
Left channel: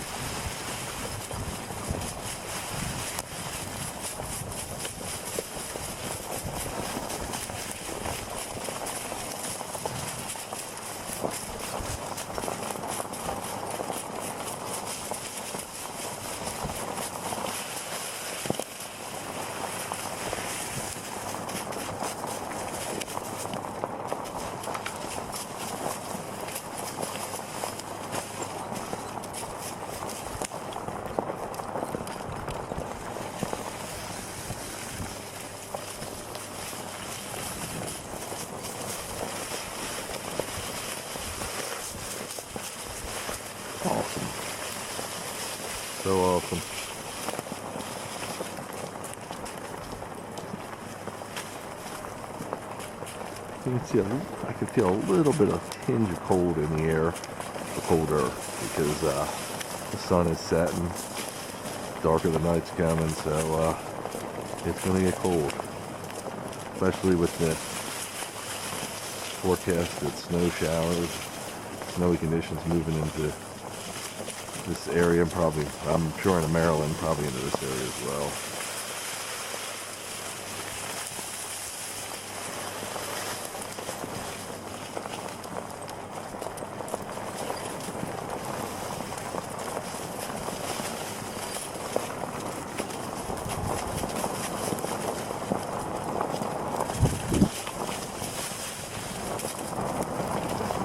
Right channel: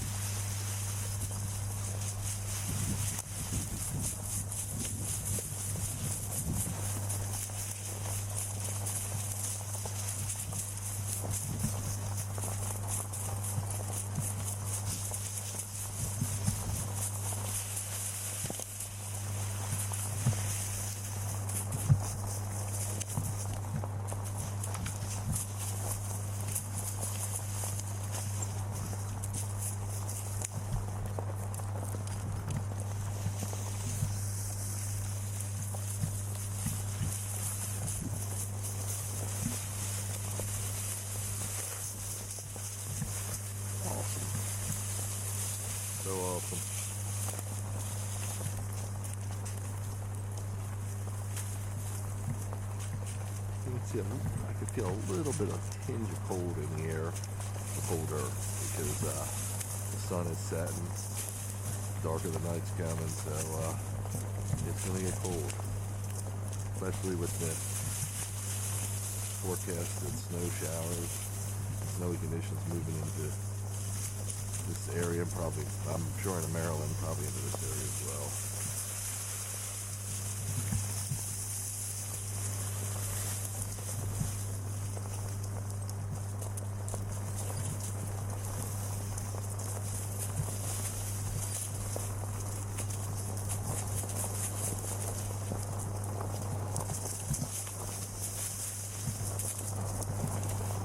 Awesome. So awesome. You can see I can feel a little bit of tinge of cold in the air, the cold air, because the sun is setting, darker the night's coming, so it's going to get cold, especially with the forecasted snow showers, snowy conditions moving into this area, and probably, I'm sure in Maryland, probably into this area as well.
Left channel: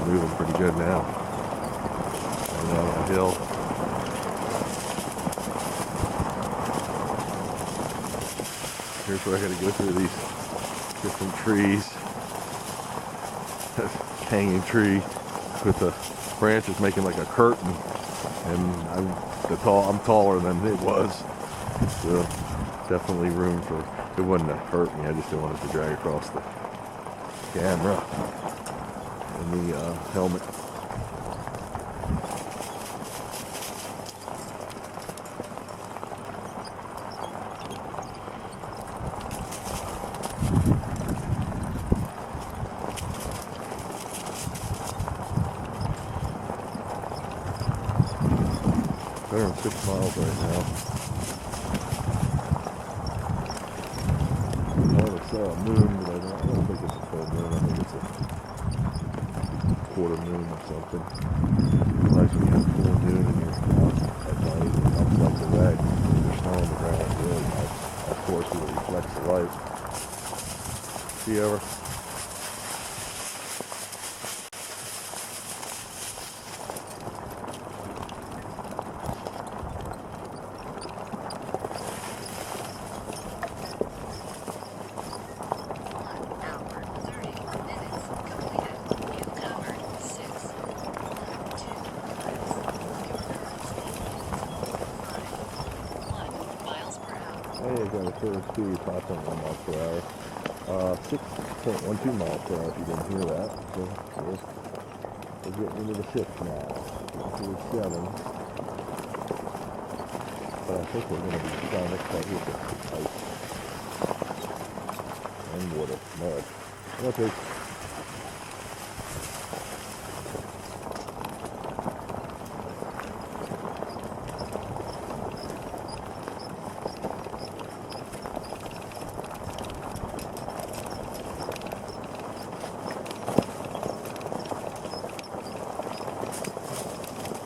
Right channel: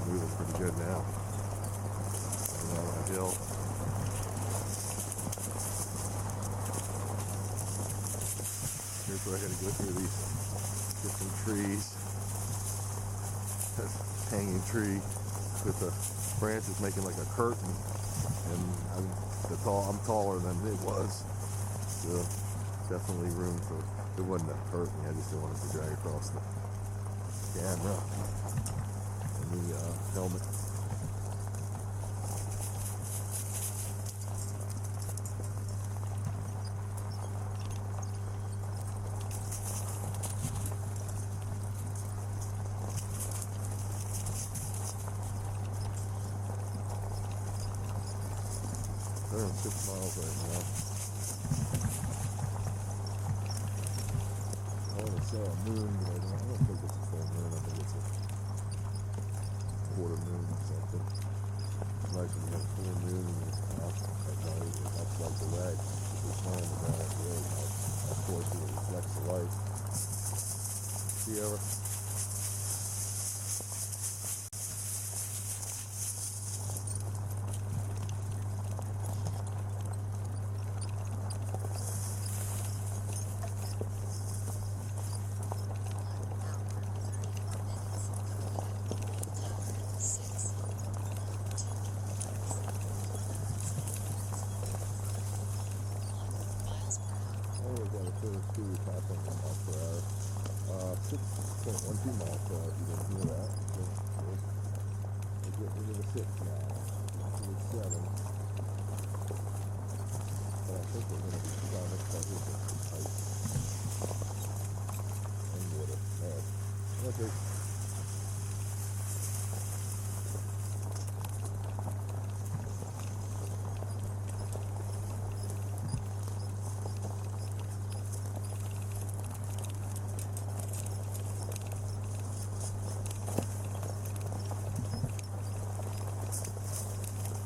Moving pretty good now. Going down the hill. Here's where I gotta go through these different trees. Hanging tree with the branches making like a curtain, and I'm taller than it was. So definitely room for, it wouldn't have hurt me, I just didn't want it to drag across the camera and the helmet. They're 6 miles right now. I saw a moon, but I don't think it's a full moon. I think it's a quarter moon or something. It's nice when you have full moon and you're out at night. It comes like the red. There's snow on the ground. It's really nice. Of course, it reflects the light. See ever? Hey, I got a clear speed, 5.1 miles per hour. 6.12 miles per hour if you didn't hear that. So we're getting into the 6 now. Into the 7. But I think we're going to be trying next time here for ice. And water. Mud. Okay.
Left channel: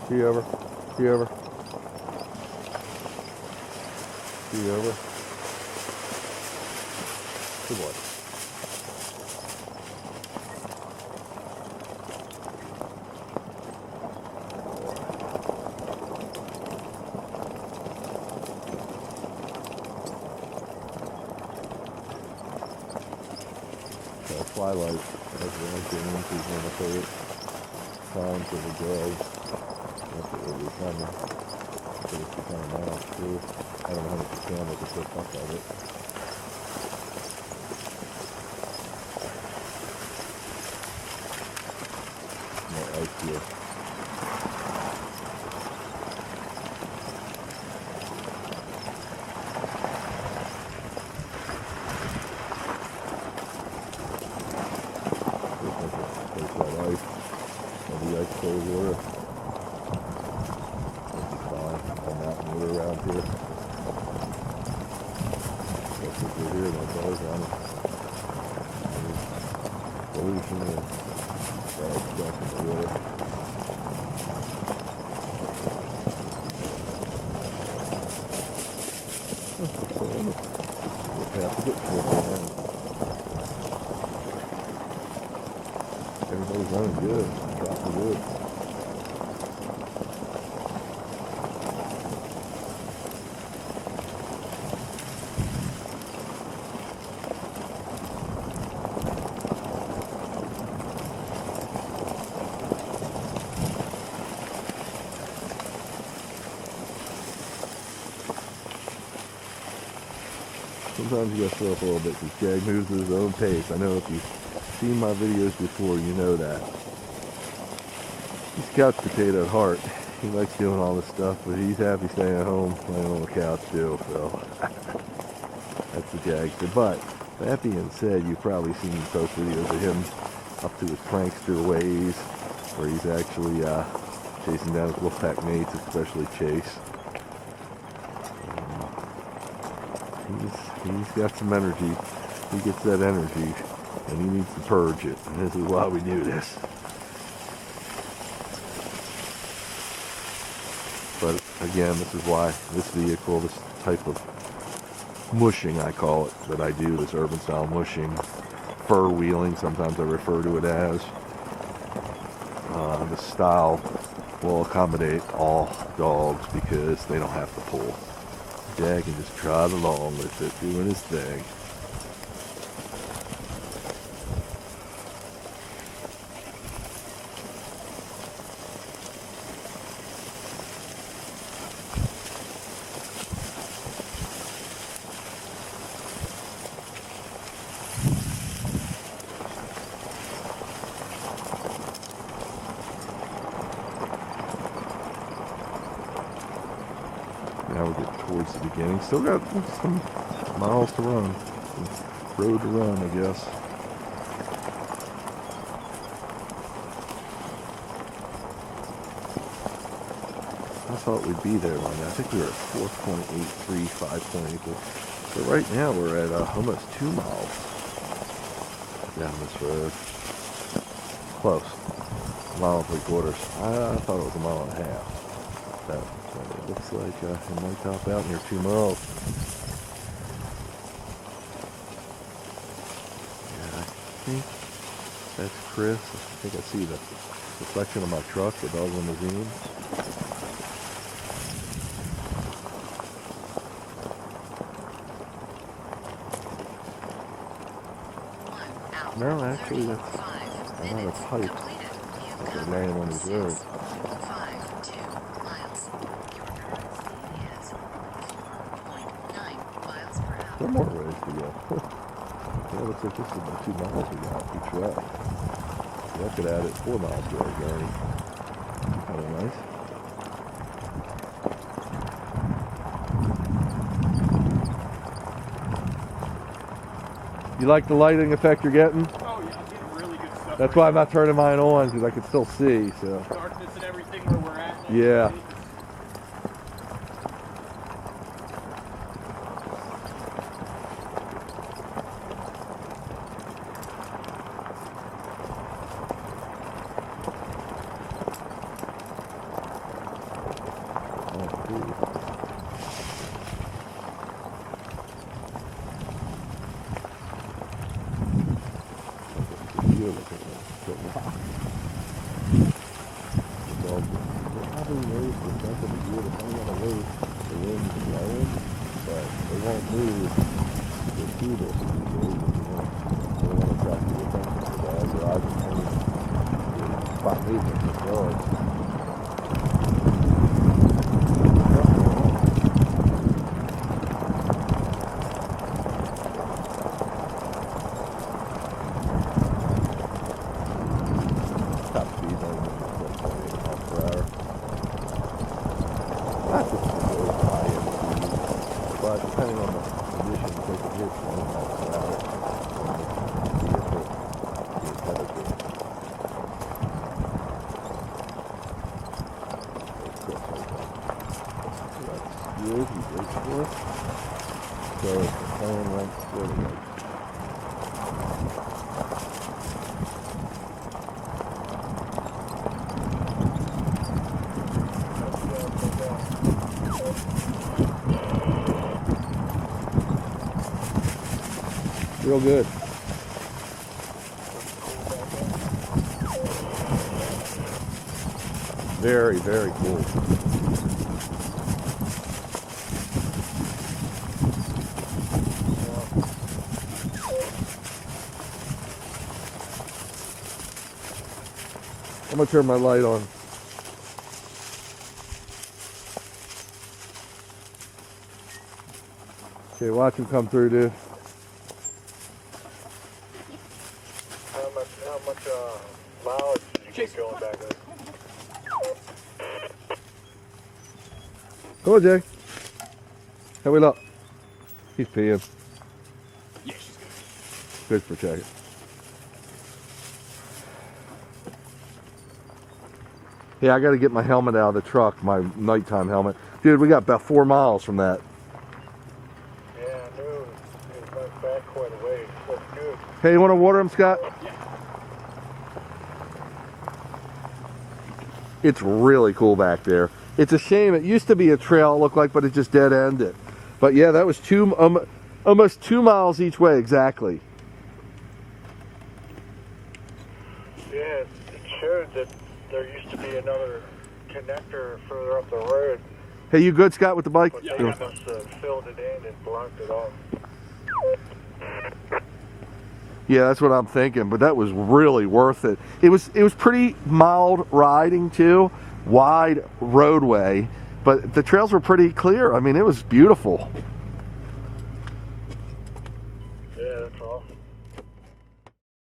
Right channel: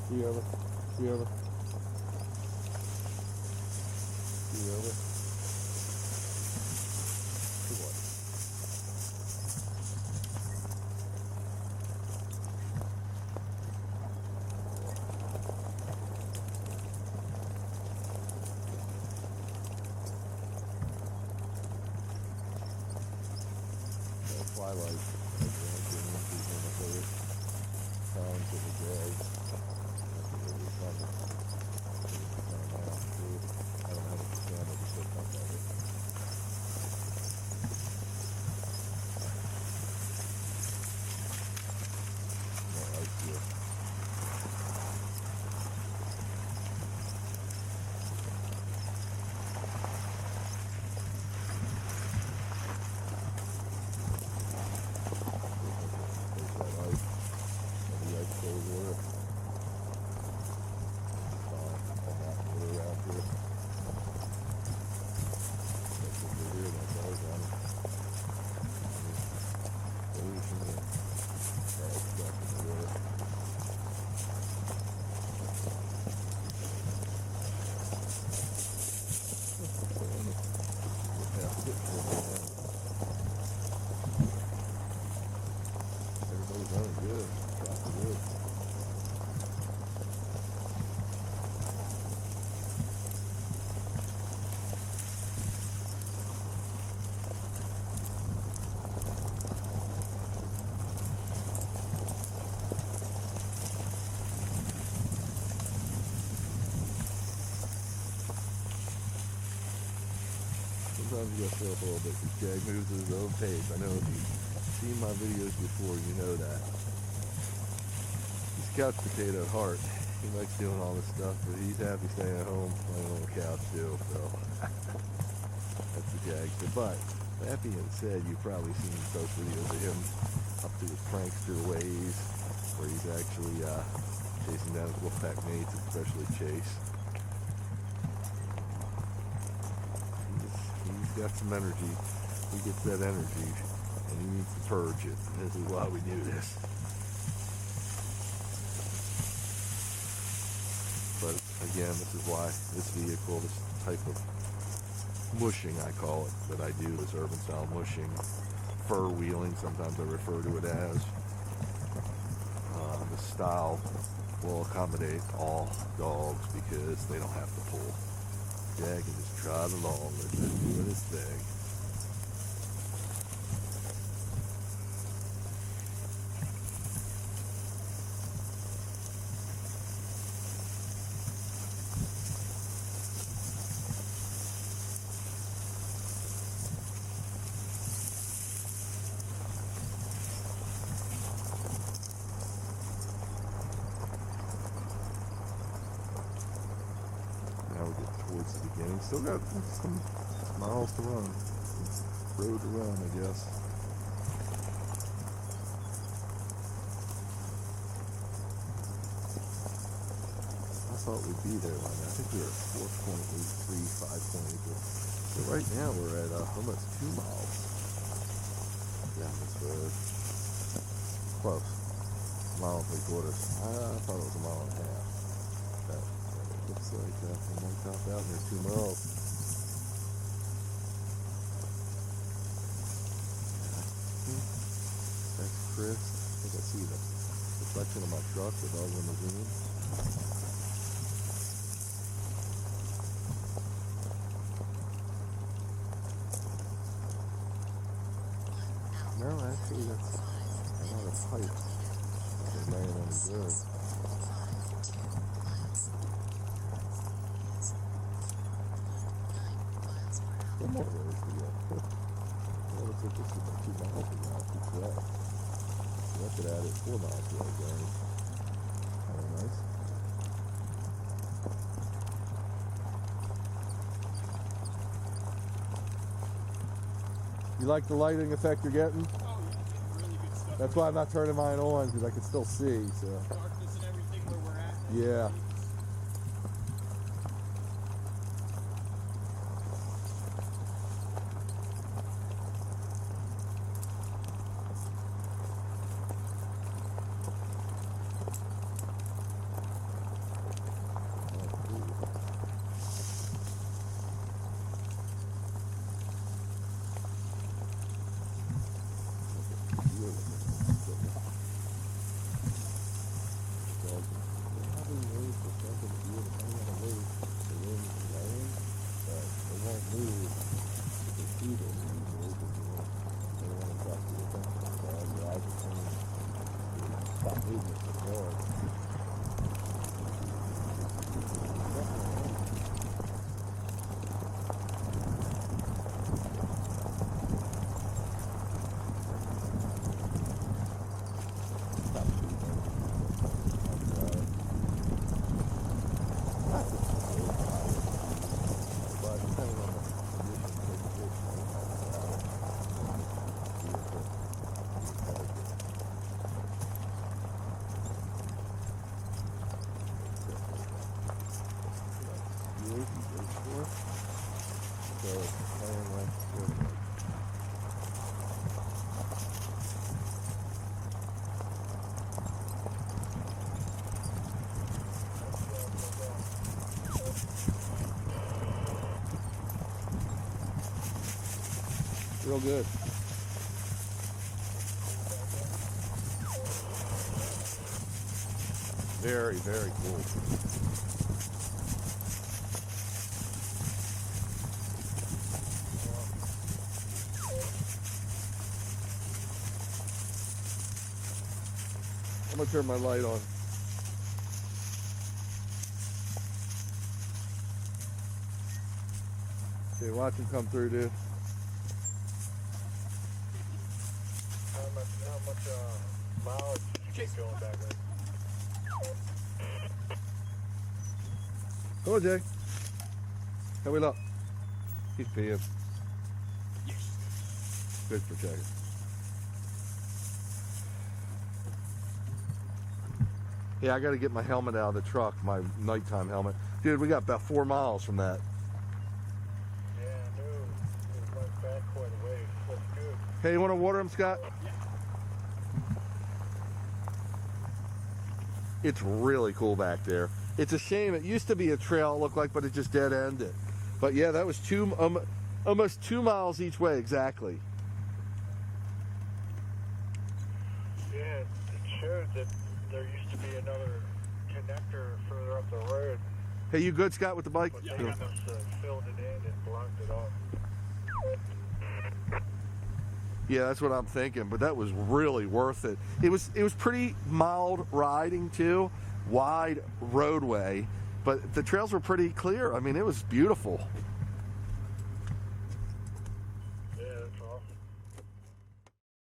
See you over. See you over. See you over. Good boy. Twilight, as we're getting into one of the favorite times of the day. That's what we're trying to put it kind of now too. I don't know how much the camera can still fuck of it. More ice here. Cold water. Fine. All mountain water around here. That's what we're here, that's all on it. Pollution and bad stuff in the water. We'll have to get to it now. Everybody's running good. Dropping good. Sometimes you gotta slow up a little bit because Jag moves at his own pace. I know if you've seen my videos before, you know that. He's a couch potato at heart. He likes doing all this stuff, but he's happy staying at home playing on the couch too, so that's the Jag. But that being said, you've probably seen post videos of him up to his prankster ways, where he's actually chasing down his wolfpack mates, especially Chase. He's got some energy. He gets that energy, and he needs to purge it. And this is why we do this. But again, this is why this vehicle, this type of mushing, I call it, that I do, this urban style mushing, fur wheeling, sometimes I refer to it as, this style will accommodate all dogs because they don't have to pull. Jag can just trot along with it, doing his thing. Now we get towards the beginning. Still got some miles to run. It's road to run, I guess. I thought we'd be there by now. I think we were at 4.83, 5.8. So right now we're at almost 2 miles down this road. Close. mile and 3/4. I thought it was a mile and a half. So it looks like it might top out near 2 miles. Yeah, I think that's Chris. I think I see the reflection of my truck, the dog limousine. No, actually, that's not a pipe. That's a man on his road. 5.2 miles. Your current speed is 4.9 miles per hour. Some more ways to go. Yeah, it looks like this is about 2 miles we got each way. So that could add it 4 miles to our journey. Kind of nice. You like the lighting effect you're getting? Oh, yeah, I'm getting really good stuff. That's right why I'm now. not turning mine on, because I can still see, so. Darkness and everything where we're at. and Yeah. everything. Oh, cool. You're looking at the rock. The dog probably knows the sense of the view depending on the way the wind's blowing, but they won't move to see this usually because they want to attract the attention of the dog. Their eyes are trained to spot movement in the dog. Top speed on 28 miles per hour. That's a really high end speed, but depending on the conditions, they can hit 20 miles per hour. See if it's competitive. So that's good. He waits for us. So it's the plan length for the race. Real good. Very, very cool. I'm gonna turn my light on. Okay, watch him come through, dude. How much mileage did you get going back there? Come on, Jay. How we look? He's peeing. Yeah, she's Good good. for checking. Yeah, I got to get my helmet out of the truck, my nighttime helmet. Dude, we got about 4 miles from that. Yeah, I knew it went back quite a ways. Looks good. Hey, you want to water him, Scott? It's really cool back there. It's a shame. It used to be a trail, it looked like, but it just dead-ended. But yeah, that was almost 2 miles each way, exactly. Yeah, it showed that there used to be another connector further up the road, Hey, you good, Scott, with the bike? but Yeah, they I must got have filled it in and blocked it off. Yeah, that's what I'm thinking. But that was really worth it. It was pretty mild riding too, wide roadway, but the trails were pretty clear. I mean, it was beautiful.